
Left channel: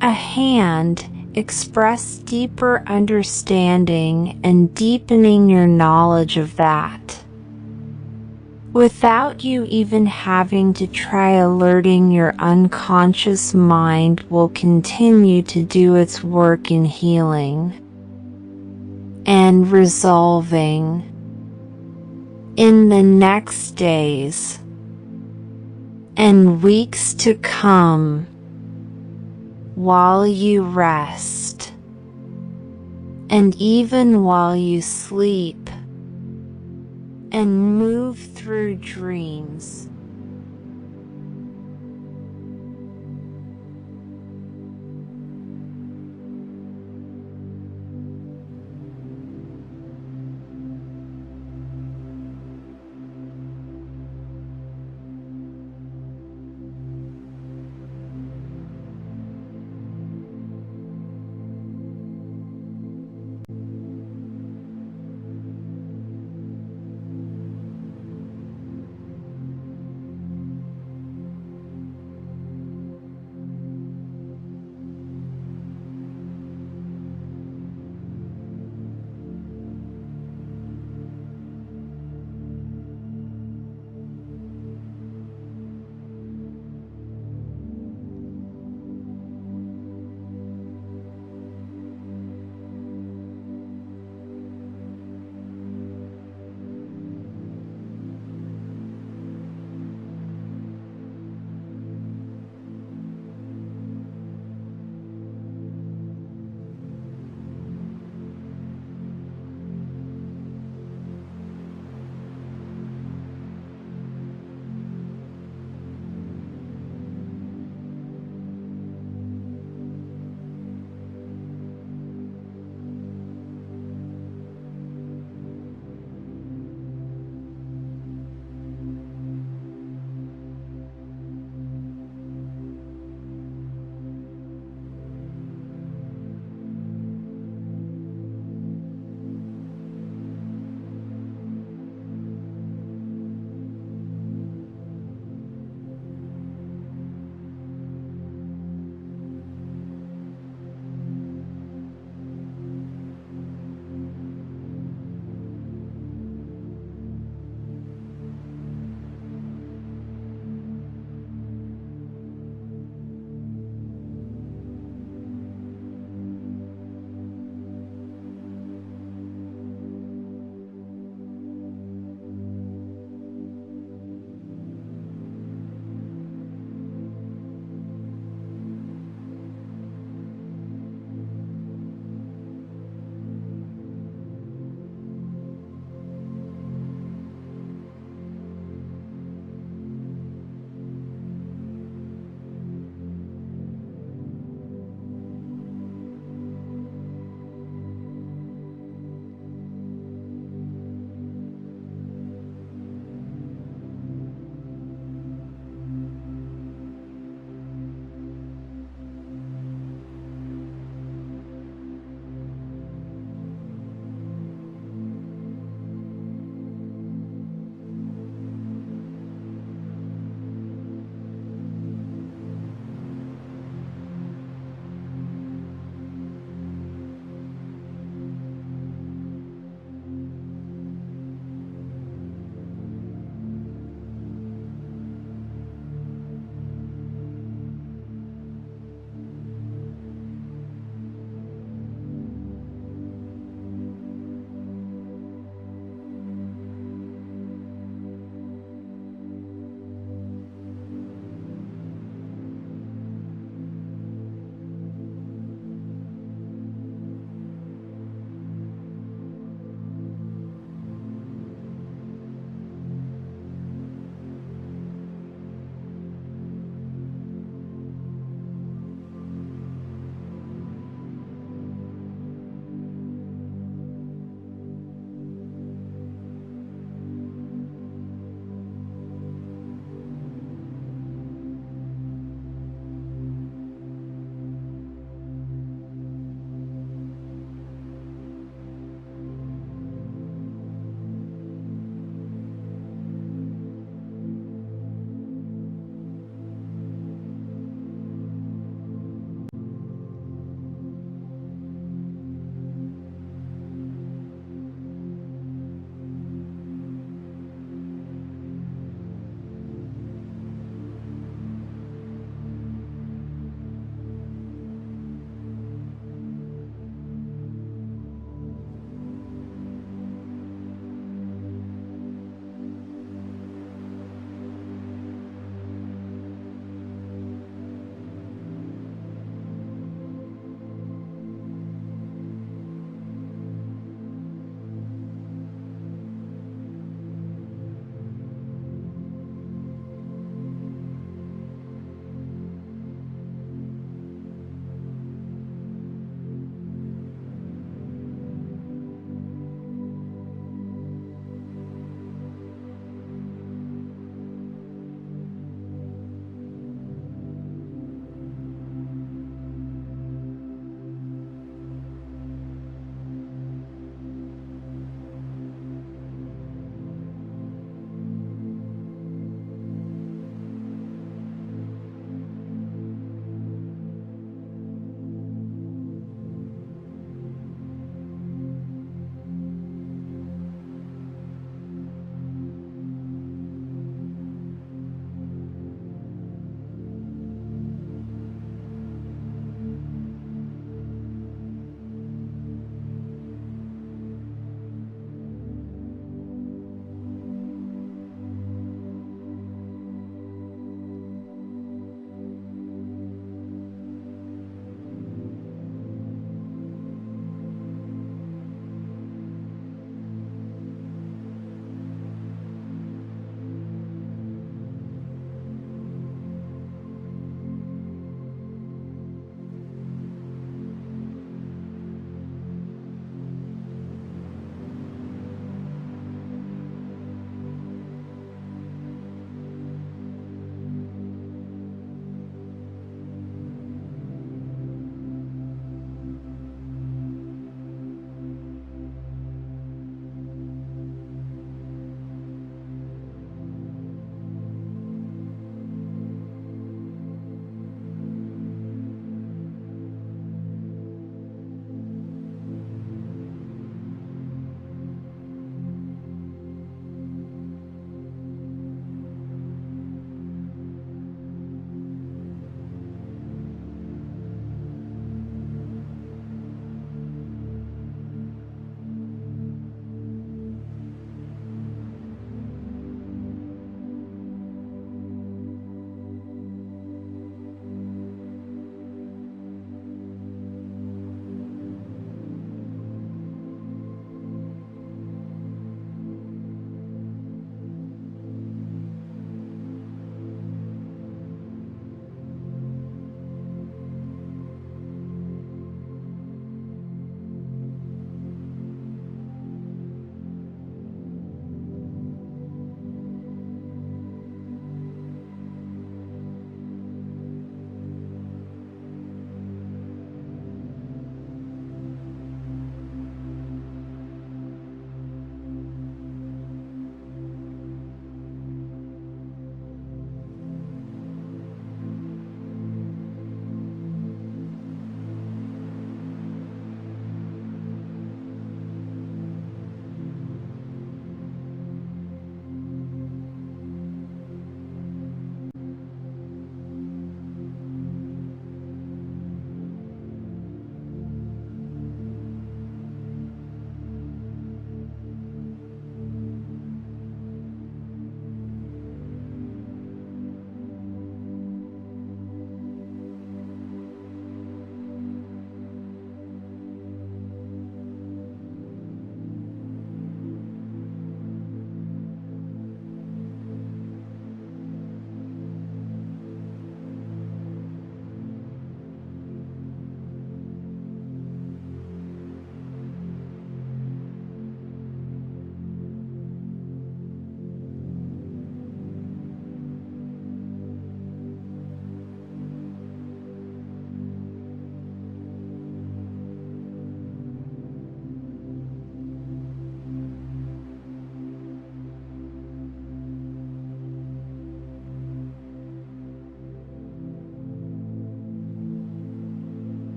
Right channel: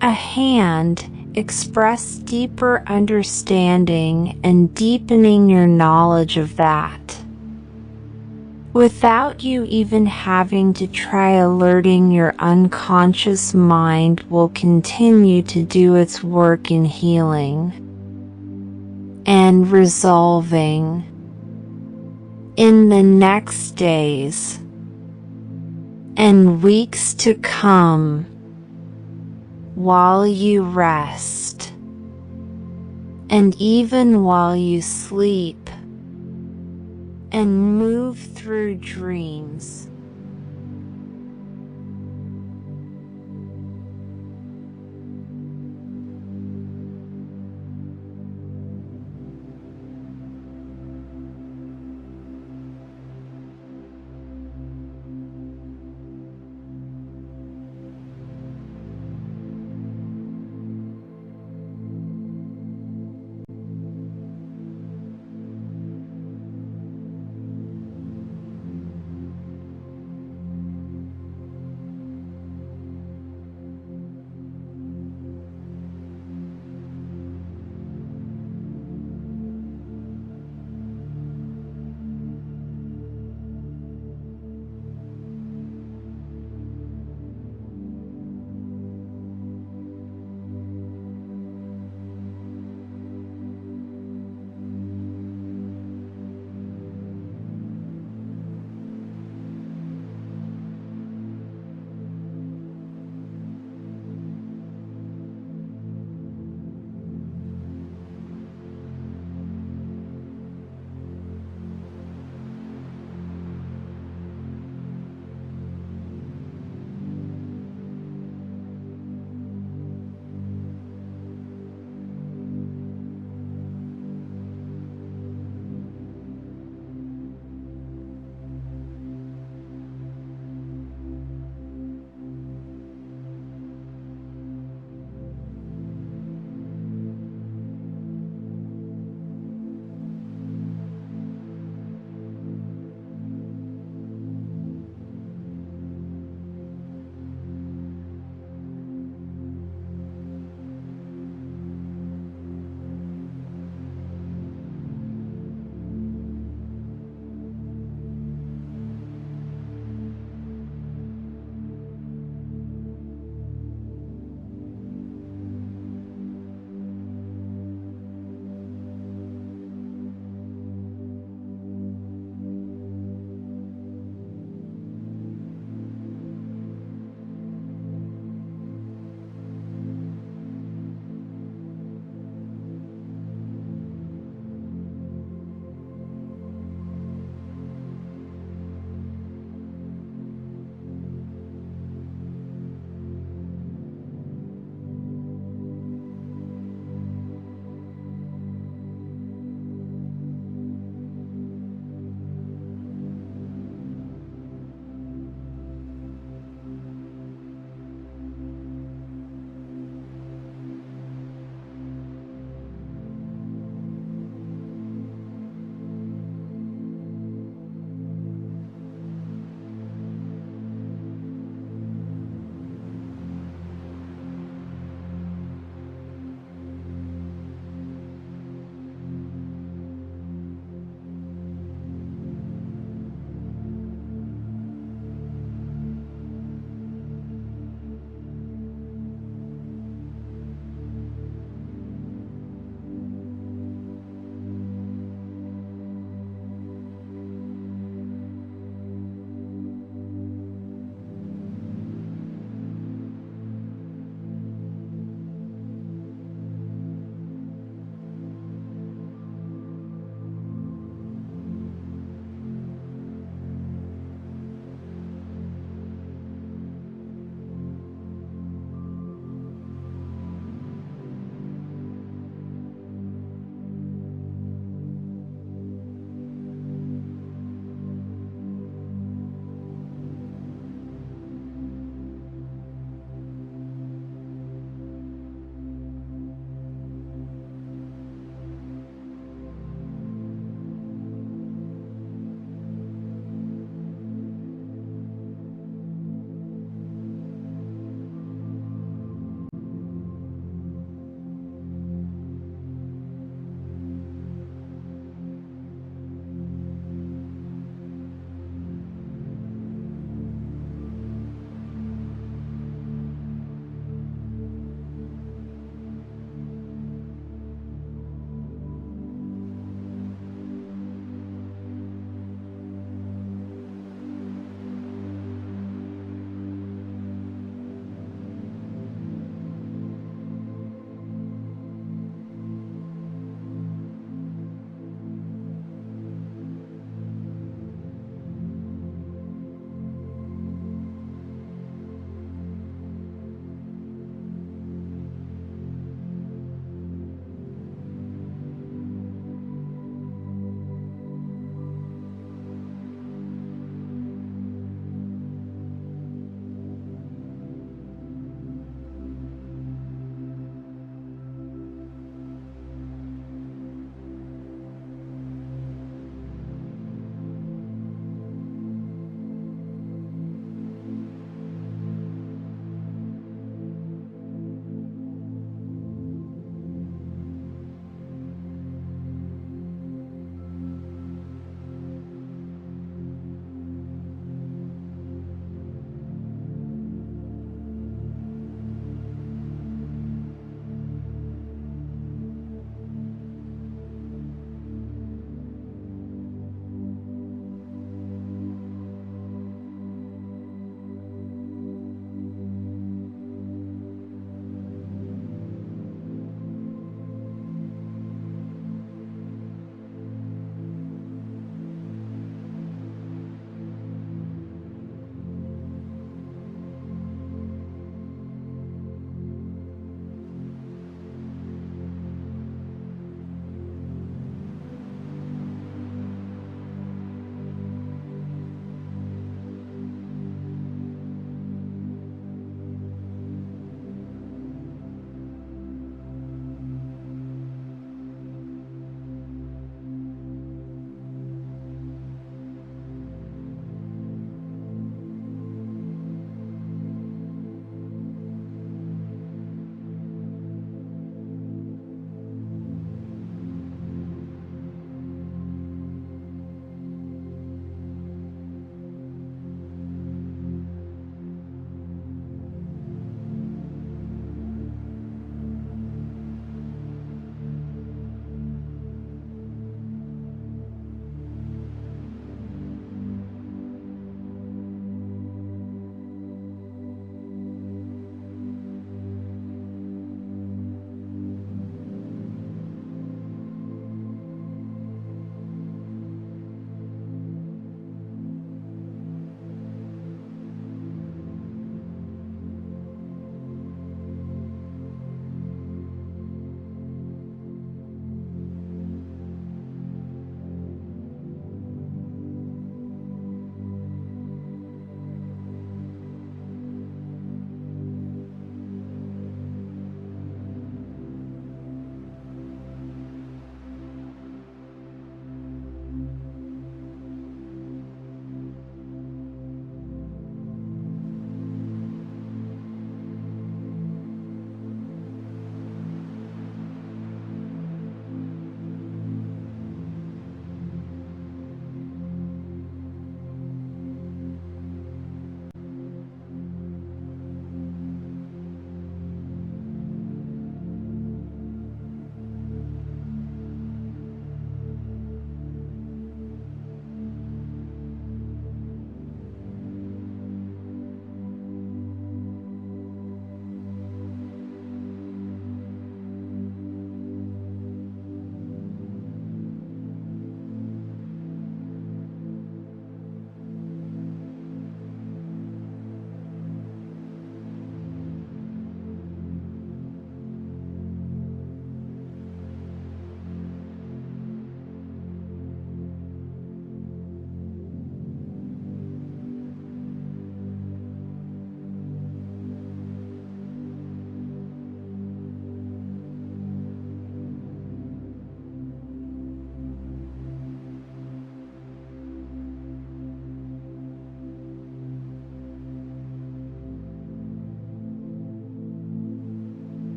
a hand, express deeper understanding and deepening your knowledge of that without you even having to try. Alerting your unconscious mind will continue to do its work in healing and resolving. In the next days and weeks to come, while you rest, and even while you sleep and move through dreams,